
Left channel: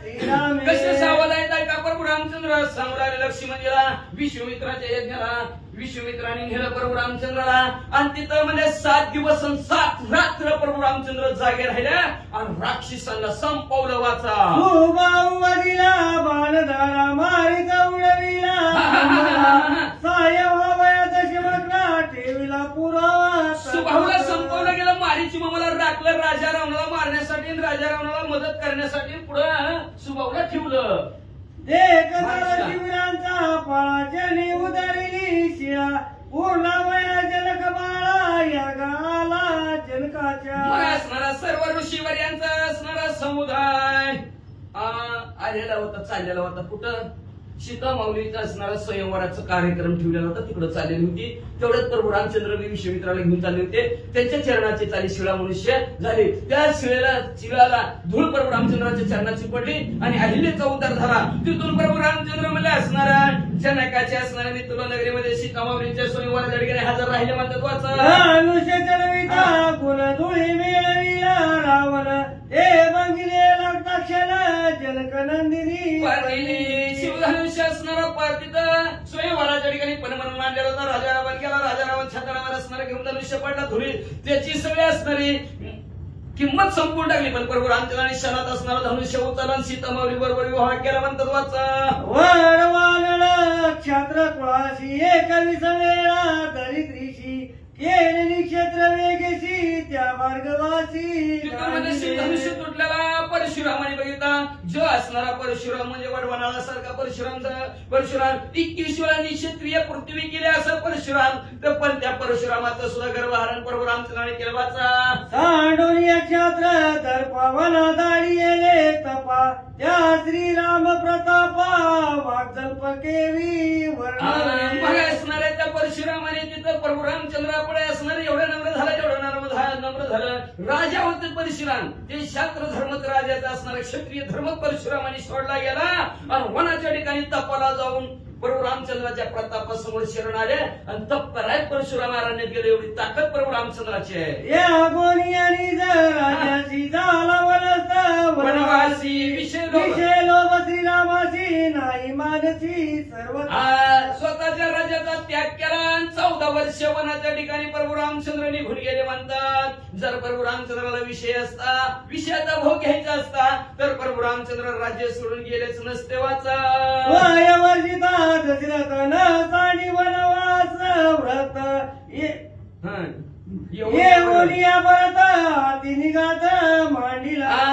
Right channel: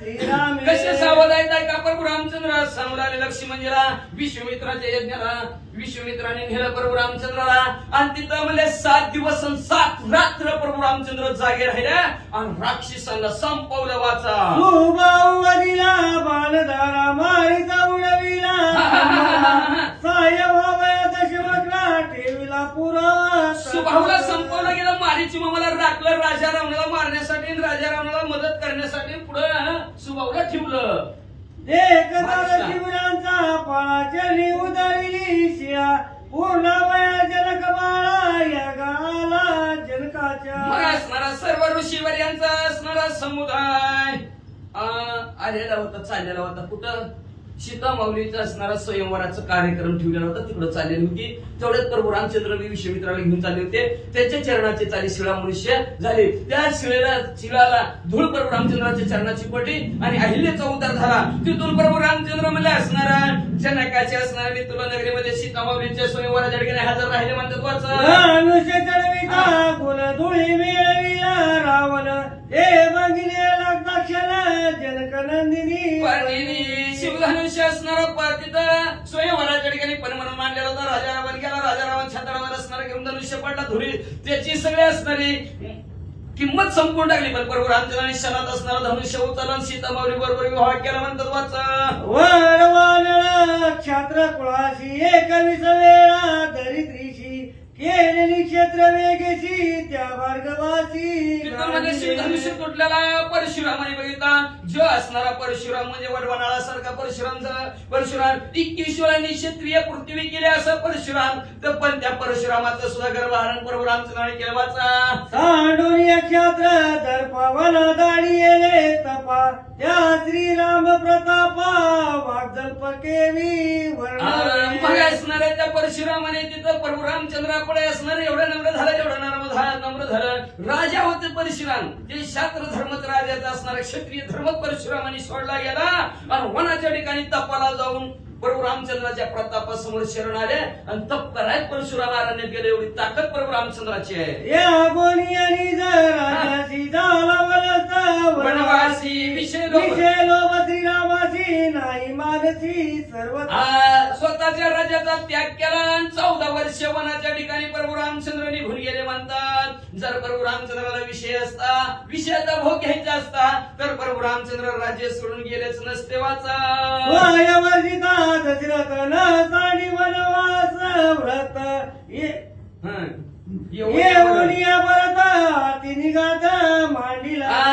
श्रीराम कसे सावध आहेत ऐका प्रभू रामचंद्र सांगू लागले लक्ष्मणजीला विश्वामित्राच्या यज्ञाला विश्वामित्राने नेलं प्रभू रामचंद्राला आणि तिथं म्हणजे 7 दिवस 7 रात्र प्रभू रामचंद्र जागे राहिले आणि राक्षसांना संपवलं वाचा सुबाहुबलीला बाणधारा मारिता उडविला सायभावयात शिवकरा ठेविला पुरावा सुबाहुला संपवलं गेलं मारीची मामाला राखलं राजा रावणाला मारण्यासाठी आणि राजा रावणाला मदत करण्यासाठी पुढे सुबाहुला ठेवलं शिबिरांचा पाळाचली उदरली शिया पूर्ण वया जनकबा समुदाय आलेला होता, चाललेला होता. कुठं? सीता माऊलीचा असणारा स्वयंवराचा कार्यक्रम ठेवलेला होता, तिकडे चाललेली होती. तेवढ्यात प्रभू रामचंद्र विश्वामित्राला घेऊन चालले होते. त्यांच्या चरणाचे चाली शिळा मनुष्य झाले. त्या शिळाला धूळ प्रभू रामचंद्राच्या चरणाची पडली आणि अहिल्याचा उद्धार झाला. तिथून प्रभू रामचंद्र म्हणले असणारा जनकाचे असणारा मी तुला नगरीमध्ये सीता माऊलीच्या स्वयंवराच्या ठिकाणी हजर राहिले म्हणतात. वाचा मनुष्य चढविता गुण धुळी मिळविला रावण हे बघिले लग्नाक्षण जनकनंदिनी शिवधनुष्य असणारा तिथं स्वयंवराच्या ठिकाणी पण म्हणून मांडलेला होता. राजा रावण गेला. राजा रावण छातारावर असणारा घेऊन धनुष्य पडला धुळी. त्याची सगळी असणारी किंमत संपून टाकली. पण प्रभू रामचंद्रांनी शरात असणारा धनुष्य उचलला सीता माऊली बरोबर विवाह केला म्हणतात. वाचा वरवानळ क्षात्र कुळाशी एकविसवेळा दरिद्रीशी केलेली क्षेत्र वेगेशी त्या मार्गवासी धनुष्य तुटलेला परशुरामाने बघितला. जो असणारा परशुराम म्हणजे वडवणाळासारखा परशुराम 21 वेळांनी क्षत्रिय पृथ्वी केली असं परशुराम. तर पण त्या परशुरामाचं सुद्धा गर्भहरण प्रभू रामचंद्राने केलं. वाचा सांडोनी क्षात्र दर्पवना दाडी येले तपा त्या श्रीराम प्रतापा वाग्दल्प केवी मग असणाऱ्या त्या परशुरामाने तिथं प्रभू रामचंद्रापुढे असणारे एवढं नम्र झालं, एवढं नम्र झालं. राजा होते परशुराम. ते शास्त्र धर्मच राजाचा असणारा क्षत्रिय धर्म परशुरामाने सोडला गेला आणि वनाच्या ठिकाणी तपाला जाऊन प्रभू रामचंद्राच्या प्रतापासमोर शरण आले आणि तप कराय परशुराम अरण्यात गेले. एवढी ताकद प्रभू रामचंद्राची आहे. या गोनियानी राजाची झाला वनवासी विषय लोभ श्रीरामाची नाही मानसी सर्व स्वतःच्या राज्याचा त्याग केला आणि 14 वर्ष वनाच्या ठिकाणी प्रभू रामचंद्र निघून गेले म्हणतात. जर प्रभू रामचंद्राला विषयाचा भोग घ्यायचा असता तर प्रभू रामचंद्र राज्य सोडून गेलेच नसते. वाचा दशरथ न साणी वनवास व्रत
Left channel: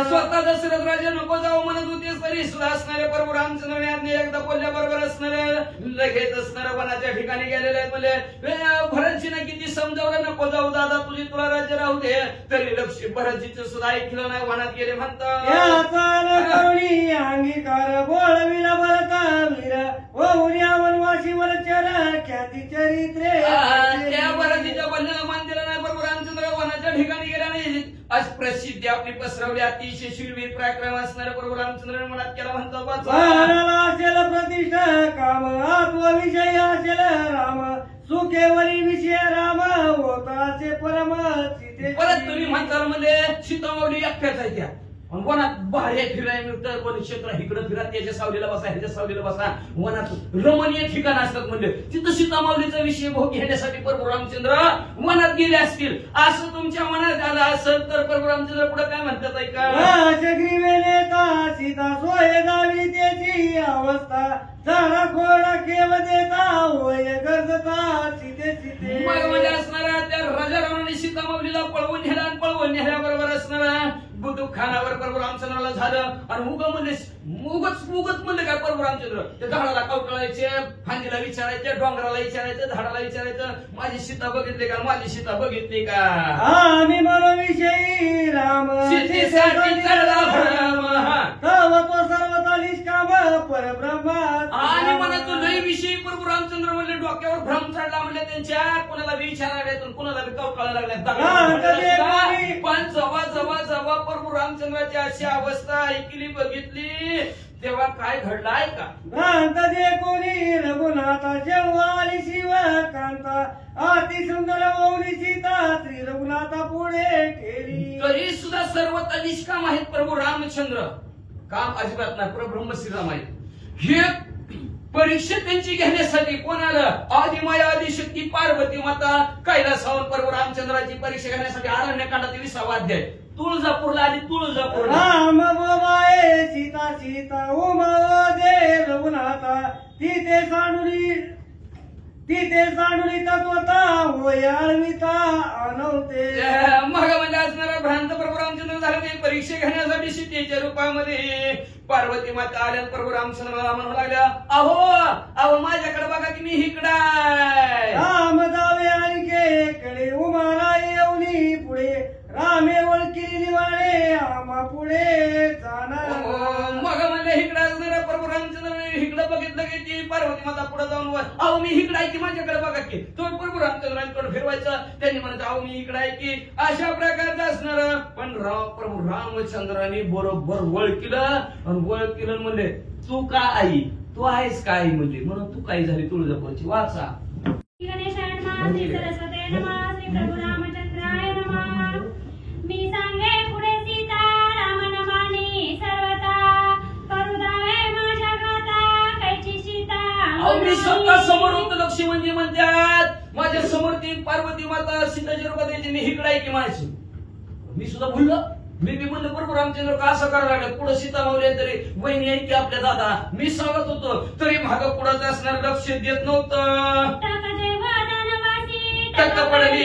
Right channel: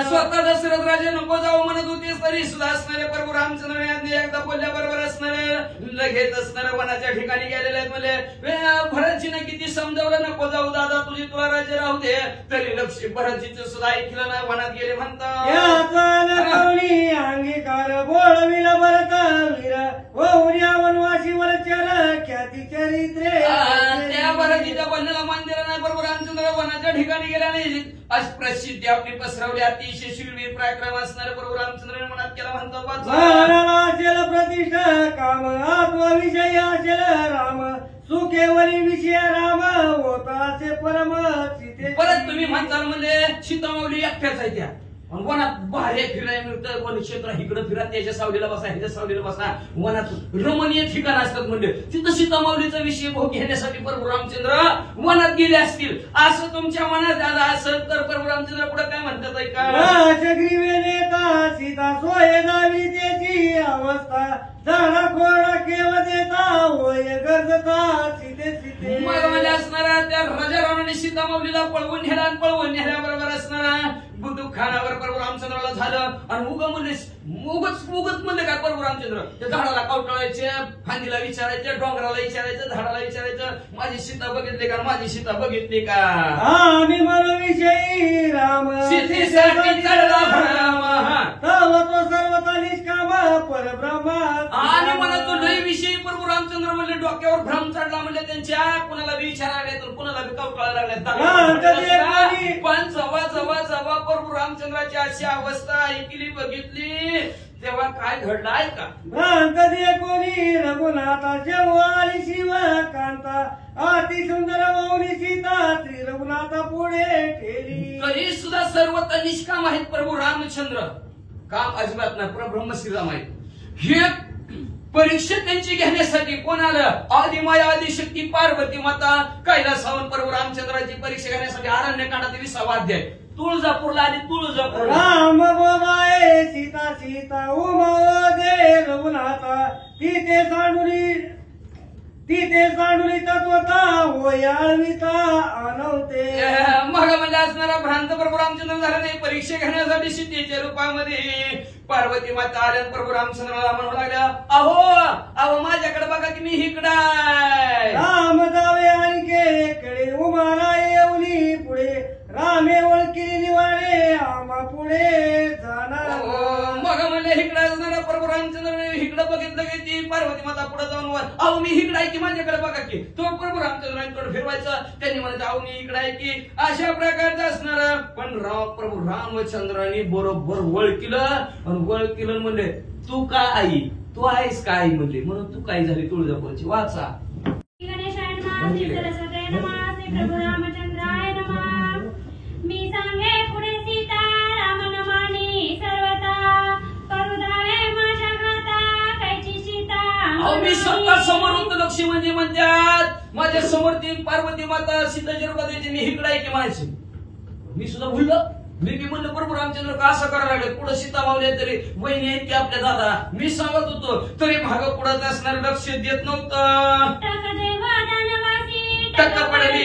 स्वतः दशरथ राजा नको जाऊ म्हणत होते तरी सुद्धा असणारे प्रभू रामचंद्र एकदा बोलल्याबरोबर असणारे लगेच असणाऱ्या वनाच्या ठिकाणी गेलेले आहेत. म्हणजे भरतजीने किती समजावलं नको जाऊ दादा तुला राज्य राहू दे तरी लक्ष भरतजीचं सुद्धा ऐकलं नाही, वनात गेले म्हणतात. अंगीकार बोलविला भरता वीर वनवासी वरचर ख्याती चरित्रे त्या भरतजीच्या बंधनाला मान दिला नाही. प्रभू रामचंद्र वनाच्या ठिकाणी गेल्याने आज प्रसिद्धी आपली पसरवली. अतिशय शूरवीर पराक्रम असणारे प्रभू रामचंद्र मनात केला म्हणतात. असेल प्रतिष्ठा काम आत्मविषय असेल राम सुखेवरी विषय राम होता असे परम परत तुम्ही म्हणताल म्हणजे सीता माऊली एकट्याच आहे त्या वनात बाहेर फिरायला मिळतं. वन क्षेत्र इकडे फिरा, त्याच्या सावलीला बसा, ह्याच्या सावलीला बसा. वनात रमणीय ठिकाण असतात म्हणजे तिथं सीता माऊलीचा विषय भोग घेण्यासाठी प्रभू रामचंद्र वनात गेले असतील असं तुमच्या मनात आलं असेल तर प्रभू रामचंद्र पुढे काय म्हणतात ऐका. नेता सीता सोय दावी त्याची अवस्था झाला कोरडा केव देता होय गरजता सीते सीते मध्ये असणाऱ्या त्या राजा रावणाने सीता माऊलीला पळवून नेल्याबरोबर असणारा बुद्धुखानावर प्रभू रामचंद्राला झालं आणि उगच म्हणले काय प्रभू रामचंद्र त्या झाडाला कवटाळायचे, फांदीला विचारायचे, डोंगराला विचारायचं, झाडाला विचारायचं माझी सीता बघितली का, माझी सीता बघितली का. आम्ही मनोविषयी राम सीतेसाठी चढला भरराम तो सर्वता निष्काम परब्रह्मा आणि मला तो लय विषयी प्रभू रामचंद्र म्हणले डोक्यावर भ्रम चढला म्हणजे त्यांच्या कुणाला विचारायला तर कुणाला कवटाळायला लागल्या. पण जवा प्रभू रामचंद्राची अशी अवस्था ऐकली बघितली तेव्हा काय घडलं आहे का. भ्रांत दे कोणी रघुनाथाच्या वाली शिव कांता अति सुंदर मौली सीता श्री रघुनाथा पुढे ठेली. तरी सुद्धा सर्वता निष्काम आहेत प्रभू रामचंद्र. काम अजिबात नाही, परब्रह्म श्रीराम आहेत. हे परीक्षा त्यांची घेण्यासाठी कोण आलं. आदिमाया आदिशक्ती पार्वती माता कैलासावर प्रभू रामचंद्राची परीक्षा घेण्यासाठी अरण्यकांडात 20वा अध्याय तुळजापूरला आली. तुळजापूर राम बाबाए सीता सीता उमा दे रघुनाथा तिथे सांडुली तत्वता होयाविता अनवते. मग म्हणजे असणारा भ्रांत प्रभू रामचंद्र झाला नाही. परीक्षा घेण्यासाठी सीतेच्या रूपामध्ये पार्वती माता आल्या. प्रभू रामचंद्राला म्हणू लागल्या अहो माझ्याकडे बघा की मी इकडाय. राम जावे आणि कडे उमाला येऊनी पुढे रामे ओळखी निवाळे आमा पुढे पार्वती माता पुढे जाऊन अहो मी इकडे आहे की माझ्याकडे बघा की तो प्रभू रामचंद्राने तोंड फिरवायचं त्यांनी म्हणत अहो मी इकडे आहे की अशा प्रकारचं असणार. पण प्रभू रामचंद्राने बरोबर वळकिलं आणि वळकिलं म्हणले तू का आई तू आहेस का आई म्हणले म्हणून तू काय झाली तुळजापूरची वाचा. गणेशाय नमः श्री सरस्वती नमः श्री प्रभू रामचंद्राय नमः. मी सांगे पुढे सीता राम नमानी सर्वता करुदाय माझ्या माता कैची सीता. अहो मी स्वतः समोर होतो लक्ष्मी म्हणजे म्हणतात माझ्या समोर ती पार्वती माता सीताजी रुपादेवी मी इकडे आहे की म्हणायची. मी सुद्धा भुललो मी म्हणलं प्रभू रामचंद्र का असं करायला लागलं पुढे सीता मावले तरी वहिनी आहेत की आपल्या दादा मी सांगत होतो तरी माग पुढे असणार लक्ष देत नव्हतं. टक्क पडली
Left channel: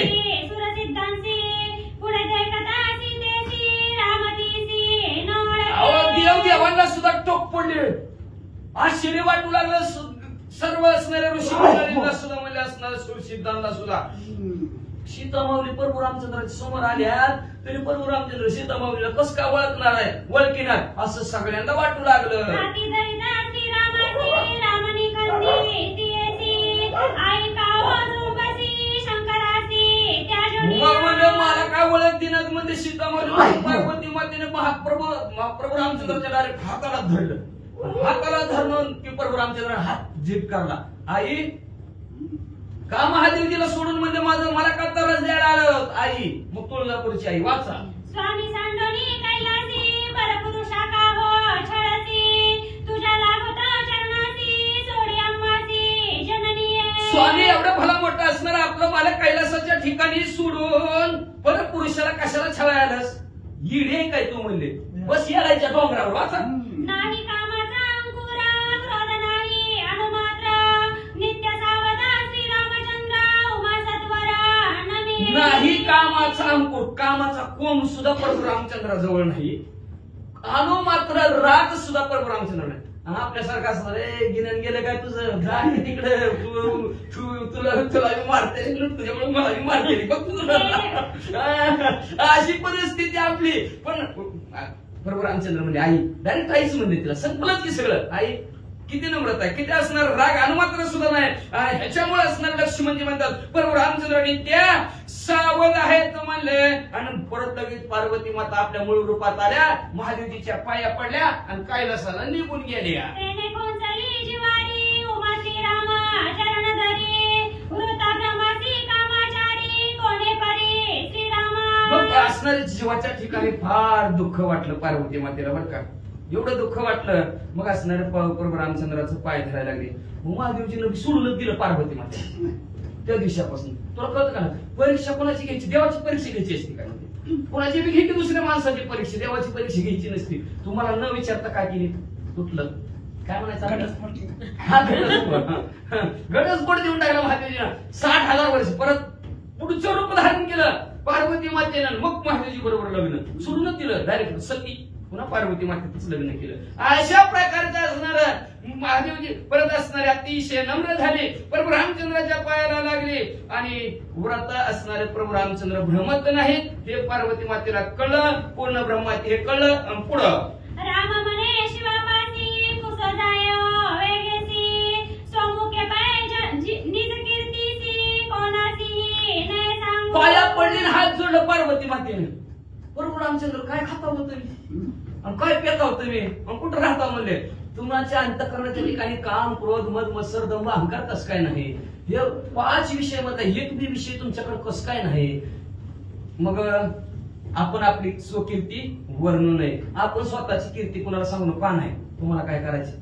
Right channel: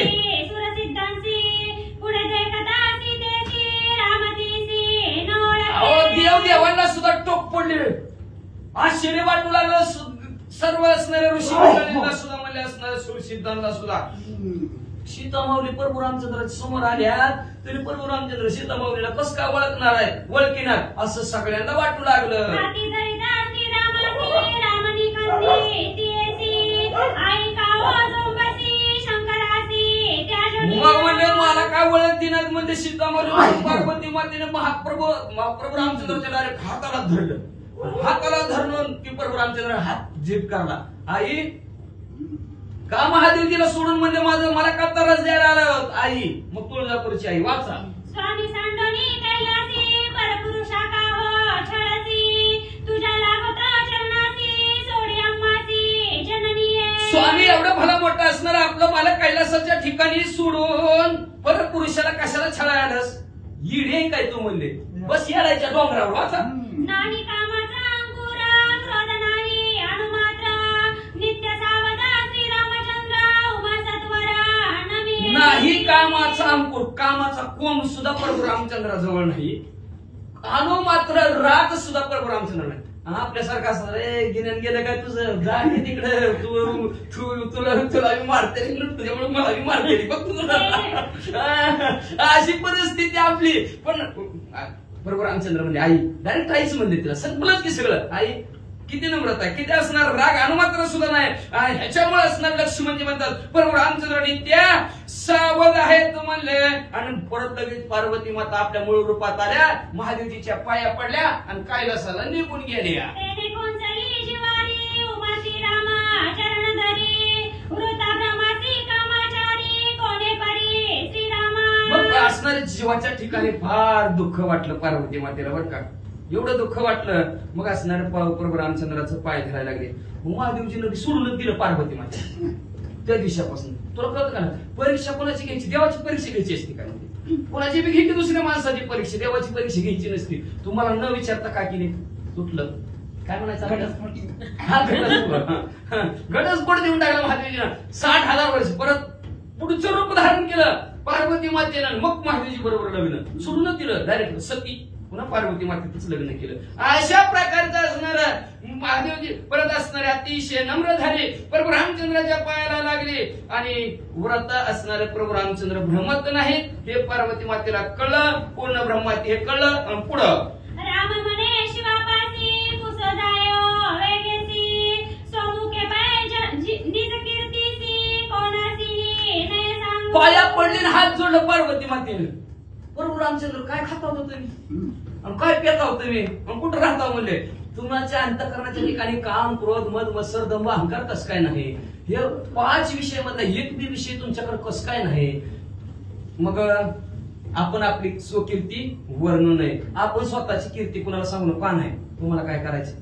अहो देव देवांना सुद्धा टोक पडले आश्चर्य वाटू लागलं सर्व असणाऱ्या ऋषी मंडळींना सुद्धा म्हणजे असणाऱ्या सुरसिद्धांना सुद्धा. सीता माऊली प्रभू रामचंद्राच्या समोर आल्यात तरी प्रभू रामचंद्र सीता माऊलीला कस का ओळखणार आहे ओळखीनार असं सगळ्यांना वाटू लागलं. मग म्हणजे मला काय ओळख दिनात म्हणजे सीता माऊली पार्वती मातेने प्रभू रामचंद्राच्या डायरेक्ट हाताला धरलं. हाताला धरून की प्रभू रामचंद्र हात जीप करला आई का महादेवजीला सोडून म्हणजे माझं मला का त्रास द्यायला आलं आई. मग तुळजापूरची आई वाचा. स्वामी सांडोनी कैलासी परपुरुषा का हो छळसी तुझ्या लागता चरणासी सोडी अम्मासी जननी. स्वामी एवढं भला मोठं असणार आपलं मला कैलासाच्या ठिकाणी सोडून परत पुरुषाला कशाला छळायला आलंस येडे काय तू म्हणले बस येडायच्या डोंगरावर वाचा. नाही कामाचा अंकुरा क्रोध नाही अनुमात्र नित्य सावधा श्री रामचंद्र उमा सत्वरा नमी. नाही कामाचा अंकुर कामाचा कोंब सुद्धा प्रभू रामचंद्राजवळ नाही अनु मात्र राग सुद्धा प्रभू रामचंद्र नाही. आपल्यासारखं असणार रे गिन्यान गेलं काय तुझं जा तिकडे तुला मारते तुझ्यामुळे मला मारते बघ तुला अशी परिस्थिती आपली. पण प्रभू रामचंद्र म्हणजे आई डायरेक्ट आईच म्हणते तिला संपलंच की सगळं आई किती नम्रता आहे किती असणार राग अनुमात्र सुद्धा नाही. ह्याच्यामुळे असणार लक्ष्मी म्हणजे म्हणतात प्रभू रामचंद्रांनी त्या सावध आहेत म्हणले आणि परत लगेच पार्वती माता आपल्या मूळ रूपात आल्या महादेवजीच्या पाया पडल्या आणि कैलासाला निघून गेल्या. मग असणाऱ्या जीवाच्या ठिकाणी फार दुःख वाटलं पार्वती मातेला बरं का. एवढं दुःख वाटलं मग असणारे प्रभू रामचंद्राचं पाय धरायला लागले. मग महादेवजीनं सोडूनच दिलं पार्वती माते त्या दिवसापासून. तुला कळतं का ना परीक्षा कोणाची घ्यायची देवाची परीक्षा घ्यायची असते काय म्हणते कोणाची बी घ्यायची दुसऱ्या माणसाची परीक्षा देवाची परीक्षा घ्यायची नसती. तुम्हाला न विचारता काय केली तुटलं काय म्हणायचं घटस्फोट देऊन टाकला महादेवजीनं 60,000 वर्ष परत पुढचं रूप धारण केलं पार्वती मातेनं. मग महादेवजी बरोबर लग्न सोडूनच दिलं डायरेक्ट सती पुन्हा पार्वती मातेच लग्न केलं. अशा प्रकारचं असणार महादेवजी परत असणारे अतिशय नम्र झाले प्रभू रामचंद्राच्या पायाला लागले आणि व्रत असणारे प्रभू रामचंद्र भ्रमत नाही हे पार्वती मातेला कळलं पूर्ण ब्रह्माती हे कळलं. पुढं राम म्हणे शिवापासी कुसोजायो वेगेसी सोमुखे पाय निज कीर्तीसी कोणासी ने सांगू. पाया पडले हात जोडलं पार्वती मातेने. प्रभू रामचंद्र काय खाता होता तुम्ही काय पेता होता तुम्ही कुठं राहता म्हणले. तुमच्या अंतःकरणाच्या ठिकाणी काम क्रोध मद मत्सर दंभ अहंकार कस काय नाही. हे 5 विषय मध्ये एक बी विषय तुमच्याकडे कस काय नाही. मग आपण आपली स्वकीर्ती वर्णू नये. आपण स्वतःची कीर्ती कुणाला सांगू का नाही. तुम्हाला काय करायचं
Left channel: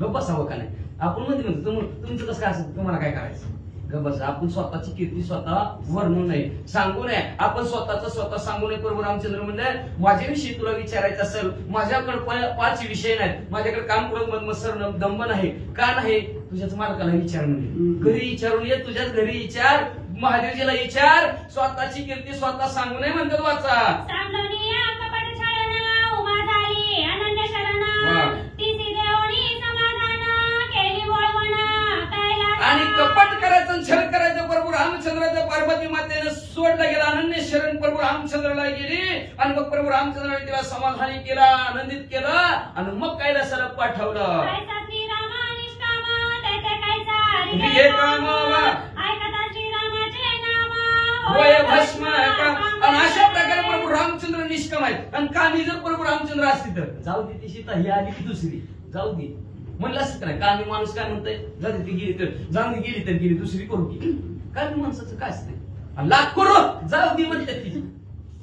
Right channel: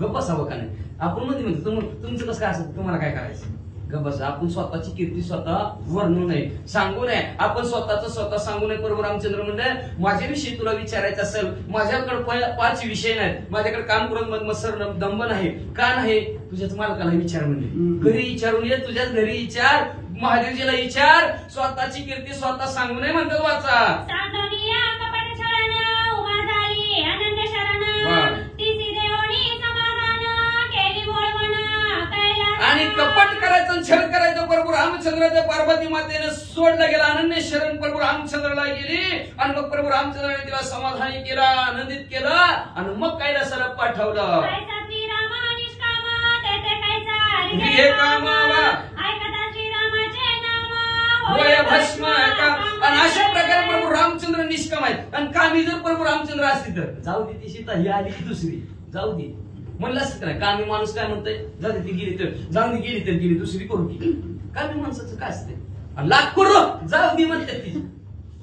गप्प बसावं का नाही. आपण म्हणतो तुमचं कसं काय असं तुम्हाला काय करायचं गप्प बसा. आपण स्वतःची कीर्ती स्वतः वर्णू नये सांगू नये. आपण स्वतः सांगू नये. प्रभू रामचंद्र म्हणले माझ्याविषयी तुला विचारायचं असेल माझ्याकडे 5 विषय नाहीत. माझ्याकडे काम क्रोध मद मत्सर दंभ नाही का नाही. तुझ्याच मालकाला विचार म्हणजे घरी विचारून ये तुझ्याच घरी विचार महादेवजीला विचार. स्वतःची कीर्ती स्वतः सांगू नये म्हणतात वाचा. आणि कपट करायचं छळ करायचं प्रभू रामचंद्राच्या पार्वती मातेनं सोडलं गेला. अनन्य शरण प्रभू रामचंद्राला गेली आणि मग प्रभू रामचंद्राने तिला समाधानी केला आनंदित केलं आणि मग कैलासाला पाठवलं. घे कामावा ऐकता श्रीरामाचे नाम होय भस्म आणि अशा प्रकारे प्रभू रामचंद्र निष्काम आहेत. आणि कामी जर प्रभू रामचंद्र असते तर जाऊ दे ती सीता ही आली की दुसरी जाऊ दे म्हणलं असत नाही. कामी माणूस काय म्हणतोय जाऊ दे ती गेली तर जाऊ दे गेली तर गेली दुसरी करू की. कामी माणसाचं काय असतंय लाख करू जाऊ दे म्हणतात ती.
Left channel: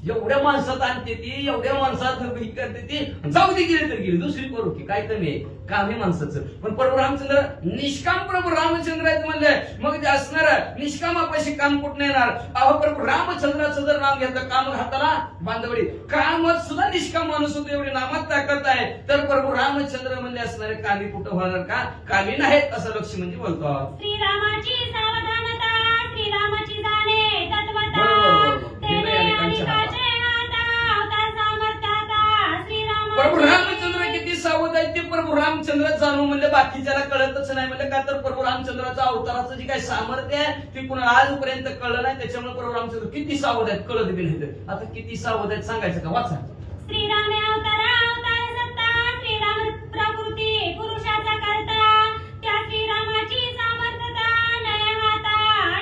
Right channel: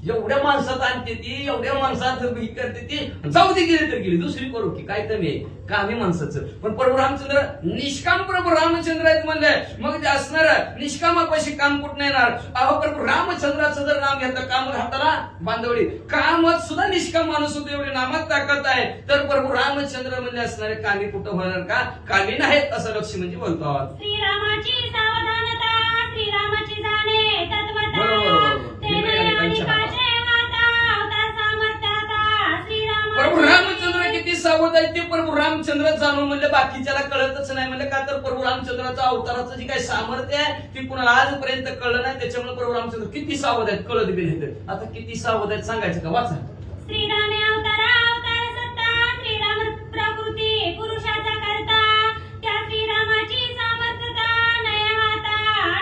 एवढ्या माणसात आणते ती एवढ्या माणसात ही करते ती जाऊ दे गेली तर गेली दुसरी करू की. काय कमी आहे कामी माणसाचं. पण प्रभू रामचंद्र निष्काम प्रभू रामचंद्र आहेत म्हणजे मग ते असणार निष्कामापाशी काम कुठं येणार. अहो प्रभू रामचंद्राचं जर नाव घेतलं काम हाताला बांधवडी कामात सुद्धा निष्काम माणूस होतो एवढे नामात ताकद आहे. तर प्रभू रामचंद्र म्हणजे असणारे कामी कुठं होणार का कामी नाहीत असं लक्ष्मी म्हणजे बोलतात. श्रीरामाची सावधानता श्रीरामाची जाणे तत्वता बरोबर. प्रभू रामचंद्र किती सावध आहेत ते प्रभू रामचंद्र जाणून म्हणजे बाकीच्याला कळतच नाही म्हणजे का तर प्रभू रामचंद्राचं अवताराचं जे काही सामर्थ्य आहे ते कुणाला आजपर्यंत कळलं नाही. त्याच्यामुळे प्रभू रामचंद्र किती सावध आहेत कळत बी नाही. आता किती सावध आहेत सांगायचं का वाचा. श्रीरामे अवतार सत्ता श्रीराम प्रकृती पुरुषाचा करता त्या श्रीरामाची सामर्थ्यता नय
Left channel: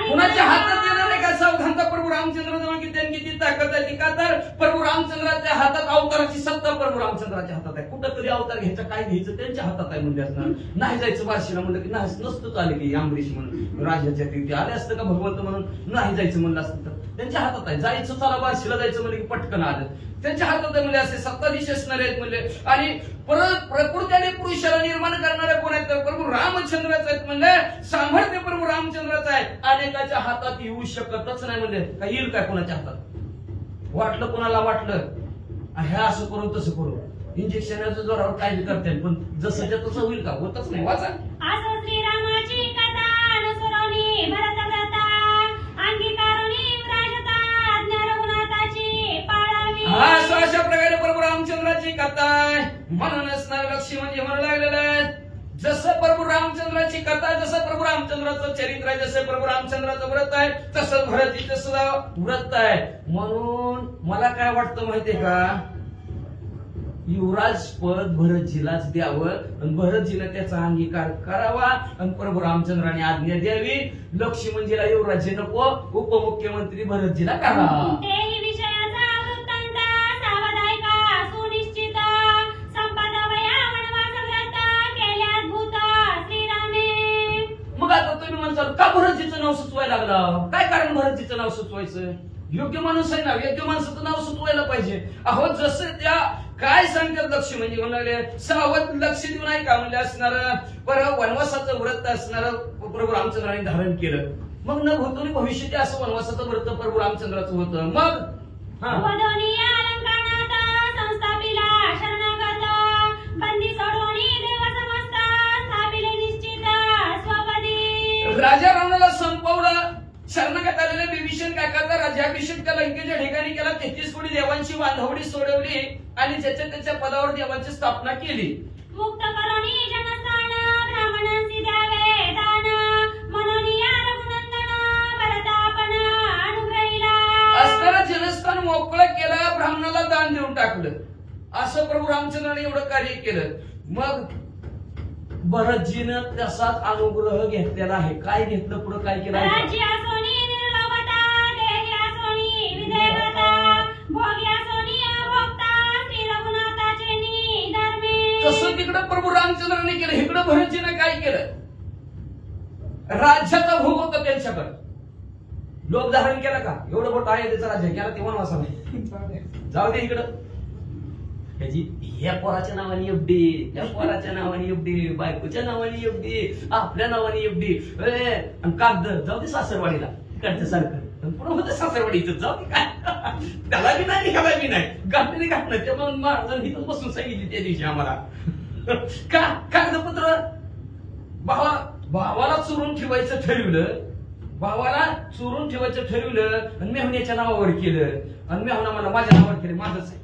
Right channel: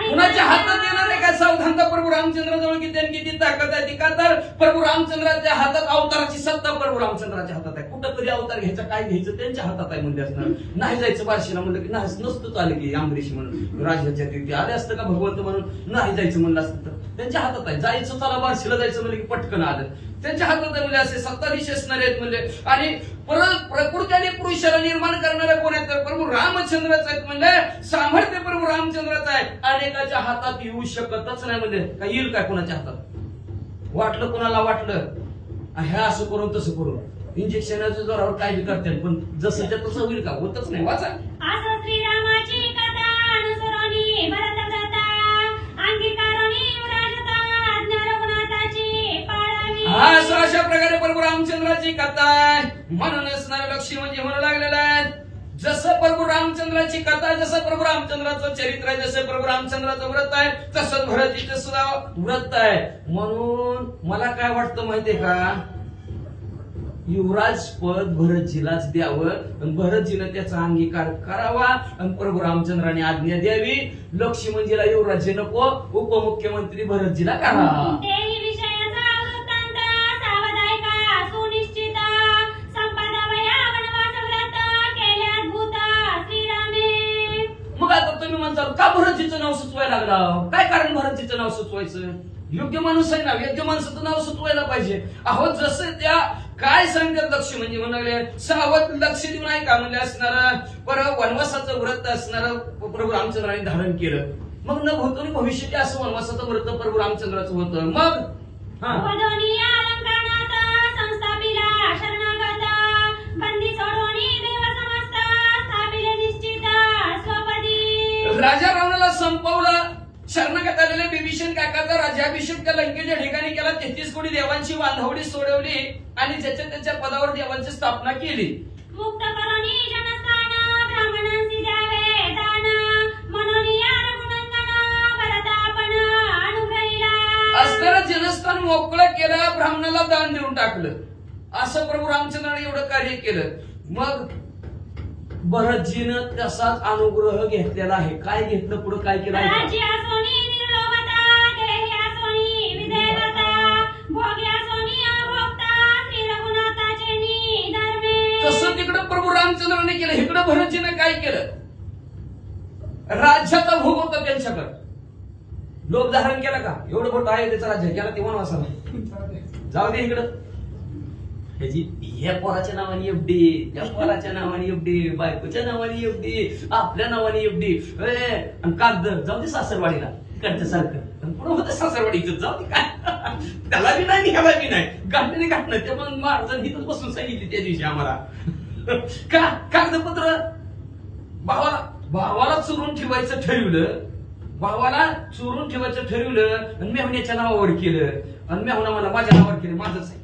कुणाच्या हातात येणार आहे का सावधानता प्रभू रामचंद्राजवळ किती ताकद आहे ती. का तर प्रभू रामचंद्राच्या हातात अवताराची सत्ता प्रभू रामचंद्राच्या हातात आहे. कुठं तरी अवतार घ्यायचा काय घ्यायचं त्यांच्या हातात आहे म्हणजे असणार. नाही जायचं बार्शीला म्हणलं की नाही नसतं आले की अंबरीश म्हणून राजाच्या तिथे आले असतं का भगवंत म्हणून नाही जायचं म्हणलं असतं तर त्यांच्या हातात आहे. जायचं त्याला बार्शीला जायचं म्हणलं की पटकन आलं त्यांच्या हातात म्हणजे असे सत्ताधीश असणारे आहेत म्हणजे. आणि परत प्रकृती आणि पुरुषाला निर्माण करणारे कोण आहेत तर प्रभू रामचंद्रच आहेत म्हणजे सामर्थ्य प्रभू रामचंद्राचं आहे. अनेकाच्या हातात येऊ शकतच नाही म्हणजे काय येईल काय कोणाच्या हातात वाटलं कोणाला वाटलं हे असं करून तसं करून इंजेक्शनाच्या जोरावर काय करते पण जसं तसं होईल का होतच नाही. वाचा असं श्रीरामाची कथा अनुसरणी भरत कथा अंगीकारणी विराजता आज्ञा रघुनाथाची पाळावी. असं अशा प्रकारे प्रभू रामचंद्राची कथा आहे. म्हणून असणारे लक्ष्मी म्हणजे म्हणू लागलेलं आहे जसं प्रभू रामचंद्राची कथा जसं प्रभू रामचंद्राचं चरित्र आहे जसं प्रभू रामचंद्राचं व्रत आहे तसंच भरतीचं सुद्धा व्रत आहे. म्हणून मला काय वाटतं माहितीये का युवराज पद भरतजीलाच द्यावं आणि भरतजीनं त्याचा अंगीकार करावा आणि प्रभू रामचंद्राने आज्ञा द्यावी. लक्ष्मणजीला युवराजी नको उपमुख्यमंत्री भरतजीला करा. देही विषयाचा वृत्तांत सावधायका सुनिश्चित संपादवया वनवास व्रत केल्यात भूत श्रीरामे. मग आता तुम्ही म्हणता का भरतजीचं नाव सुचवायला लागला काय कारण भरतजीचं नाव सुचवायचं. योग्य माणूस आहे ना योग्य माणसाचं नाव सुचवायला पाहिजे. अहो जसं त्या काय सांगतात लक्ष म्हणजे म्हणाले सावध लक्ष देऊन आहे का म्हणजे असणार परत वनवासाचं व्रत असणार प्रभू रामचंद्राने धारण केलं. मग न भूतोनी भविष्याचे असं वनवासाचं व्रत प्रभू रामचंद्राचं होतं. मग वधोनी अलंकारणात संस्थापिला शरणागत बंदी सोडोनी देव समस्त स्थापिले निश्चित स्वपदी. राजा रावणाला संपवलं शरणागत आलेले विभीषण काकाचा राज्याभिषेक त्या लंकेच्या ठिकाणी केला. 33 कोटी देवांची बांधवडी सोडवली आणि त्याच्या पदावर देवांची स्थापना केली. मुक्त करोनी जनस्थान ब्राह्मणांसी द्यावे दान म्हणून या रघुनंदन भरतापण अनुग्रहिला. असताना जनस्थान मोकळं केलं ब्राह्मणाला दान देऊन टाकलं. असं प्रभू रामचंद्राने एवढं कार्य केलं. मग भरतजीनं तसाच अनुग्रह घेतलेला आहे. काय घेतलं पुढे काय केलं तसं तिकडं प्रभू रामचंद्राने केलं. इकडं भरतजीनं काय केलं राज्याचा भोग होता त्यांच्याकडे लोक धारण केला का एवढं मोठं आहे त्याचा राज्य केला ते वनवासाला जाऊ दे इकडं ह्या पोराच्या नावाने एफडी त्या पोराच्या नावाने एफडी बायकोच्या नावाने एफडी आपल्या नावाने एफडी आणि कागद जाऊ दे सासरवाडीला इकडच्या सारखं पुढे होतं सासरवाडीचं जाऊ दे काय त्याला बी नाही ह्याला बी नाही गाठणे गाठणं ते मग महाराजांनी इथंच बसून सांगितली त्या दिवशी आम्हाला का कागदपत्र भावाला चोरून ठेवायचं ठरवलं भावाला चोरून ठेवायचं ठरवलं आणि मेहण्याच्या नावावर केलं आणि मेहना मला माझ्या नावावर केलं माझंच आहे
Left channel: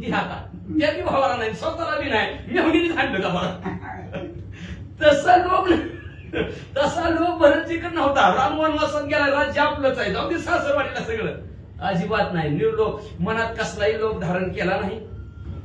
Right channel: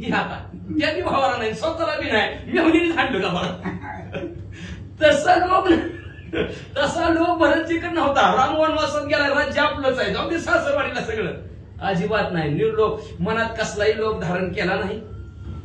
घे आता त्या बी भावाला नाही स्वतःला बी नाही मेहनीने सांगलं का मला तसा लोक भरतजीकडे नव्हता. राम वनवासात गेला राज्य आपलंच आहे जाऊ दे सासरवाडीला सगळं अजिबात नाही. निर्लोक मनात कसलाही लोक धारण केला नाही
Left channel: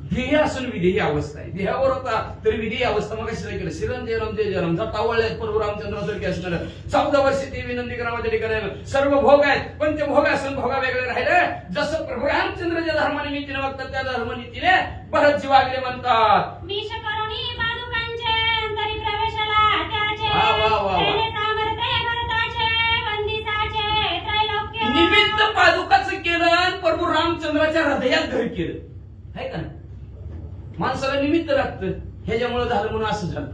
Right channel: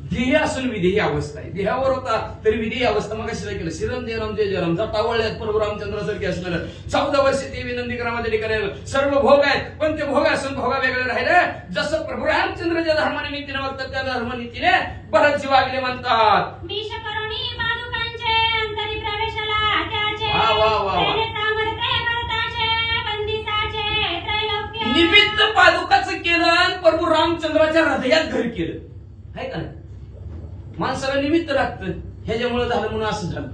ध्येय असून विधी ही अवस्था आहे. देहावर होता तरी विधी ही अवस्था. मग कशी केलं शिरंदेराम तेजराम जातावळ्यात प्रभू रामचंद्रासारखे असणार 14 वर्ष ते नंदीग्रामाच्या ठिकाणी सर्व भोग आहेत, पण ते भोग असून भोगा वेगळे राहिले. जसं प्रभू रामचंद्राच्या धर्मानिमित्तीने बघतात त्या धर्मानिमित्तीने भरतजी वागले म्हणतात. विष करुणी पादुकांचे अंतरी प्रवेशाला त्याचे वा वा वा वा. तेने सामर्थ्य भरताचे वंदिताचे त्रैलोक्य निमित्त पादुकाचं केलं आणि प्रभू रामचंद्राच्या हृदयात घर केलं आहे का नाही. माणसाला निमित्त लागतं, ह्याच्यामुळे झालं म्हणून असं झालं.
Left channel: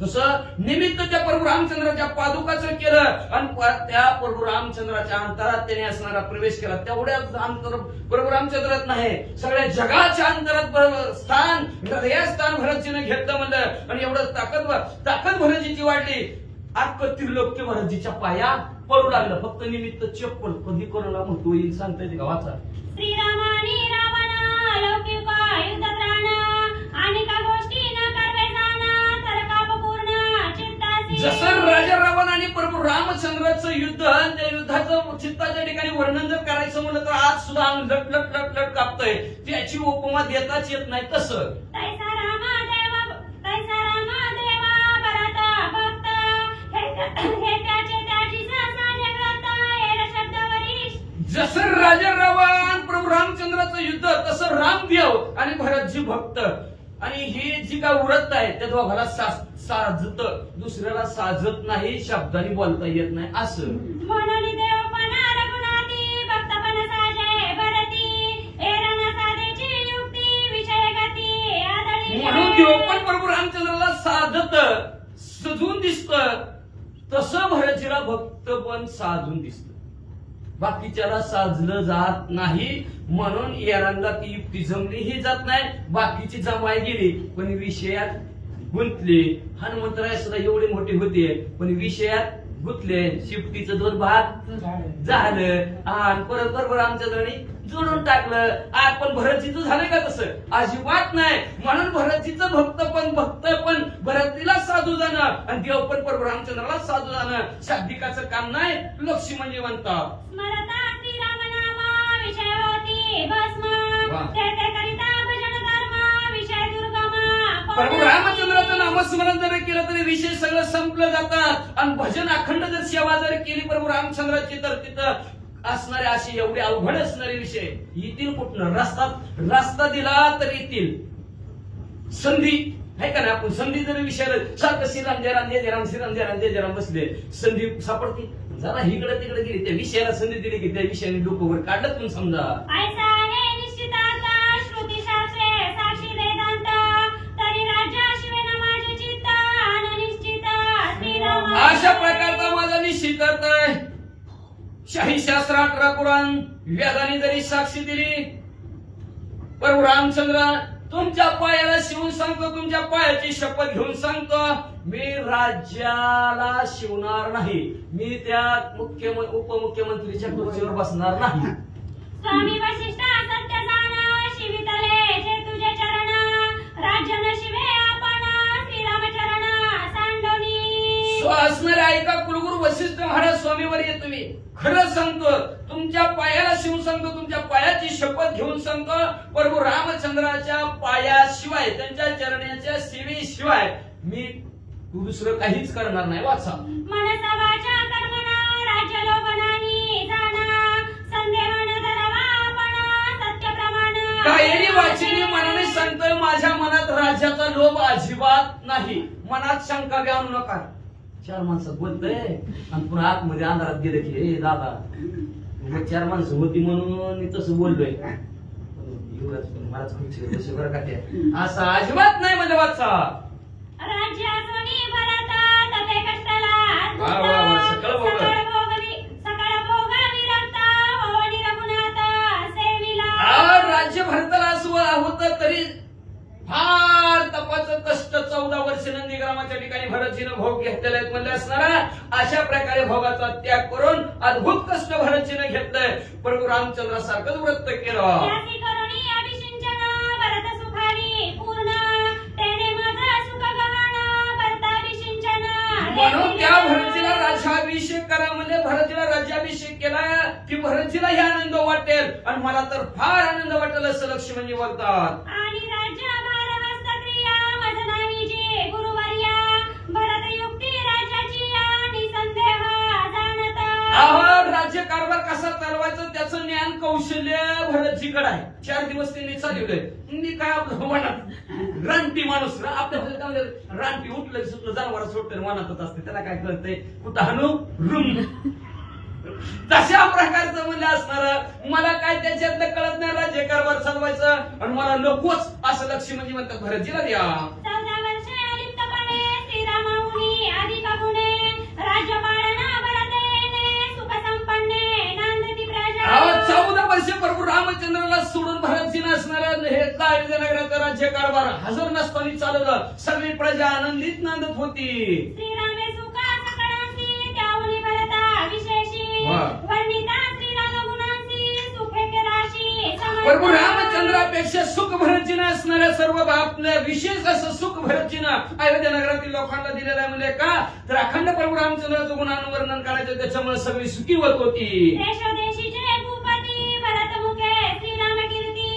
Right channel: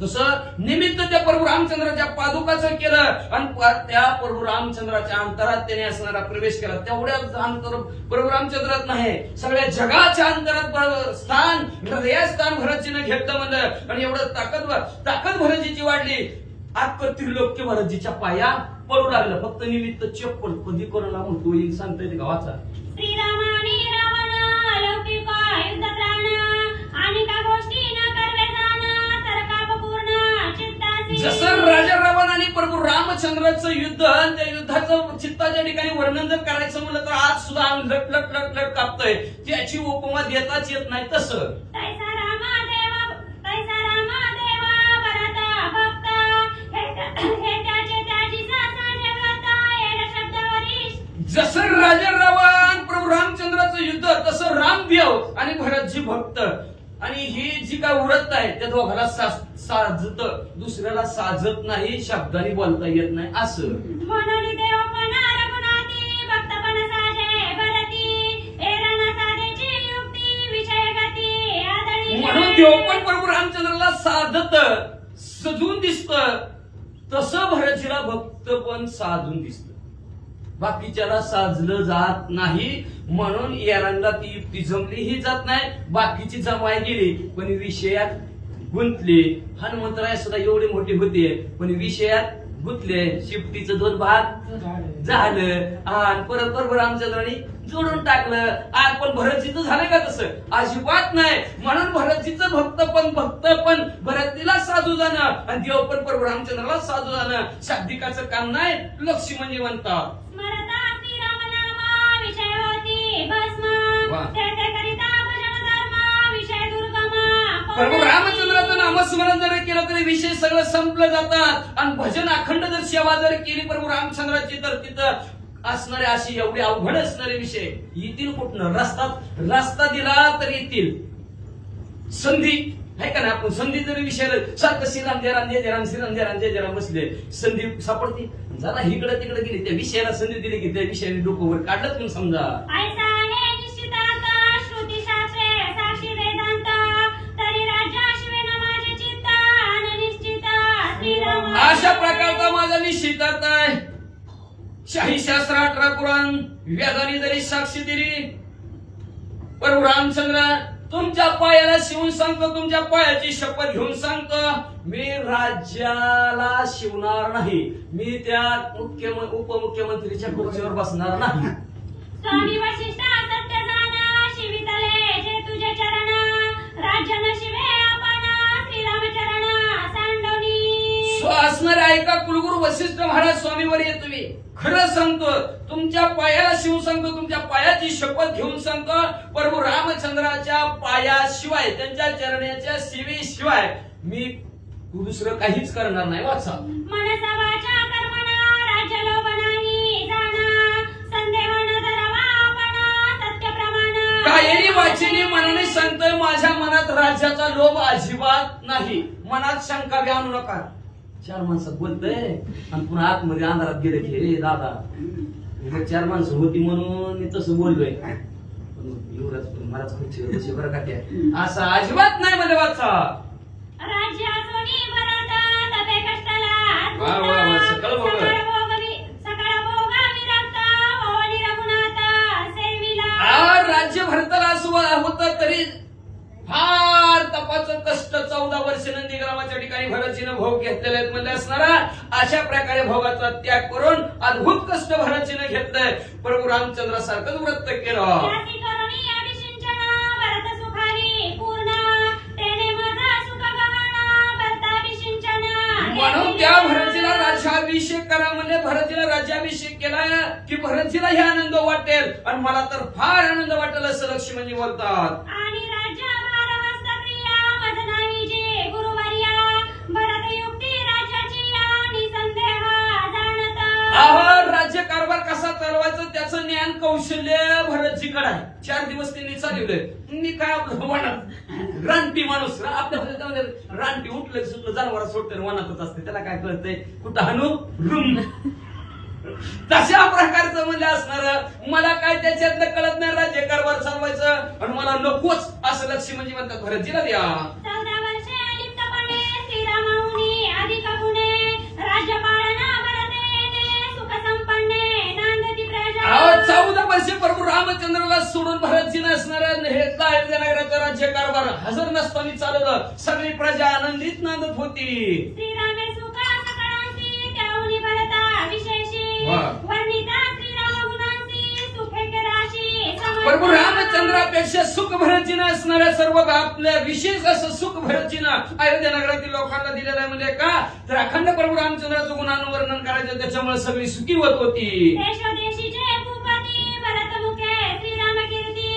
तसं निमित्त त्या प्रभू रामचंद्राच्या पादुकाचं केलं आणि त्या प्रभू रामचंद्राच्या अंतरात त्याने असणारा प्रवेश केला. तेवढ्याच अंतर प्रभू रामचंद्रात नाही, सगळ्या जगाच्या अंतरात स्थान हृदयात स्थान भरतजीनं घेतलं म्हणलं. आणि एवढं ताकद भरतजीची वाढली. अख्खं त्रिलोक्य भरतजीच्या पाया पडू लागलं. फक्त निमित्त चप्पल कधी कोणाला म्हणतो येईल सांगता येते का? वाचा. श्रीरामानी रावण अलौकिक युद्ध त्राण आणि का गोष्टी न करवे जाण तरकापूर्ण चित्तासी. जसं राजा रावण आणि प्रभू रामचंद्राचं युद्ध, त्या युद्धाचं चित्ताच्या ठिकाणी वर्णन जर करायचं म्हणलं तर आज सुद्धा अंग लट लट लट लट कापतंय. त्याची उपमा देताच येत नाही. तसं तैसा रामा देवा भरता भक्त हे त्याचे त्याची सासा जगता येड शब्द वरिष्ठ. जसं राजा रावण प्रभू रामचंद्राचं युद्ध, तसं रामदेव आणि भरतजी भक्त. आणि ही जी काय व्रत आहे त्या दोघाला साजत, दुसऱ्याला साजत नाही, शब्दाने बोलता येत नाही. असं म्हणून देव पण रघुनाथी भक्त पण साजे भरती एरण साधेची युक्ती विषय गती आदळी. म्हणून देव पण प्रभू रामचंद्राला साधत सजून दिसत, तसं भरतजीला भक्त पण साधून दिसत. बाकीच्याला साजलं जात नाही. म्हणून एरंदा ती युक्ती जमलीही जात नाही, बाकीची जमाय गेली पण विषयात गुंतले. हनुमंतराय सुद्धा एवढी मोठी होते पण विषयात गुंतले. शिफ्टीचं 2 भाग झालं आणि परत बरोबर रामचंद्राने जोडून टाकलं. पण भरतजीचं झालं का तसं? अजिबात नाही. म्हणून भरतजीचं भक्त पण भरतीला साधू जाणं आणि देव पण प्रभू रामचंद्राला साधू जाणं शाब्दिकाचं काम नाही. लक्ष्मण म्हणतात स्मरता श्रीरामनामा विषय होती भस्म वा. ते करिता भजन धर्म विषय दुर्गम. प्रभू रामचंद्राचं नामस्मरण जर केलं तरी विषय सगळं संपलं जातात. आणि भजन अखंड जर सेवा जर केली प्रभू रामचंद्राची तर तिथं असणारे असे एवढे अवघड असणारे विषय येतील कुठनं? रस्ता दिला तर येतील. संधी आहे का नाही? आपण संधी जरी विषयाला सारखं श्रीराम जयराम जय जयराम श्रीराम जयराम जय जयराम बसले, संधी सापडते. जरा इकडे तिकडे गेली, त्या विषयाला संधी दिली की त्या विषयाने डोकं वर काढलं म्हणून समजा. ऐसा आहे निश्चितार्थ श्रुतीशास्त्रे साक्षी वेदांत तरी राज्याशिवे न माझे चित्त अनिश्चित श्रीराम. अशा प्रकारचा माझा निश्चितार्थ आहे. शाही शास्त्र 18 पुराण वेदाने जरी साक्षी दिली, प्रभू रामचंद्र तुमच्या पायाला शिवून सांगतो, तुमच्या पायाची शपथ घेऊन सांगतो, मी राज्याला शिवणार नाही. मी त्या उपमुख्यमंत्रीच्या खुर्चीवर बसणार नाही. स्वामी वशिष्ठा सत्य जाणा शिवितले जे तुझे चरण राज्य न शिवे आपण श्रीरामचरण सांडोनी. असणारे ऐका कुलगुरू वशिष्ठ महाराज स्वामीवर येतो. मी खरं सांगतो, तुमच्या पायाला शिवून सांगतो, तुमच्या पायाची शपथ घेऊन सांगतो, प्रभू रामचंद्राच्या पायाशिवाय त्यांच्या चरणाच्या सेवेशिवाय मी दुसरं काहीच करणार नाही. वाचा. मनसा वाचा कर्मणा राज्य लोभ नाही जाणा संदेह न धरावा आपण सत्य प्रमाण. कायरी वाचिनी मनाने सांगतोय, माझ्या मनात राज्याचा लोभ अजिबात नाही. मनात शंका घ्या नका. 4 माणसं बोलतय आणि पुन्हा आतमध्ये अंधारात गेले की हे दादा मग 4 माणसं होती म्हणून मी तसं बोललोय. युवराज पण मलाच खुर्चीवर बसे बरं का त्या, असं अजिबात नाही. म्हणजे वाचा. राज्यातूनी भरता तपे कष्टाला वा वा वा. सकळ भोग सकळ भोग विरक्त भवनी रघुनाथ सेविला. राज्य भरताला असं होतं तरी फार तपाचं कष्ट 14 वर्ष नंदीग्रामाच्या ठिकाणी भरतजीनं भोग घेतलेले आहेत. म्हणजे असणारा अशा प्रकारे भोगाचा त्याग करून अद्भुत कष्ट भरतजीनं घेतलंय. प्रभू रामचंद्रासारखंच व्रत केलं. म्हणून त्या भरतजीला राज्याभिषेक करा म्हणजे भरतजीला राज्याभिषेक केला की भरतजीला हे आनंद वाटेल आणि मला तर फार आनंद वाटेल असं लक्ष्मणजी बोलतात. आणि राज्य अहो राज्य कारभार कसा चालवायचं त्याचं ज्ञान कौशल्य भरतजीकडे आहे. 4 दिवस त्यांनी चालवलंय. मी काय आपलं वनात रानटी माणूस आपल्या रानटी उठलं सुटलं जनावर सोडतं वनातच असते त्याला काय कळतंय कुठं हाणू रूम तशा प्रकारचं म्हणजे असणार. मला काय त्याच्यातलं कळत नाही राज्य कारभार चालवायचं आणि मला नकोच असं लक्ष्मी म्हणजे म्हणतात भरतजीला द्या. 14 वर्षे लिप्तपणे श्रीरामाऊनी अधिक गुणे राज्यपालना भरतेने सुख संपन्ने नांदती प्रजा. 14 वर्षे प्रभू रामचंद्राला सोडून भरतजीनं असणार हे नगराचं राज्य कारभार हजर नसताना चालवलं. सगळी प्रजा आनंदीत नांदत होती. श्रीरामे सुख सकळांसी त्याहुनी भरता विशेषी वर्णिता श्रीराम गुणांसी सुखे राशी. प्रभू रामचंद्रापेक्षा सुख भरतजीनं असणाऱ्या सर्व आपल्या विशेष असं सुख भरतजीनं अयोध्या नगरातील लोकांना दिलेलं आहे. म्हणजे का तर अखंड प्रभू रामचंद्राचं गुणानुवर्णन करायचं त्याच्यामुळे सगळी सुखी होत होती. देशोदेशीचे भूपती भरत मुखे श्रीराम कीर्ती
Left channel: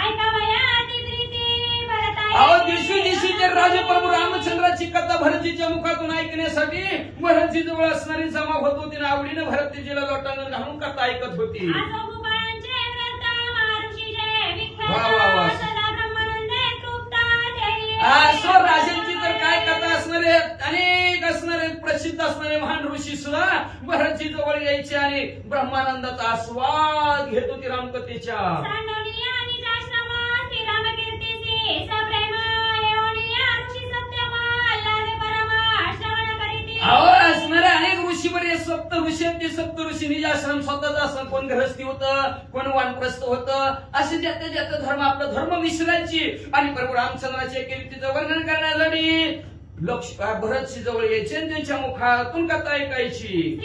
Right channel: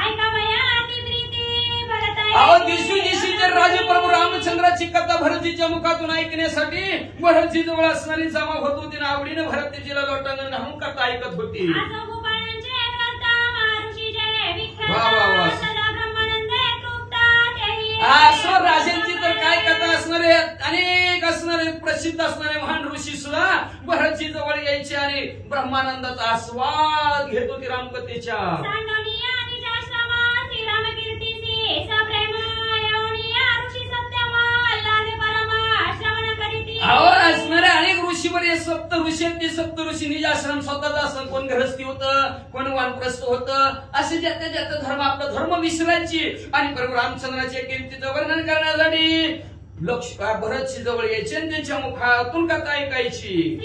ऐकावया अति प्रीती भरत. दिवशी राजे प्रभू रामचंद्राची कथा भरतजीच्या मुखातून ऐकण्यासाठी भरतजी जवळ असणारी जमा होत होती आणि आवडीनं भरतजीला लोटांगण घालून कथा ऐकत होती. असो राजांची तर काय कथा असणारे अनेक असणारे प्रसिद्ध असणारे महान ऋषी सुद्धा भरतजी जवळ यायचे आणि ब्रह्मानंदाचा आस्वाद घेत होती रामकथेच्या. असणाऱ्या अनेक ऋषीवर सप्त ऋषी आहेत. ते सप्त ऋषी निज आश्रम स्वतःच असं कोण गृहस्थी होतं कोण वानप्रस्थ होतं असे ज्याच्या ज्याचा धर्म आपला धर्म विसरायची आणि प्रभू रामचंद्राच्या कीर्तीचं वर्णन करण्यासाठी भरतजी जवळ यायचे आणि त्यांच्या मुखातून कथा ऐकायची.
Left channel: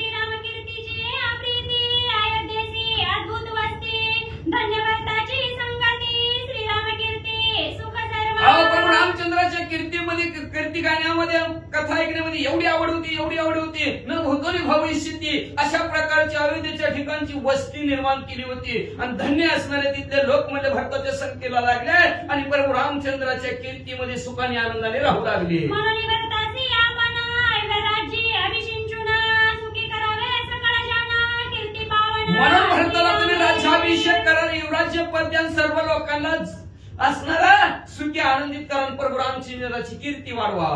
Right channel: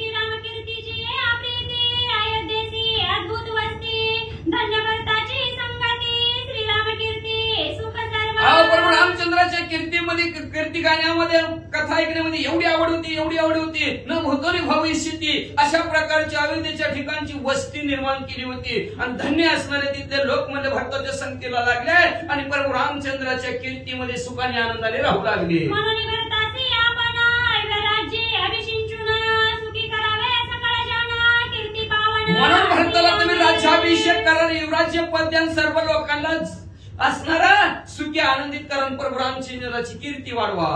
प्रभू रामचंद्राच्या कीर्ती गाण्यामध्ये कथा ऐकण्यामध्ये एवढी आवड होती न भूतोली भविष्यती अशा प्रकारच्या अयोध्येच्या ठिकाणची वस्ती निर्माण केली होती आणि धन्य असणारे तिथले लोक म्हणजे भरताच्या संख्येला लागले आणि प्रभू रामचंद्राच्या कीर्तीमध्ये सुखाने आनंदाने राहू लागले. म्हणून भरताला तुम्ही राज्याभिषेक करा युवराज्य पद्यान सर्व लोकांना असणारा सुखी आनंदित करून प्रभू रामचंद्राची कीर्ती वाढवा.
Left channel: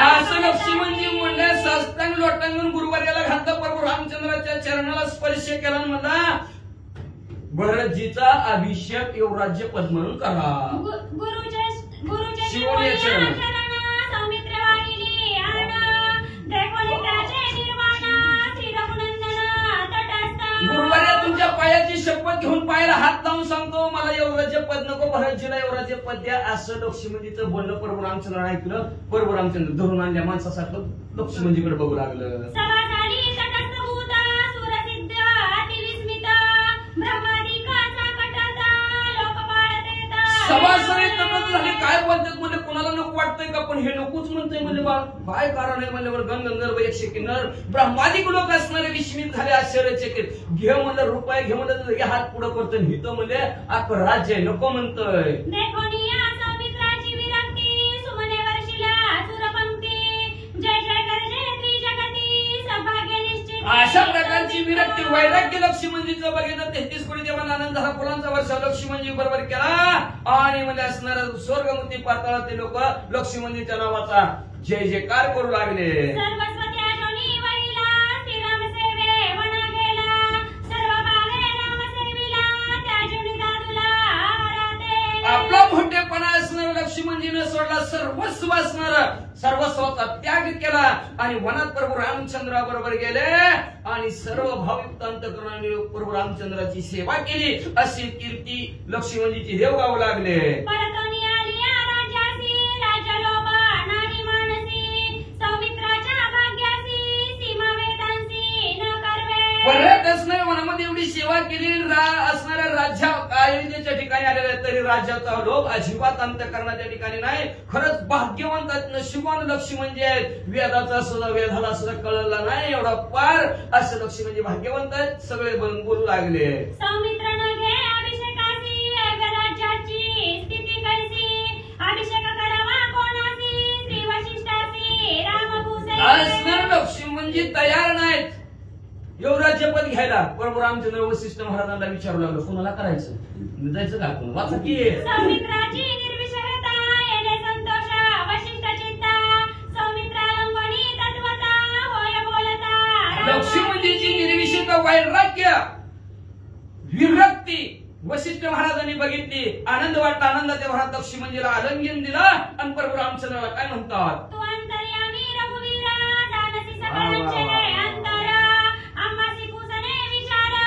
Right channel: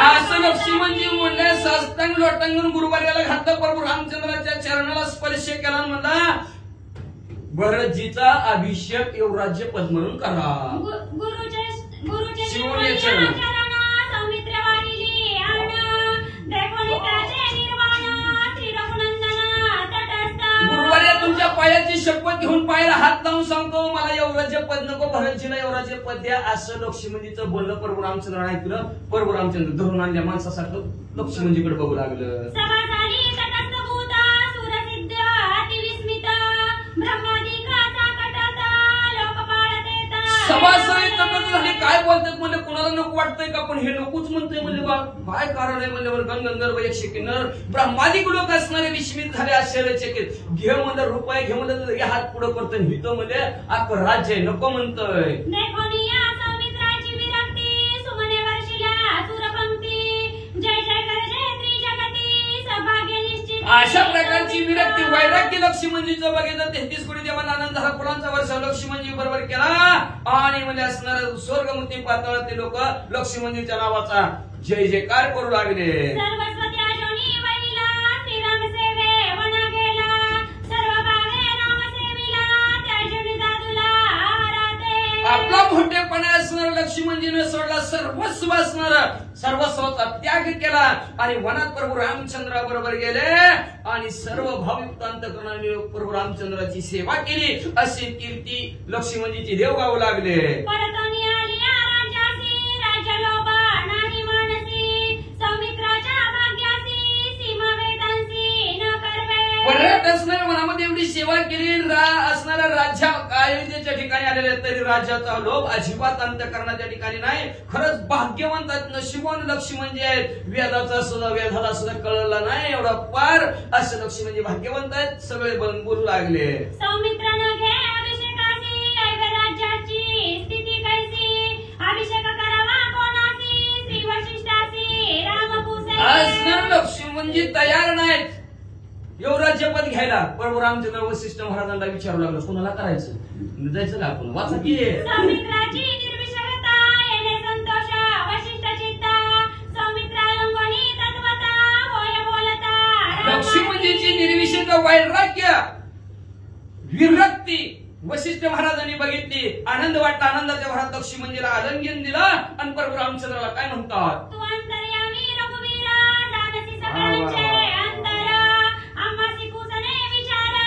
असं लक्ष्मणजी म्हणले साष्टांग लोटांगण गुरुवार्याला घातलं प्रभू रामचंद्राच्या चरणाला स्पर्श केला म्हणला भरतजीचा अभिषेक युवराज्य पद म्हणून करा. शिवोनी चरण गुरुवार्या तुमच्या पायाची शपथ घेऊन पायाला हात लावून सांगतो मला युवराज्य पद नको भरतजीला युवराज्य पद द्या असं लक्ष्मणजीचं बोलणं प्रभू रामचंद्राने ऐकलं. प्रभू रामचंद्र धरून आणल्या माणसासारखं लक्ष्मणजीकडे बघू लागलं. सभासद झाले काय बोलतात म्हणजे कोणाला नको वाटतंय का पण हे नकोच म्हणतोय म्हणजे काय कारण आहे म्हणल्यावर गंगंधर्व एकशे किन्नर ब्रह्मादिक लोक असणारे विस्मित झाले आश्चर्यचकित. घे म्हणलं रुपये घे म्हणलं हात पुढं करतोय हिथं म्हणजे अख्खं राज्य आहे नको म्हणतोय. अशा प्रकारची विरक्ती वैराग्य लक्ष्मणजीचं बघितलं 33 कोटी देवांना आनंद हा फुलांचा वर्ष लक्ष्मणजी बरोबर केला आणि म्हणजे असणार स्वर्गमुक्ती पातळात ते लोक लक्ष्मणजीच्या नावाचा जय जयकार करू लागले. आपला भोटेपणा असणारा लक्ष्मणजीने सोडला सर्वस्व असणारा सर्वस्वाचा त्याग केला आणि वनात प्रभू रामचंद्राबरोबर गेले आणि सर्व भाविक अंतःकरणाने प्रभू रामचंद्राची सेवा केली अशी कीर्ती लक्ष्मणजीची देव गाऊ लागले. परत असणाऱ्या वनामध्ये एवढी सेवा केली असणाऱ्या राज्या अयोध्येच्या ठिकाणी आलेल्या तरी राज्याचा लोभ अजिबात अंतःकरणाच्या ठिकाणी नाही. खरंच भाग्यवंत नशिबान लक्ष्मणजी आहेत. वेदाचा सुद्धा वेदाला सुद्धा कळला नाही एवढा पार असं लक्ष्मणजी भाग्यवंत आहेत. सगळे बोलू लागले. सौमित्रानं घे अभिषेकाची राज्याची स्थिती कैसी असणार लक्ष्मणजी तयार नाहीत युवराज्यपद घ्यायला. प्रभू रामचंद्र वसिष्ठ महाराजांना विचारू लागलं कोणाला करायचं, जायचं का आपण? वाचा की सौमित्राची निर्विषयता येणे संतोष वशिष्ठ चित्ता सौमित्रा लंगोनी तत्वता होय बोलता लक्ष्मणजीची निर्विषयता वैराग्य विरक्ती वशिष्ठ महाराजांनी बघितली. आनंद वाटला. आनंदाच्या भरात लक्ष्मणजीला आलिंगन दिला आणि प्रभू रामचंद्राला काय म्हणतात, तू अंतर्यामी रघुवीरा जाणसी सगळ्यांचे अंतर आम्हासी कुसने विचारा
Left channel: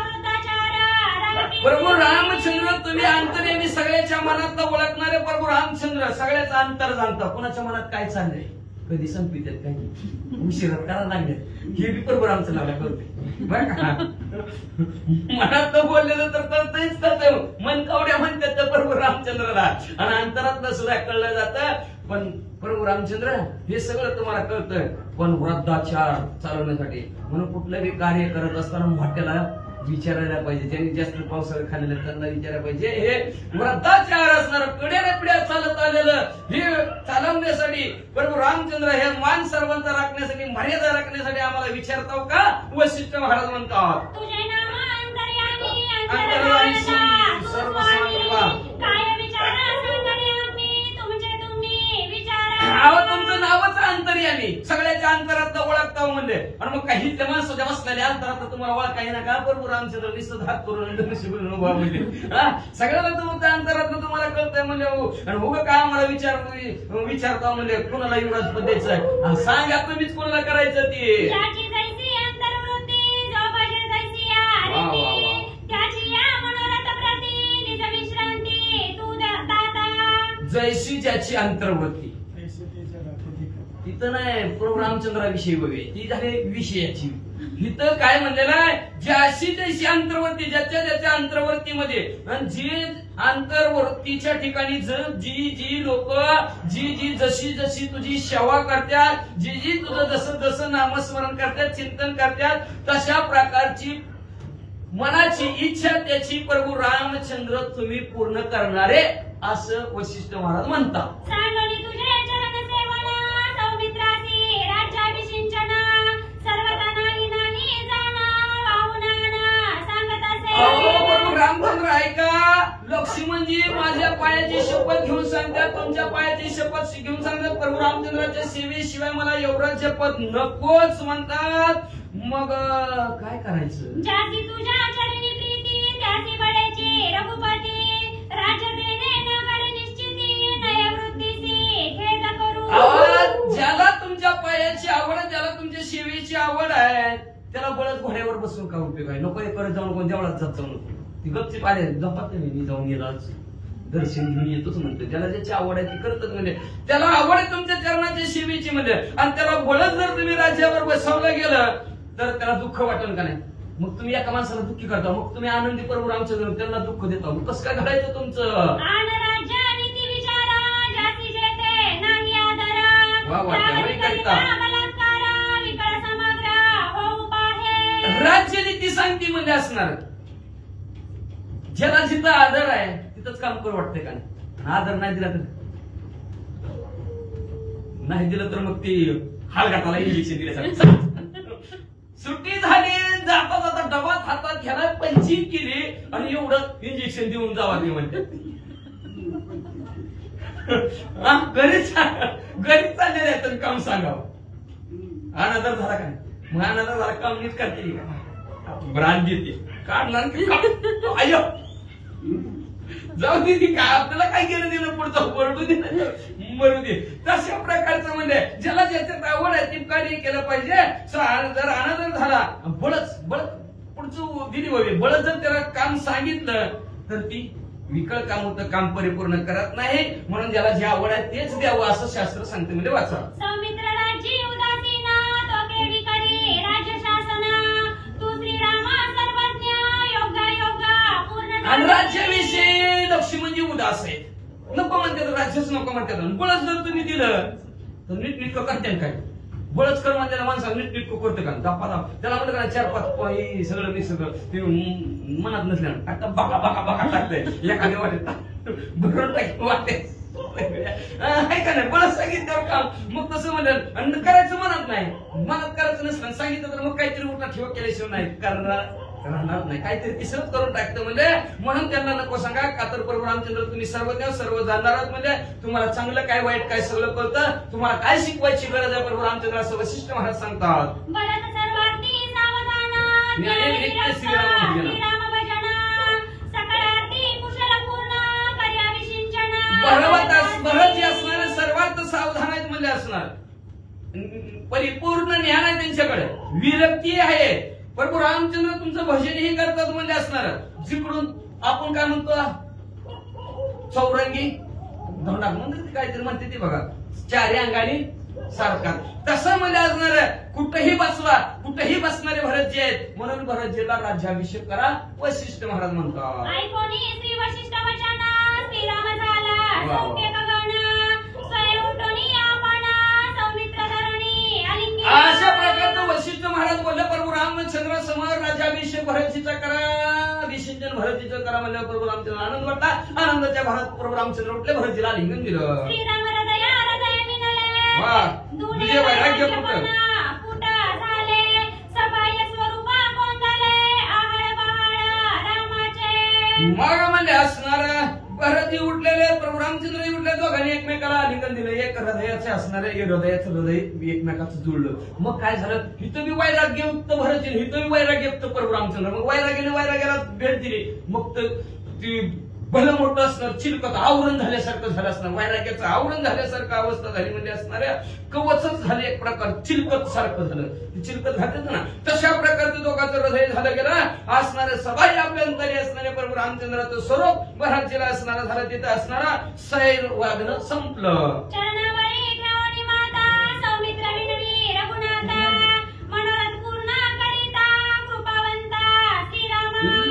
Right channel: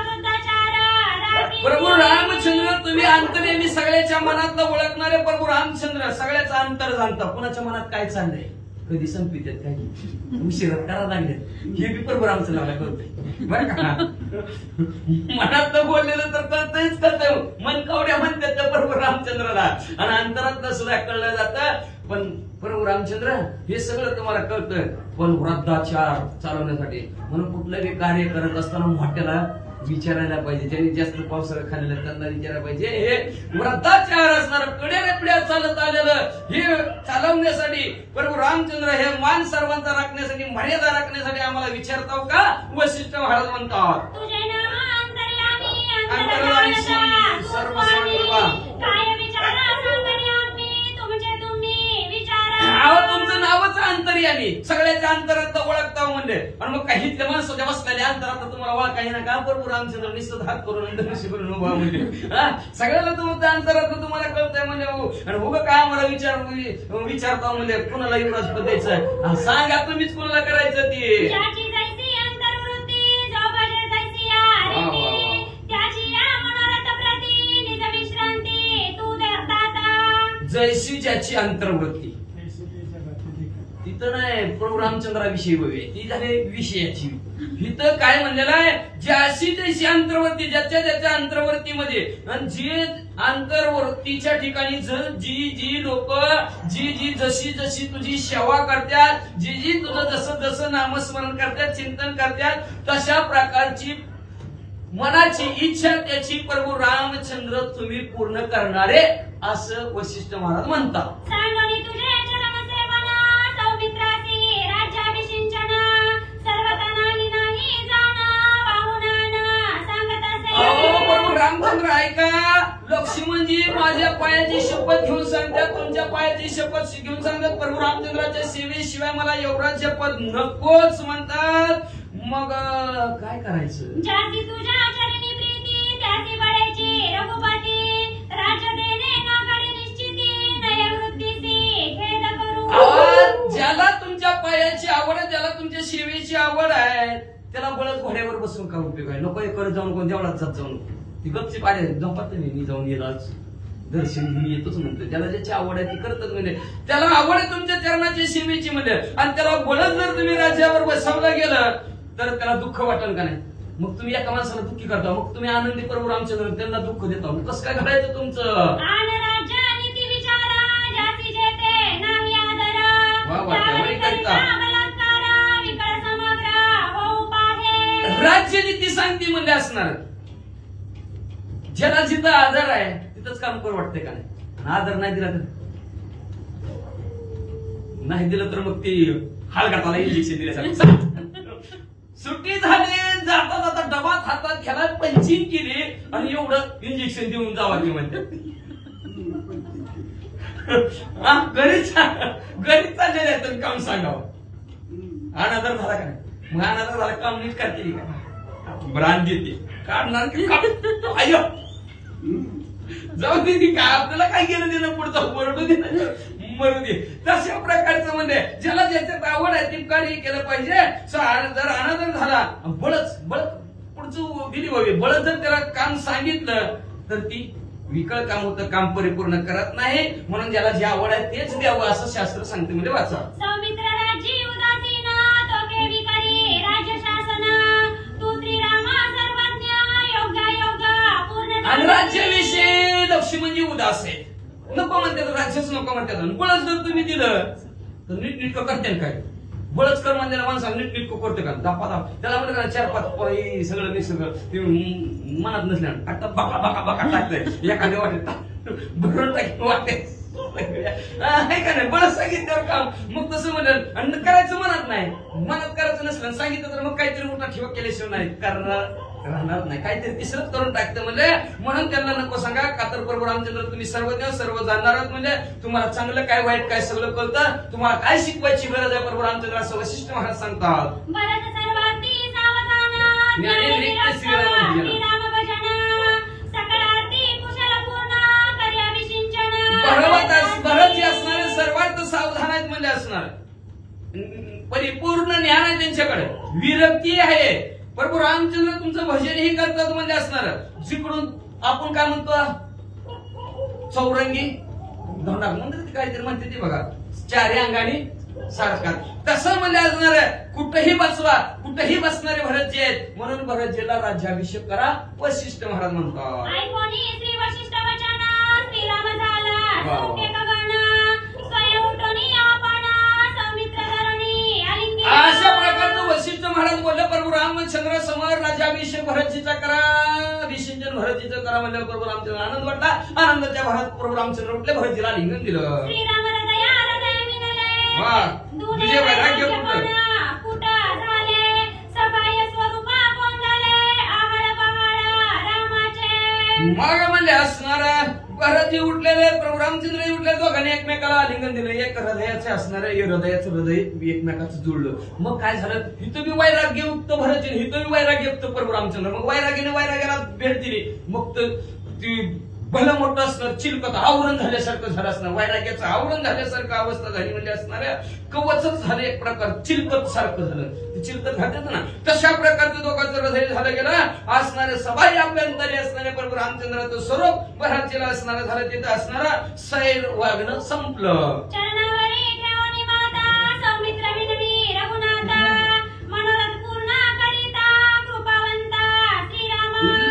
वृद्धाचार प्रभू रामचंद्र तुम्ही अंतर्यामी सगळ्याच्या मनातलं ओळखणारे प्रभू रामचंद्र सगळ्याचं अंतर जाणता. कुणाच्या मनात काय चाललंय, कधी संपित्यात काही उशिरात करा लागले हे बी प्रभू रामचंद्राला करते बरं का. मनात बोललेलं तर करतच करतोय, मन कावड्या म्हणतात त्या प्रभू रामचंद्राला आणि अंतरातलं सुद्धा कळलं जातं. पण प्रभू रामचंद्र हे सगळं तुम्हाला कळतं, पण वृद्धाचार चालवण्यासाठी म्हणून कुठलंही कार्य करत असताना मोठ्याला विचारायला पाहिजे. ज्यांनी जास्त पावसाळा खाल्लेला त्यांना विचारायला पाहिजे. हे वृद्धाचार असणार कडेरेपड्या चालत आलेलं हे चालवण्यासाठी प्रभू रामचंद्र हे मान सर्वांचा राखण्यासाठी मर्यादा राखण्यासाठी आम्हाला विचारताव का? वशिष्ठ महाराज म्हणतात तुझे नाम अंतर्यामी अंतर्यामी सर्व सांगवा काय विचारा अंतर्यामी तुमचे तुम्ही विचारा. अहो तुमचं नावच अंतर्यामी सगळ्याच्या अंतरात ओळखता म्हणजे. आणि मग काही माणसाच्या बसलेल्या अंतरात तुम्हाला ओळखाही ना का? प्रभू रामचंद्र निश्चित हात करून उभा म्हणजे सगळ्याला तुमचं अंतरात तुम्हाला कळतंय म्हणजे. आणि उभं काय आम्हाला विचारता म्हणजे कुणाला युवराज पद द्यायचं सांगा तुम्हीच कुणाला करायचं ते. ज्याची जैसी अंतर्वृत्ती जो बजे जैसी आरती त्याची या मनोरथ प्रती निज विश्रांती तू दाता. जैशी ज्याची अंतर्वृत्ती तिथं नाही प्रभू रामचंद्राविषयी बघे ती झाली विषयाची. इथं काय म्हणलेलं आहे, ज्याशी जैशी अंतर्वर्ती ज्याच्या ज्याच्या अंतर्वर्तीमध्ये आणि जे अंतर्वर्तीच्या ठिकाणी जी जी लोक जी जशी जशी तुझी सेवा करतात, जी तुझं जसं जसं नामस्मरण करतात चिंतन करतात तशा प्रकारची मनाची इच्छा त्याची प्रभू रामचंद्र तुम्ही पूर्ण करणारे असं वशिष्ठ महाराज म्हणतात. सांगोनी तुझे चरण सेवना सौमित्रासी राज्याभिषिंचन सर्वतनाही नाही जाणा वाहुनाना सांगत अहो प्रभू असे. रामचंद्र ऐका, लक्ष्मणजी माझ्या पायाची शपथ घेऊन सांगतात, तुमच्या पायाची शपथ घेऊन सांगतात प्रभू रामचंद्राच्या सेवेशिवाय मला युवराज्य पद नकोच म्हणतात. मग काय करायचं? ज्याची तुझ्या चरणी प्रीती त्याची बळेची रघुपती राज्य देणे नागड निश्चिती नयवृत्तीची खेद करू. ज्याला तुमच्या पायाची आवड आहे, ज्याला तुमच्या सेवेची आवड आहे त्याला बळच घोड्यावर बसून का उपयोग आहे? नको करत जाऊ नको, देवळात जात जाऊ नको. ती गपची पाहिजे जपात मी जाऊन येलाच दर्शन घेऊन येतोच म्हणतो. ज्याला ज्याची आवड आहे ती करतच म्हणजे त्याला आवड आहे तुमच्या चरणाच्या सेवेची म्हणजे. आणि त्याला बळच जर तुम्ही राज्यावर बसवलं गेलं तर त्याला दुःख वाटेल का नाही? मग तुम्ही एका माणसाला दुःखी करता, मग तुम्ही आनंदी प्रभू रामचंद्र त्यांना दुःख देता, मग कसं काय घडायचं तुमचं? आन राज्य नीती विचारा ज्याची जेते नाही आदर. वा वा, त्यामुळे करता. बलात्कार विकळ समग्र होऊ पाहे. राज्यनीती सांगती म्हणजे असणार ज्याला जिथं आदर आहे तिथंच काम करू वाटतंय का नाही? आदर नाही दिला तर नाही दिलं तर मग ती हालगाटाला इंजेक्शन दिल्यासारखं सुट्टी झाली जाता जाता डबात हातात घ्यायला पंचिंग केली आणि एवढं इंजेक्शन देऊन जावा ते म्हणते. गरीब चाललेलं आहे तर काम सांगावं. अनादर झाला का नाही? मग अनादर झाला काम नीट करते का? ब्रांड देते काढणार की आयो जाऊ दे काय आपल्याला काय केलं दिलं पुढचं पडू दे मरू दे. तशा प्रकारचं म्हणजे ज्याला ज्याच्यात आवड आहे ते कार्य केलं पाहिजे. जर अनादर झाला बळच पुढचं दिली व्हावी बळच जर त्याला काम सांगितलं तर ती विकळ काम होतं, काम परिपूर्ण करत नाही. म्हणून ज्याला जे आवड आहे तेच द्यावं असं शास्त्र सांगते म्हणजे वाचा. सौमित्र राज्य उदासीन तोके विकरी राज्य शासन तू श्रीरामा सर्वज्ञ योगा पूर्ण. आणि राज्याविषयी लक्ष्मणजी उदास आहे, नको म्हणतात राज्यच नको म्हणतात. बळच जर तुम्ही दिलं तर नीटनेटकं करते काय? बळच कर म्हणजे माणसाला नीटनेटकं करते का? त्याला म्हणत का 4-5 सगळं मिक्स ते मनात नसल्या टाकतात बघा बघा बघा टाकतंय एखाद्या वाटेत भरून टाकी वाटते आहे का नाही, मला सांगितल्यावर काम मग तसं म्हणलं आणि करायचं म्हणत नाही, मनात करायचं नसलं सांगितलं तर मग काहीतरी उठा ठेवा केल्याशिवाय नाही राहणार नाही, काहीतरी तिसरंच करून टाकतं म्हणजे. म्हणून त्यांना नको सांगा का तर प्रभू रामचंद्र तुम्ही सर्वज्ञ सर्व जाणणार आहात म्हणजे तुम्हाला चांगलं काय वाईट काय सगळं कळतं, तुम्हाला काय शिकवायची गरज आहे प्रभू रामचंद्र असं वशिष्ठ महाराज सांगतात. भरत जे असणारे सर्वात सावधान आहेत म्हणजे असणार, परिपूर्ण ज्ञान आहे त्यांच्याकडे, विरक्ती आहे. प्रभू रामचंद्र तुमचं भजनही करतात म्हणजे असणार. जिकडून आपण काय म्हणतो चौरंगी धोंडा म्हणते काहीतरी म्हणते ती बघा, चारी अंगाने सारखा तसं म्हणजे असणार. कुठेही बसवा कुठेही बसणारे भरतजी आहेत म्हणून भरतजीला राज्याभिषेक करा वशिष्ठ महाराज म्हणतात. अशा प्रकारचं वशिष्ठ महाराज बोलले प्रभू रामचंद्र समोर राज्याभिषेक भरतजीचा करा, अभिषेचन भरतजीचं करा म्हणल्यावर प्रभू रामचंद्र आनंद वाटला. आनंदाच्या भारत प्रभू रामचंद्र उठले, भरतजीला लिंगण दिलं. वा तुझे वैराग्य कुठं मग म्हणजे असणार. भरतजी उठलेले प्रभू रामचंद्र उठले, दोघांनी एकमेकाला आलिंगन दिलं. एक हृदयाचे असणारे हृदयाचं हृदय एकमेकाचं जुळलं. मग काय झालं, हिथं मी वैराग्ययुक्त भरतजी, हिथं मी वैराग्ययुक्त प्रभू रामचंद्र. मग वैराग्याने वैराग्याला भेट दिली. मग ती भलं मोठं असणार, चिलकत आवरण झाल्यासारखं झालं असणार, वैराग्याचं आवरण झाल्यासारखं अवस्था झाली म्हणजे असणाऱ्या कवचच झालं एक प्रकार, चिलकत सारखं झालं. ते चिलकत घालतात ना तशा प्रकारचं दोघांचं हृदय झालं गेलं. असणारे सबाई अभ्यंतरी असणारे प्रभू रामचंद्राचं स्वरूप भरतजीला असणारा झालं, तिथं असणारा सैर वागणं संपलं.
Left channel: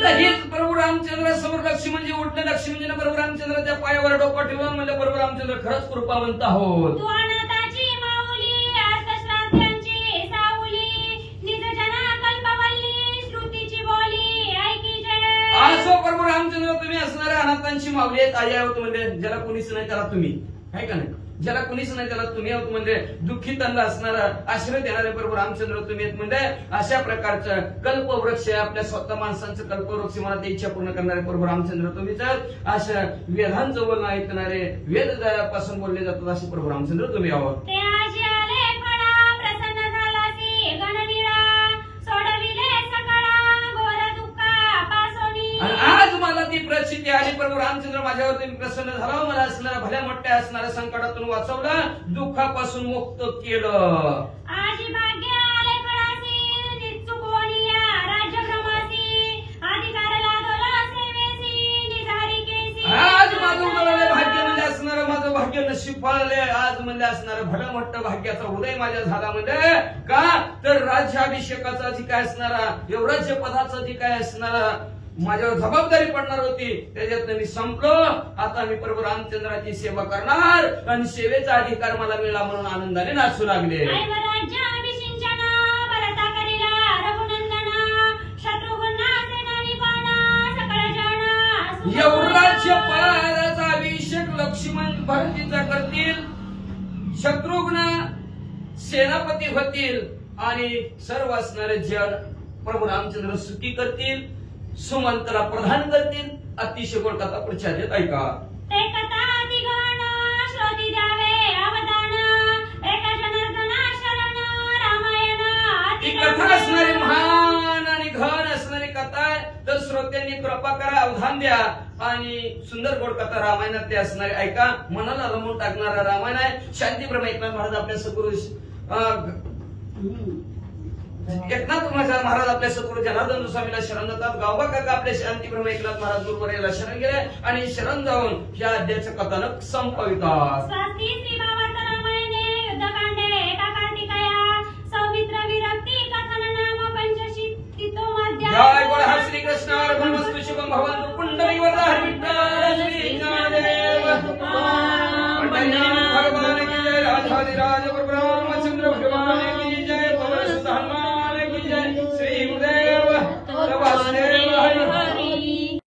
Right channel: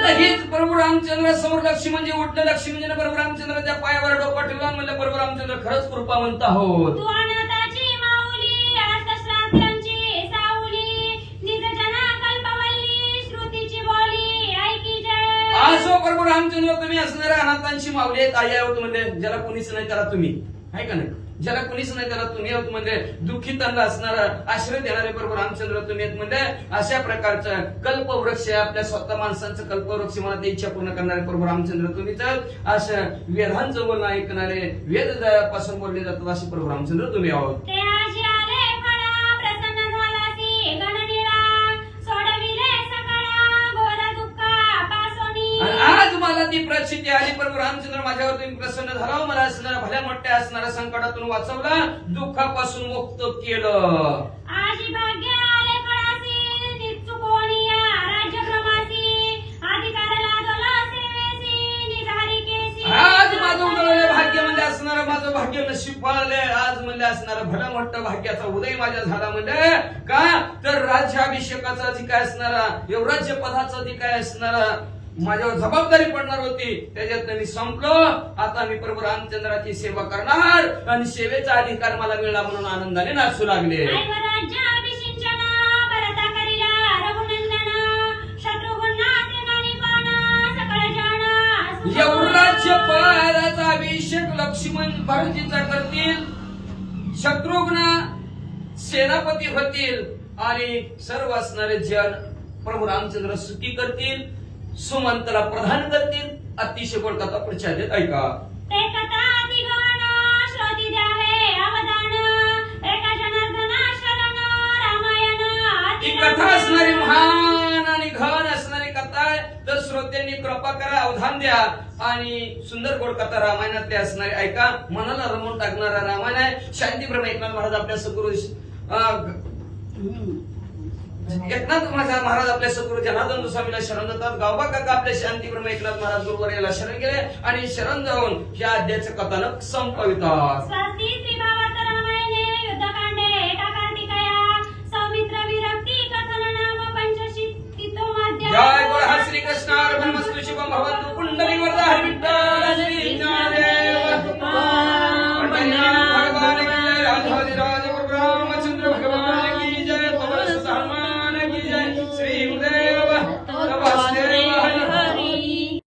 हीच प्रभू रामचंद्र समोर लक्ष्मी म्हणजे उठलं. लक्ष्मी म्हणजे प्रभू रामचंद्राच्या पायावर डोकं ठेवून म्हणजे प्रभू रामचंद्र खरंच कृपावंत आहोत. असो प्रभू रामचंद्र तुम्ही असणाऱ्या अनाथांची माऊली आहेत, आई आहोत म्हणजे ज्याला कोणीच नाही त्याला तुम्ही, आहे का नाही, ज्याला कोणीच नाही त्याला तुम्ही आहोत म्हणजे दुःखितांना असणारा आश्रय देणारे प्रभू रामचंद्र तुम्ही आहेत म्हणजे अशा प्रकारचं कल्पवृक्ष आपल्या स्वतः माणसांचं कल्पवृक्ष मला ते इच्छा पूर्ण करणारे प्रभू रामचंद्र तुम्हीच आहात. अशा वेदांचं बोलणं ऐकणारे वेद पासून बोलले जातात असे प्रभू रामचंद्र तुम्ही आहोत. आणि आज मला ती प्रचिती आली प्रभू रामचंद्र माझ्यावर तुम्ही प्रसन्न झाला, मला असणारा भल्या मोठ्या असणाऱ्या संकटातून वाचवलं, दुःखापासून मुक्त केलं. आज माझं उजळले भाग्य म्हणजे असणारं माझं भाग्य नशीब पाळले. आज म्हणजे असणारं भलं मोठं भाग्याचा उदय माझ्या झाला म्हणजे का तर राज्याभिषेकाचा जी काय असणारा युवराज्य पदाचा जी काय असणारा माझ्यावर जबाबदारी पडणार होती त्याच्यात मी संपलो. आता मी प्रभू रामचंद्राची सेवा करणार आणि सेवेचा अधिकार मला मिळाला म्हणून आनंदाने नाचू लागले. युवराज्य पदाचा अभिषेक लक्ष्मण भरतीचा करतील, शत्रुघ्न सेनापती होतील आणि सर्व असणारे जन प्रभू रामचंद्र सुखी करतील, सुमंतला प्रधान करतील. अतिशय गोड कथा पुढच्या देत ऐका. ही कथा असणारी महान आणि घन असणारी कथा आहे तर श्रोत्यांनी कृपा करा, अवधान द्या आणि सुंदर गोड कथा रामायणातली असणारी ऐका. मनाला रमवून टाकणारा रामायण आहे. शांतीप्रम एकनाथ महाराज आपल्या सद्गुरु एकनाथ महाराज आपल्या सद्गुरु जनार्दन स्वामीला शरण जातात. गावबा काका आपल्या शांतीप्रम एकनाथ महाराज गुरुवर याला शरण गेले आणि शरण जाऊन या अध्यायाचं कथानक संपवितात. जय गोड हर श्री कृष्ण ब्रह्मस्तु शिवम भवन्तु पुंडलिक वरदा हर विठ्ठल श्री ज्ञानदेव भगवान की जय. राधा